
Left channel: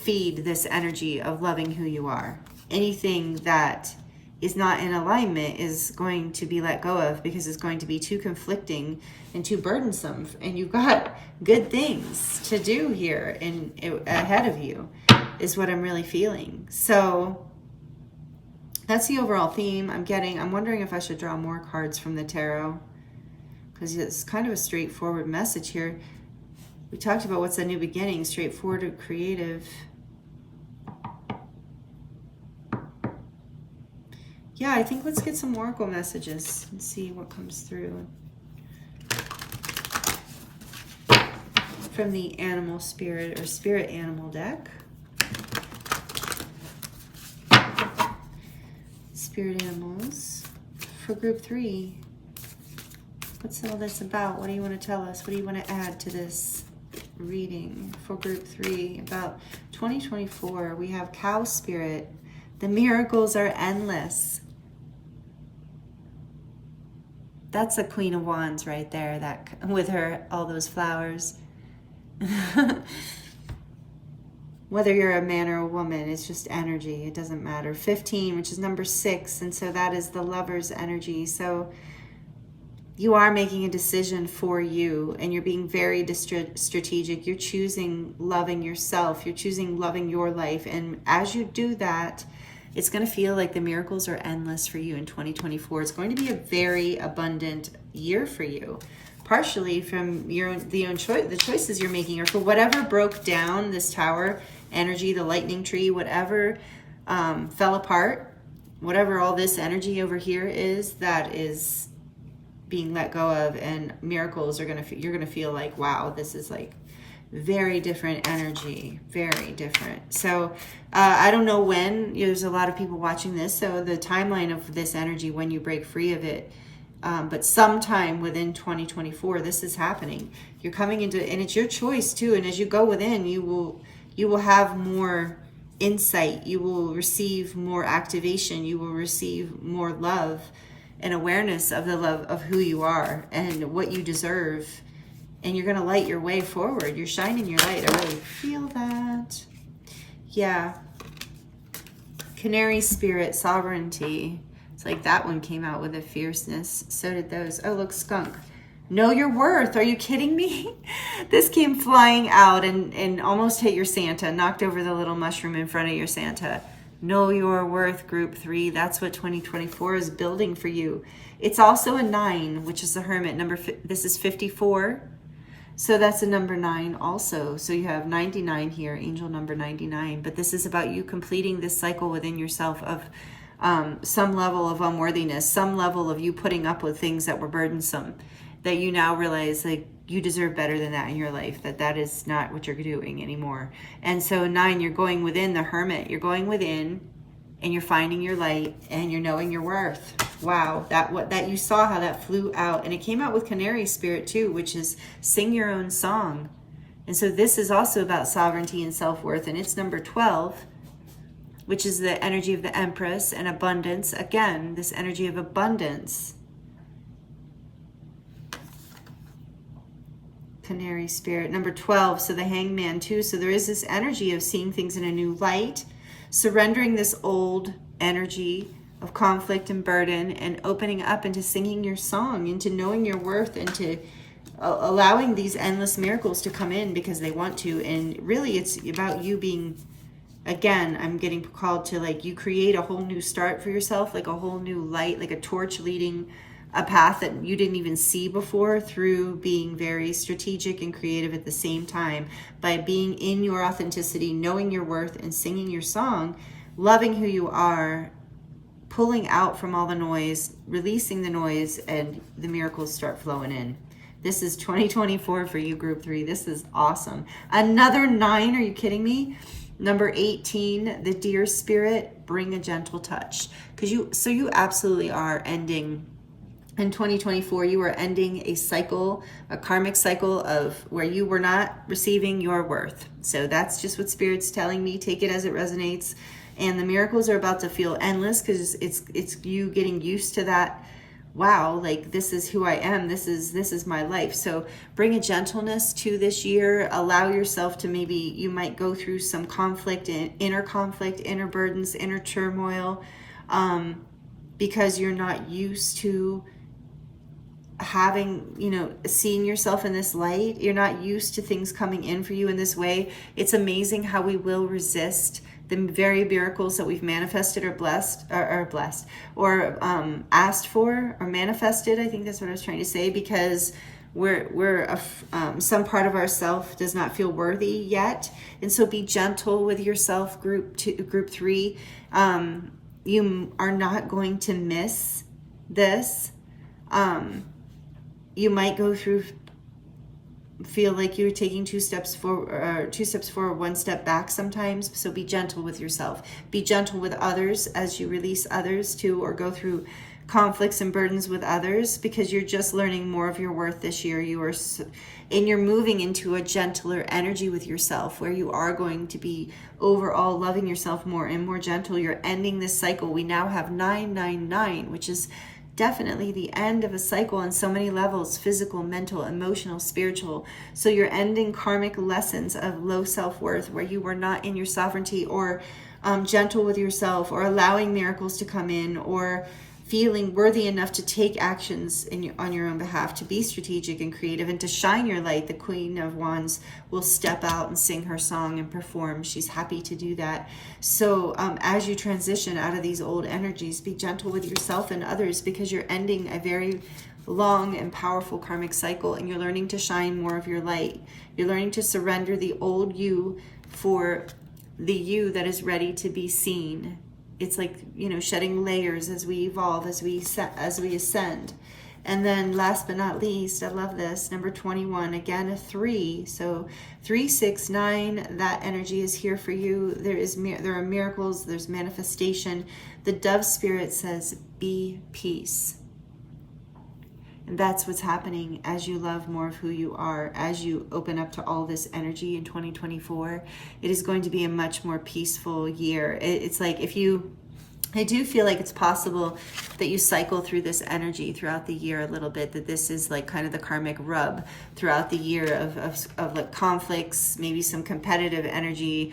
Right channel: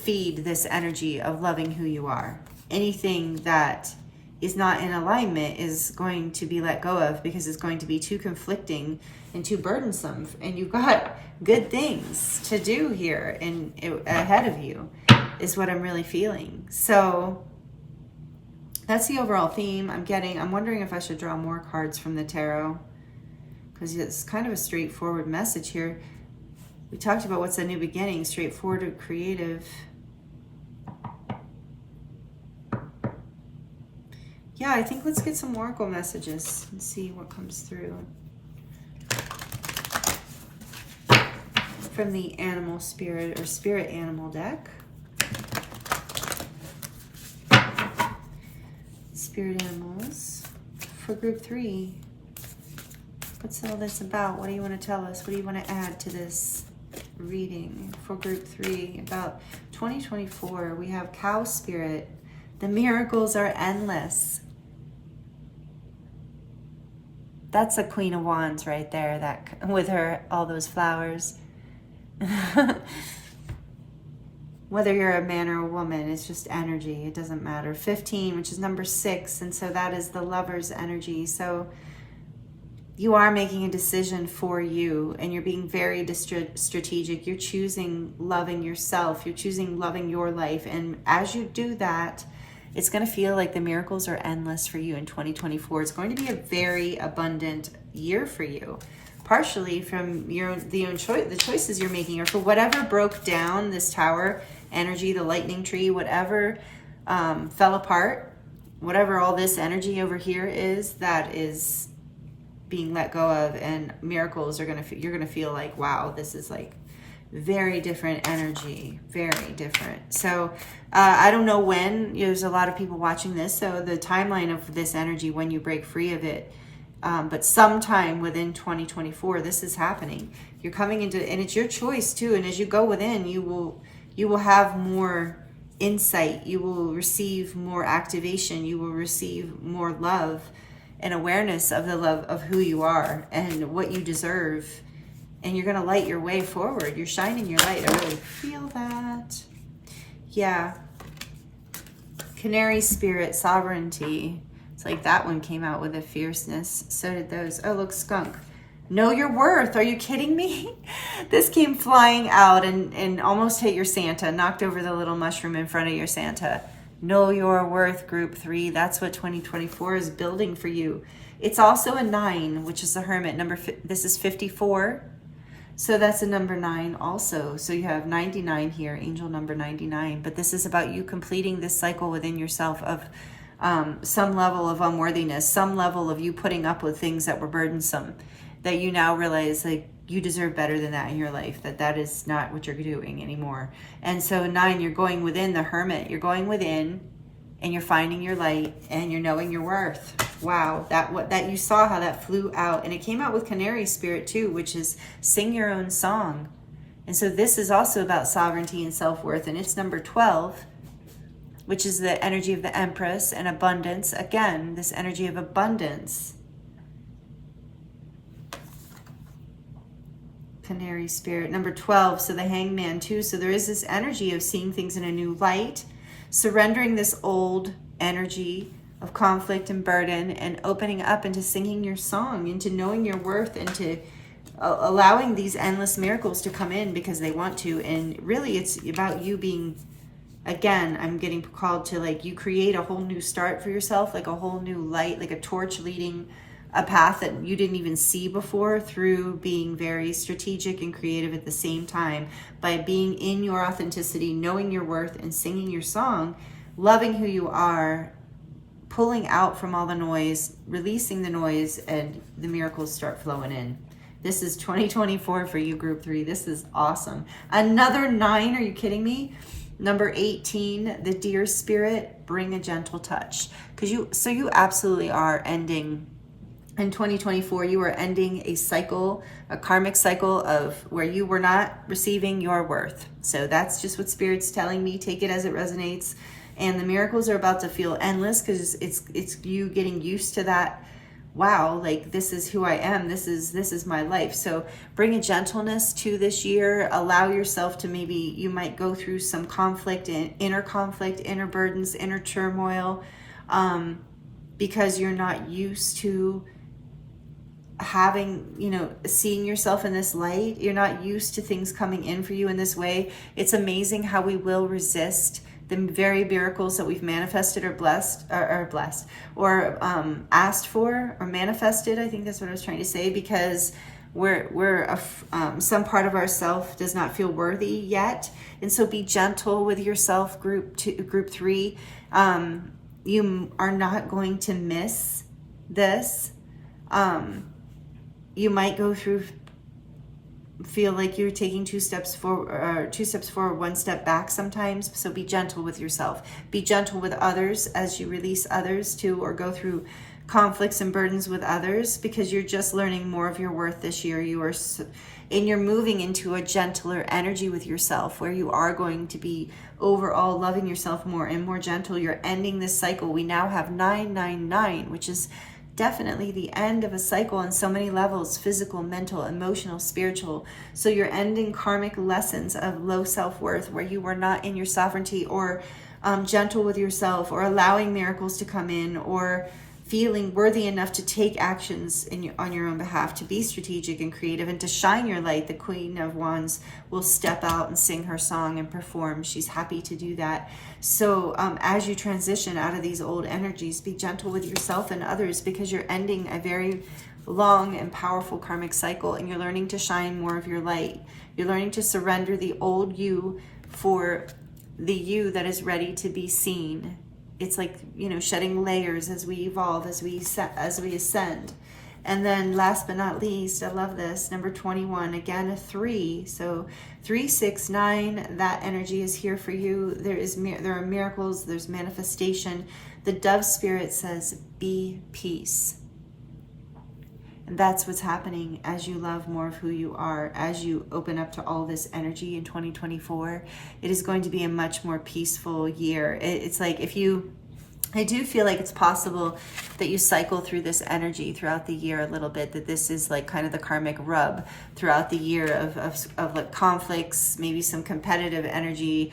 feed this energy of loving who you are. Anything that is not in alignment is going to be let go of because it's going to be too conflicting and too burdensome, and you've got good things to do here and ahead of you is what I'm really feeling. So that's the overall theme I'm getting. I'm wondering if I should draw more cards from the tarot because it's kind of a straightforward message here. We talked about what's a new beginning, straightforward and creative. Yeah, I think let's get some oracle messages and see what comes through. From the animal spirit or spirit animal deck. Spirit animals for group 3. What's all this about? What do you want to tell us? What do you want to add to this reading for group 3 about 2024? We have cow spirit. The miracles are endless. That's a Queen of Wands right there, that with her, all those flowers. Whether you're a man or a woman, it's just energy. It doesn't matter. 15, which is number 6, and so that is the lover's energy. So you are making a decision for you, and you're being very strategic. You're choosing loving yourself. You're choosing loving your life, and as you do that, it's going to feel like the miracles are endless for you in 2024. It's going to be a very abundant year for you. Partially from the choices you're making, or for whatever broke down, this tower energy, the lightning tree, whatever fell apart, whatever all this energy over here is, that is being let go of, and miracles are you're gonna feel like, wow, this is like very different energy, very different. So I don't know when, there's a lot of people watching this, so the timeline of this energy, when you break free of it, but sometime within 2024, this is happening. You're coming into, and it's your choice too. And as you go within, you will have more insight. You will receive more activation. You will receive more love and awareness of the love of who you are and what you deserve. And you're going to light your way forward. You're shining your light. I really feel that. Yeah. Canary spirit, sovereignty. Like that one came out with a fierceness. So did those. Oh, look, skunk. Know your worth. Are you kidding me? This came flying out and almost hit your Santa, knocked over the little mushroom in front of your Santa. Know your worth, group 3. That's what 2024 is building for you. It's also a 9, which is the Hermit. This is 54. So that's a number 9 also. So you have 99 here, angel number 99. But this is about you completing this cycle within yourself of some level of unworthiness, some level of you putting up with things that were burdensome, that you now realize like you deserve better than that in your life, that is not what you're doing anymore. And so 9, you're going within the Hermit. You're going within and you're finding your light and you're knowing your worth. Wow, that you saw how that flew out, and it came out with Canary Spirit too, which is sing your own song. And so this is also about sovereignty and self-worth, and it's number 12, which is the energy of the Empress and abundance. Again, this energy of abundance. Canary Spirit. Number 12, so the Hangman too. So there is this energy of seeing things in a new light, surrendering this old energy of conflict and burden, and opening up into singing your song, into knowing your worth, and to allowing these endless miracles to come in because they want to. And really it's about you being, again, I'm getting called to like you create a whole new start for yourself, like a whole new light, like a torch leading a path that you didn't even see before, through being very strategic and creative at the same time, by being in your authenticity, knowing your worth, and singing your song, loving who you are, pulling out from all the noise, releasing the noise, and the miracles start flowing in. This is 2024 for you, group 3. This is awesome. Another 9, are you kidding me? Number 18, the Deer Spirit, bring a gentle touch. So you absolutely are ending, in 2024, you are ending a cycle, a karmic cycle of where you were not receiving your worth. So that's just what Spirit's telling me. Take it as it resonates. And the miracles are about to feel endless because it's you getting used to that. Wow, like this is who I am. This is my life. So bring a gentleness to this year. Allow yourself to, maybe you might go through some conflict, inner burdens, inner turmoil, because you're not used to having, seeing yourself in this light. You're not used to things coming in for you in this way. It's amazing how we will resist the very miracles that we've manifested or asked for or manifested. I think that's what I was trying to say, because some part of ourself does not feel worthy yet. And so be gentle with yourself, group 3. You are not going to miss this. You might go through, feel like you're taking 2 steps forward, 1 step back sometimes. So be gentle with yourself. Be gentle with others as you release others too, or go through conflicts and burdens with others, because you're just learning more of your worth this year. You're moving into a gentler energy with yourself, where you are going to be overall loving yourself more and more gentle. You're ending this cycle. We now have 999, which is definitely the end of a cycle on so many levels: physical, mental, emotional, spiritual. So you're ending karmic lessons of low self-worth, where you were not in your sovereignty, or gentle with yourself, or allowing miracles to come in, or feeling worthy enough to take actions on your own behalf, to be strategic and creative, and to shine your light. The Queen of Wands will step out and sing her song and perform. She's happy to do that. So as you transition out of these old energies, be gentle with yourself and others, because you're ending a very long and powerful karmic cycle, and you're learning to shine more of your light. You're learning to surrender the old you for the you that is ready to be seen. It's like, shedding layers as we evolve, as we ascend. And then last but not least, I love this, number 21, again, a 3. So 3, 6, 9, that energy is here for you. There are miracles, there's manifestation. The Dove Spirit says, be peace. And that's what's happening as you love more of who you are, as you open up to all this energy in 2024. It is going to be a much more peaceful year. It's like I do feel like it's possible that you cycle through this energy throughout the year a little bit, that this is like kind of the karmic rub throughout the year of like conflicts, maybe some competitive energy,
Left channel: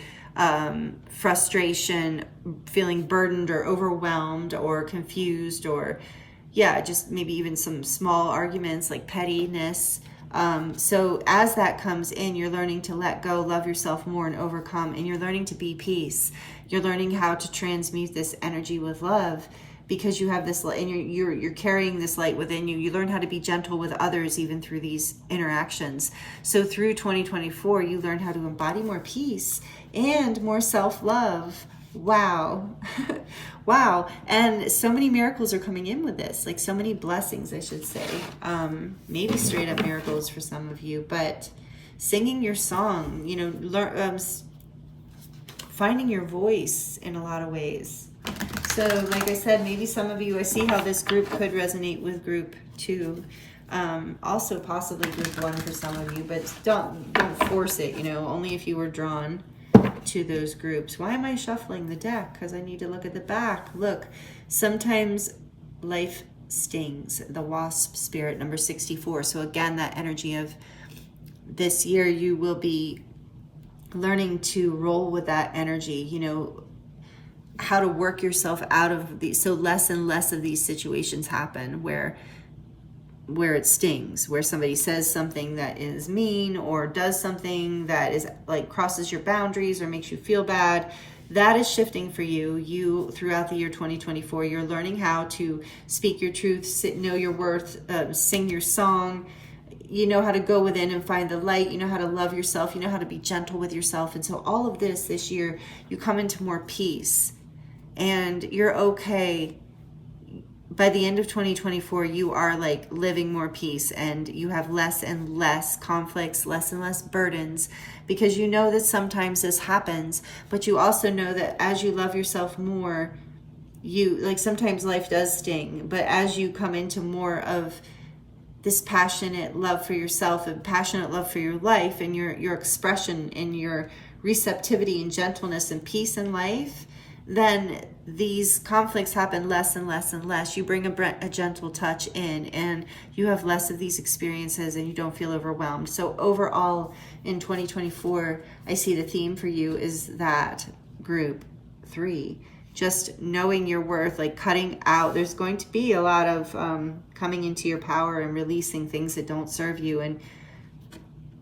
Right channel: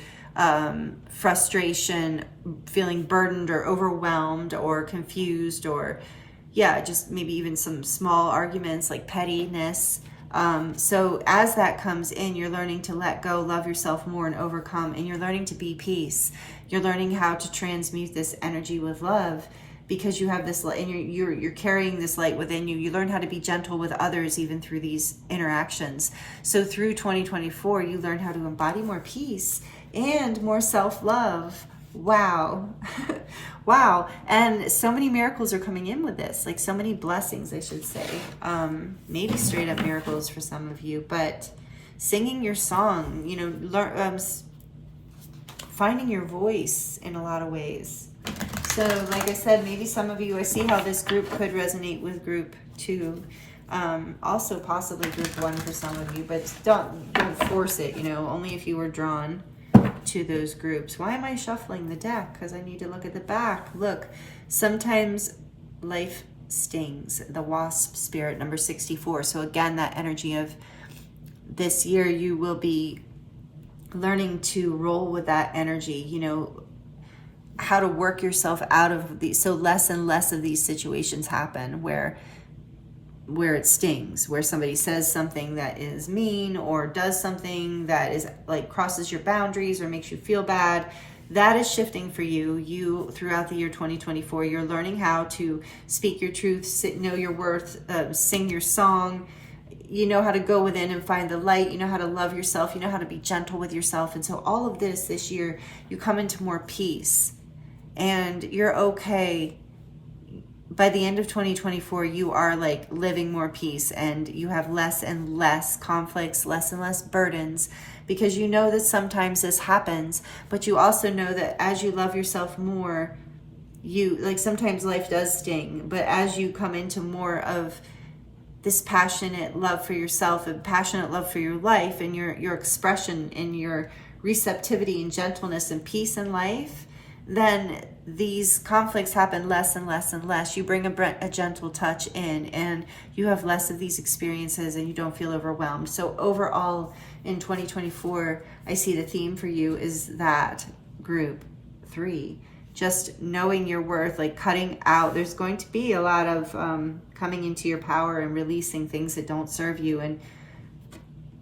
frustration, feeling burdened or overwhelmed or confused, or yeah, just maybe even some small arguments like pettiness. So as that comes in, you're learning to let go, love yourself more, and overcome, and you're learning to be peace. You're learning how to transmute this energy with love, because you have this light, and you're carrying this light within you. You learn how to be gentle with others even through these interactions. So through 2024, you learn how to embody more peace and more self-love. Wow. Wow. And so many miracles are coming in with this, like so many blessings, I should say. Maybe straight up miracles for some of you, but singing your song, you know, finding your voice in a lot of ways. So like I said, maybe some of you, I see how this group could resonate with group 2. Also possibly group 1 for some of you, but don't force it, you know, only if you were drawn to those groups. Why am I shuffling the deck? Because I need to look at the back. Look, sometimes life stings. The wasp spirit, number 64. So again, that energy of this year, you will be learning to roll with that energy, you know, how to work yourself out of these, so less and less of these situations happen where it stings, where somebody says something that is mean or does something that is like crosses your boundaries or makes you feel bad. That is shifting for you. Throughout the year 2024, you're learning how to speak your truth, know your worth, sing your song. You know how to go within and find the light. You know how to love yourself. You know how to be gentle with yourself. And so all of this year, you come into more peace, and you're okay. By the end of 2024, you are like living more peace, and you have less and less conflicts, less and less burdens, because you know that sometimes this happens, but you also know that as you love yourself more, you like, sometimes life does sting, but as you come into more of this passionate love for yourself and passionate love for your life and your expression and your receptivity and gentleness and peace in life, then these conflicts happen less and less and less. You bring a gentle touch in, and you have less of these experiences, and you don't feel overwhelmed. So overall, in 2024, I see the theme for you is that group 3, just knowing your worth, like cutting out. There's going to be a lot of coming into your power and releasing things that don't serve you, and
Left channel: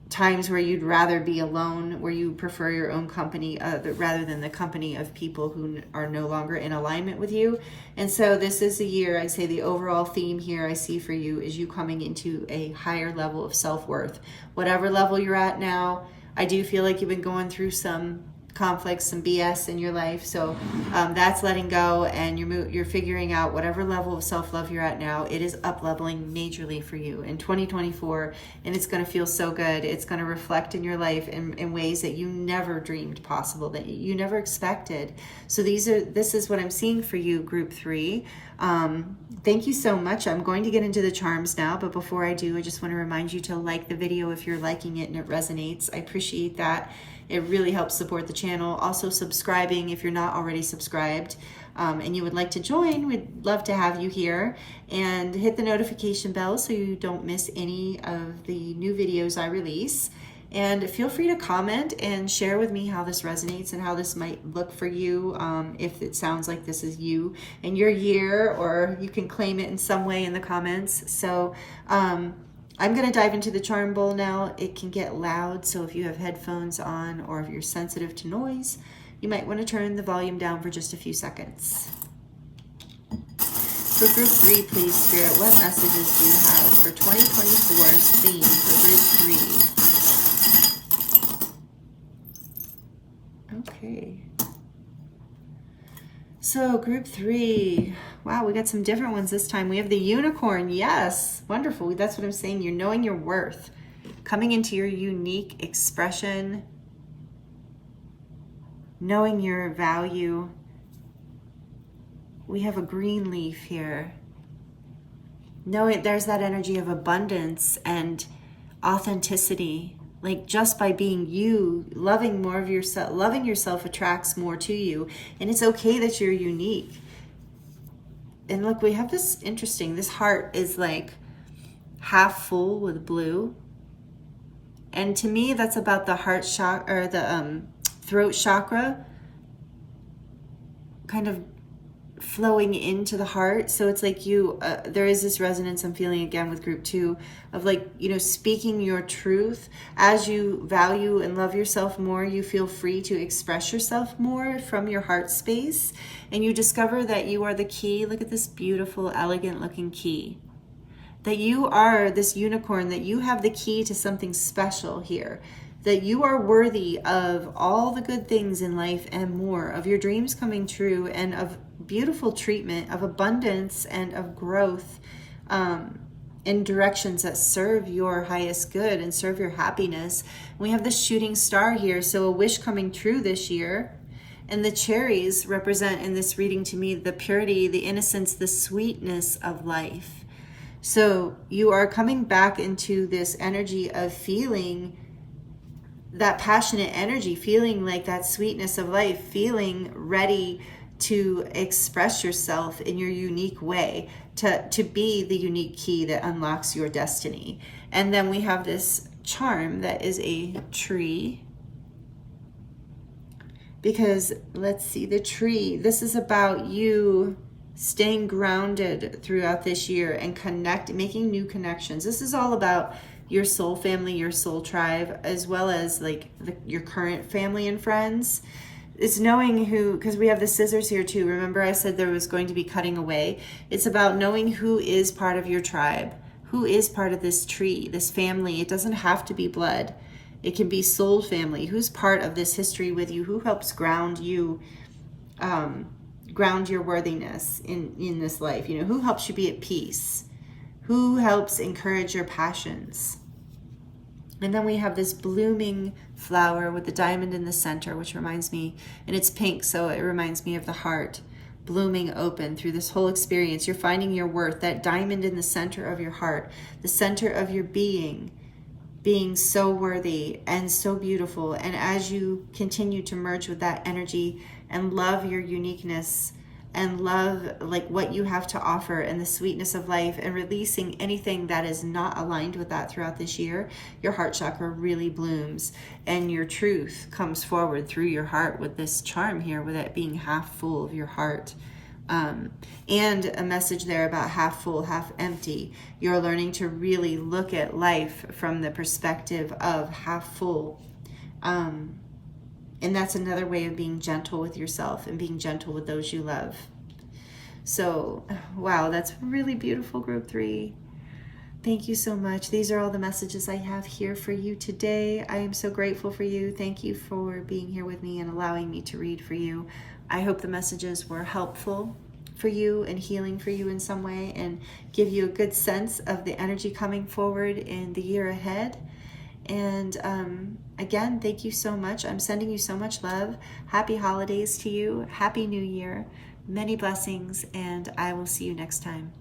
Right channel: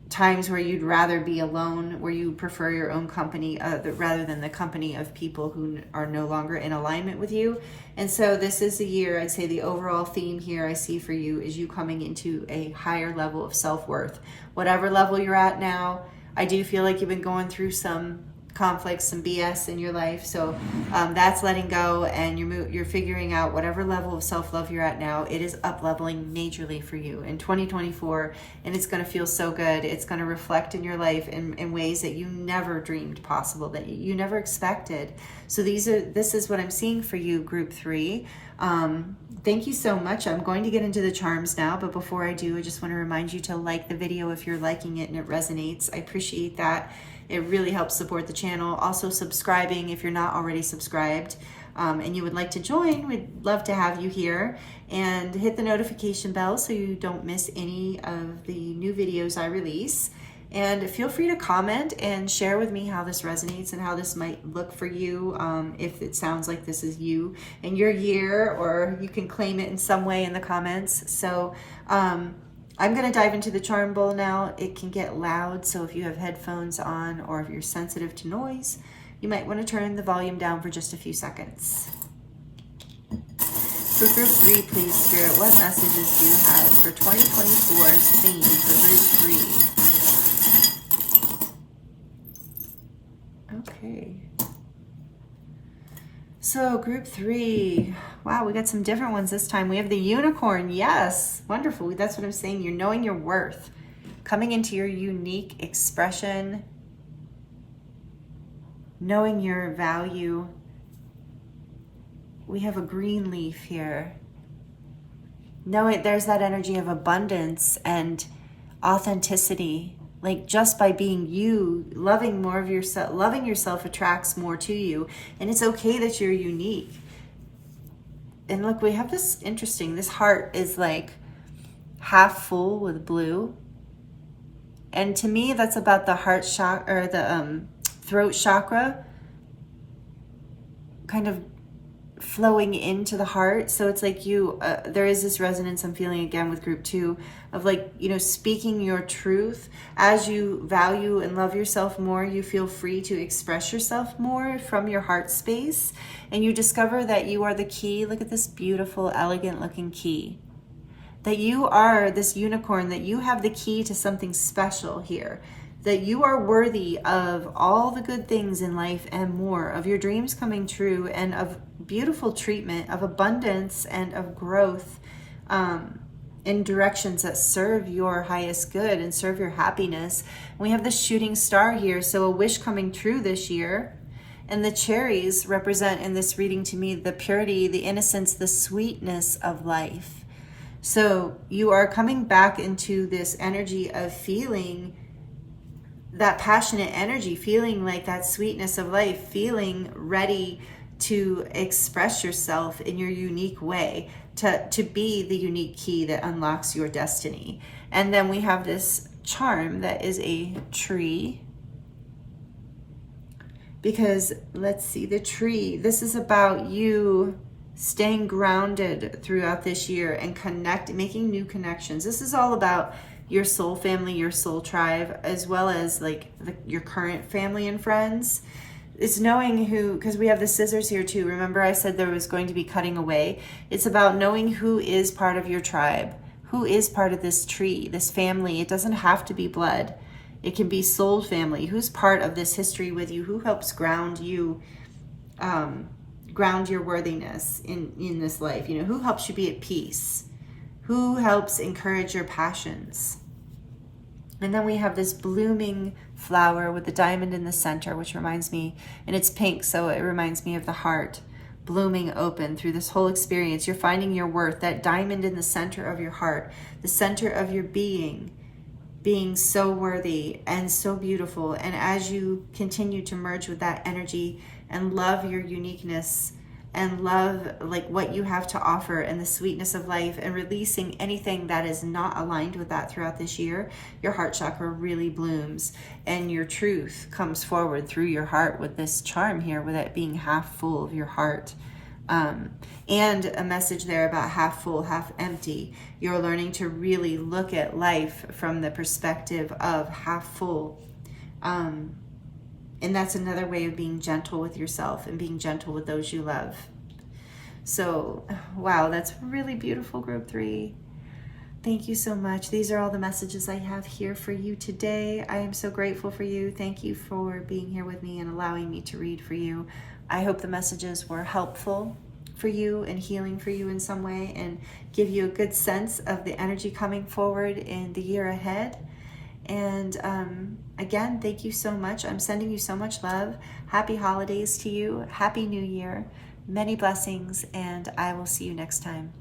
times where you'd rather be alone, where you prefer your own company rather than the company of people who are no longer in alignment with you. And so this is the year, I'd say the overall theme here I see for you is you coming into a higher level of self-worth. Whatever level you're at now, I do feel like you've been going through some conflicts, some BS in your life. So that's letting go, and you're figuring out whatever level of self-love you're at now. It is up-leveling majorly for you in 2024, and it's going to feel so good. It's going to reflect in your life in ways that you never dreamed possible, that you never expected. So this is what I'm seeing for you, group 3. Thank you so much. I'm going to get into the charms now, but before I do, I just want to remind you to like the video if you're liking it and it resonates. I appreciate that. It really helps support the channel. Also subscribing if you're not already subscribed and you would like to join. We'd love to have you here, and hit the notification bell so you don't miss any of the new videos I release. And feel free to comment and share with me how this resonates and how this might look for you, if it sounds like this is you and your year, or you can claim it in some way in the comments. So I'm going to dive into the charm bowl now. It can get loud, so if you have headphones on or if you're sensitive to noise, you might want to turn the volume down for just a few seconds. So group 3, please, Spirit, what messages do you have for 2024's theme for group 3? Okay. So group 3, wow, we got some different ones this time. We have the unicorn. Yes, wonderful. That's what I'm saying. You're knowing your worth, coming into your unique expression, knowing your value. We have a green leaf here. Knowing there's that energy of abundance and authenticity. Like just by being you, loving more of yourself, loving yourself attracts more to you. And it's okay that you're unique. And look, we have this interesting, this heart is like half full with blue. And to me, that's about the heart chakra, or the throat chakra, kind of flowing into the heart. So it's like there is this resonance I'm feeling again with group 2 of like, speaking your truth. As you value and love yourself more, you feel free to express yourself more from your heart space. And you discover that you are the key. Look at this beautiful, elegant looking key. That you are this unicorn, that you have the key to something special here. That you are worthy of all the good things in life and more, of your dreams coming true and of beautiful treatment, of abundance and of growth in directions that serve your highest good and serve your happiness. We have the shooting star here, so a wish coming true this year. And the cherries represent in this reading to me the purity, the innocence, the sweetness of life. So you are coming back into this energy of feeling that passionate energy, feeling like that sweetness of life, feeling ready to express yourself in your unique way, to be the unique key that unlocks your destiny. And then we have this charm that is a tree. Because let's see, the tree, this is about you staying grounded throughout this year and making new connections. This is all about your soul family, your soul tribe, as well as like your current family and friends. It's knowing who, because we have the scissors here too. Remember I said there was going to be cutting away. It's about knowing who is part of your tribe, who is part of this tree, this family. It doesn't have to be blood. It can be soul family. Who's part of this history with you? Who helps ground you, ground your worthiness in this life? Who helps you be at peace? Who helps encourage your passions? And then we have this blooming flower with the diamond in the center, which reminds me, and it's pink, so it reminds me of the heart blooming open through this whole experience. You're finding your worth, that diamond in the center of your heart, the center of your being so worthy and so beautiful. And as you continue to merge with that energy and love your uniqueness and love like what you have to offer and the sweetness of life, and releasing anything that is not aligned with that throughout this year, your heart chakra really blooms and your truth comes forward through your heart with this charm here, with it being half full of your heart. And a message there about half full, half empty. You're learning to really look at life from the perspective of half full. And that's another way of being gentle with yourself and being gentle with those you love. So, wow, that's really beautiful, group 3. Thank you so much. These are all the messages I have here for you today. I am so grateful for you. Thank you for being here with me and allowing me to read for you. I hope the messages were helpful for you and healing for you in some way, and give you a good sense of the energy coming forward in the year ahead. And again, thank you so much. I'm sending you so much love. Happy holidays to you. Happy New Year. Many blessings, and I will see you next time.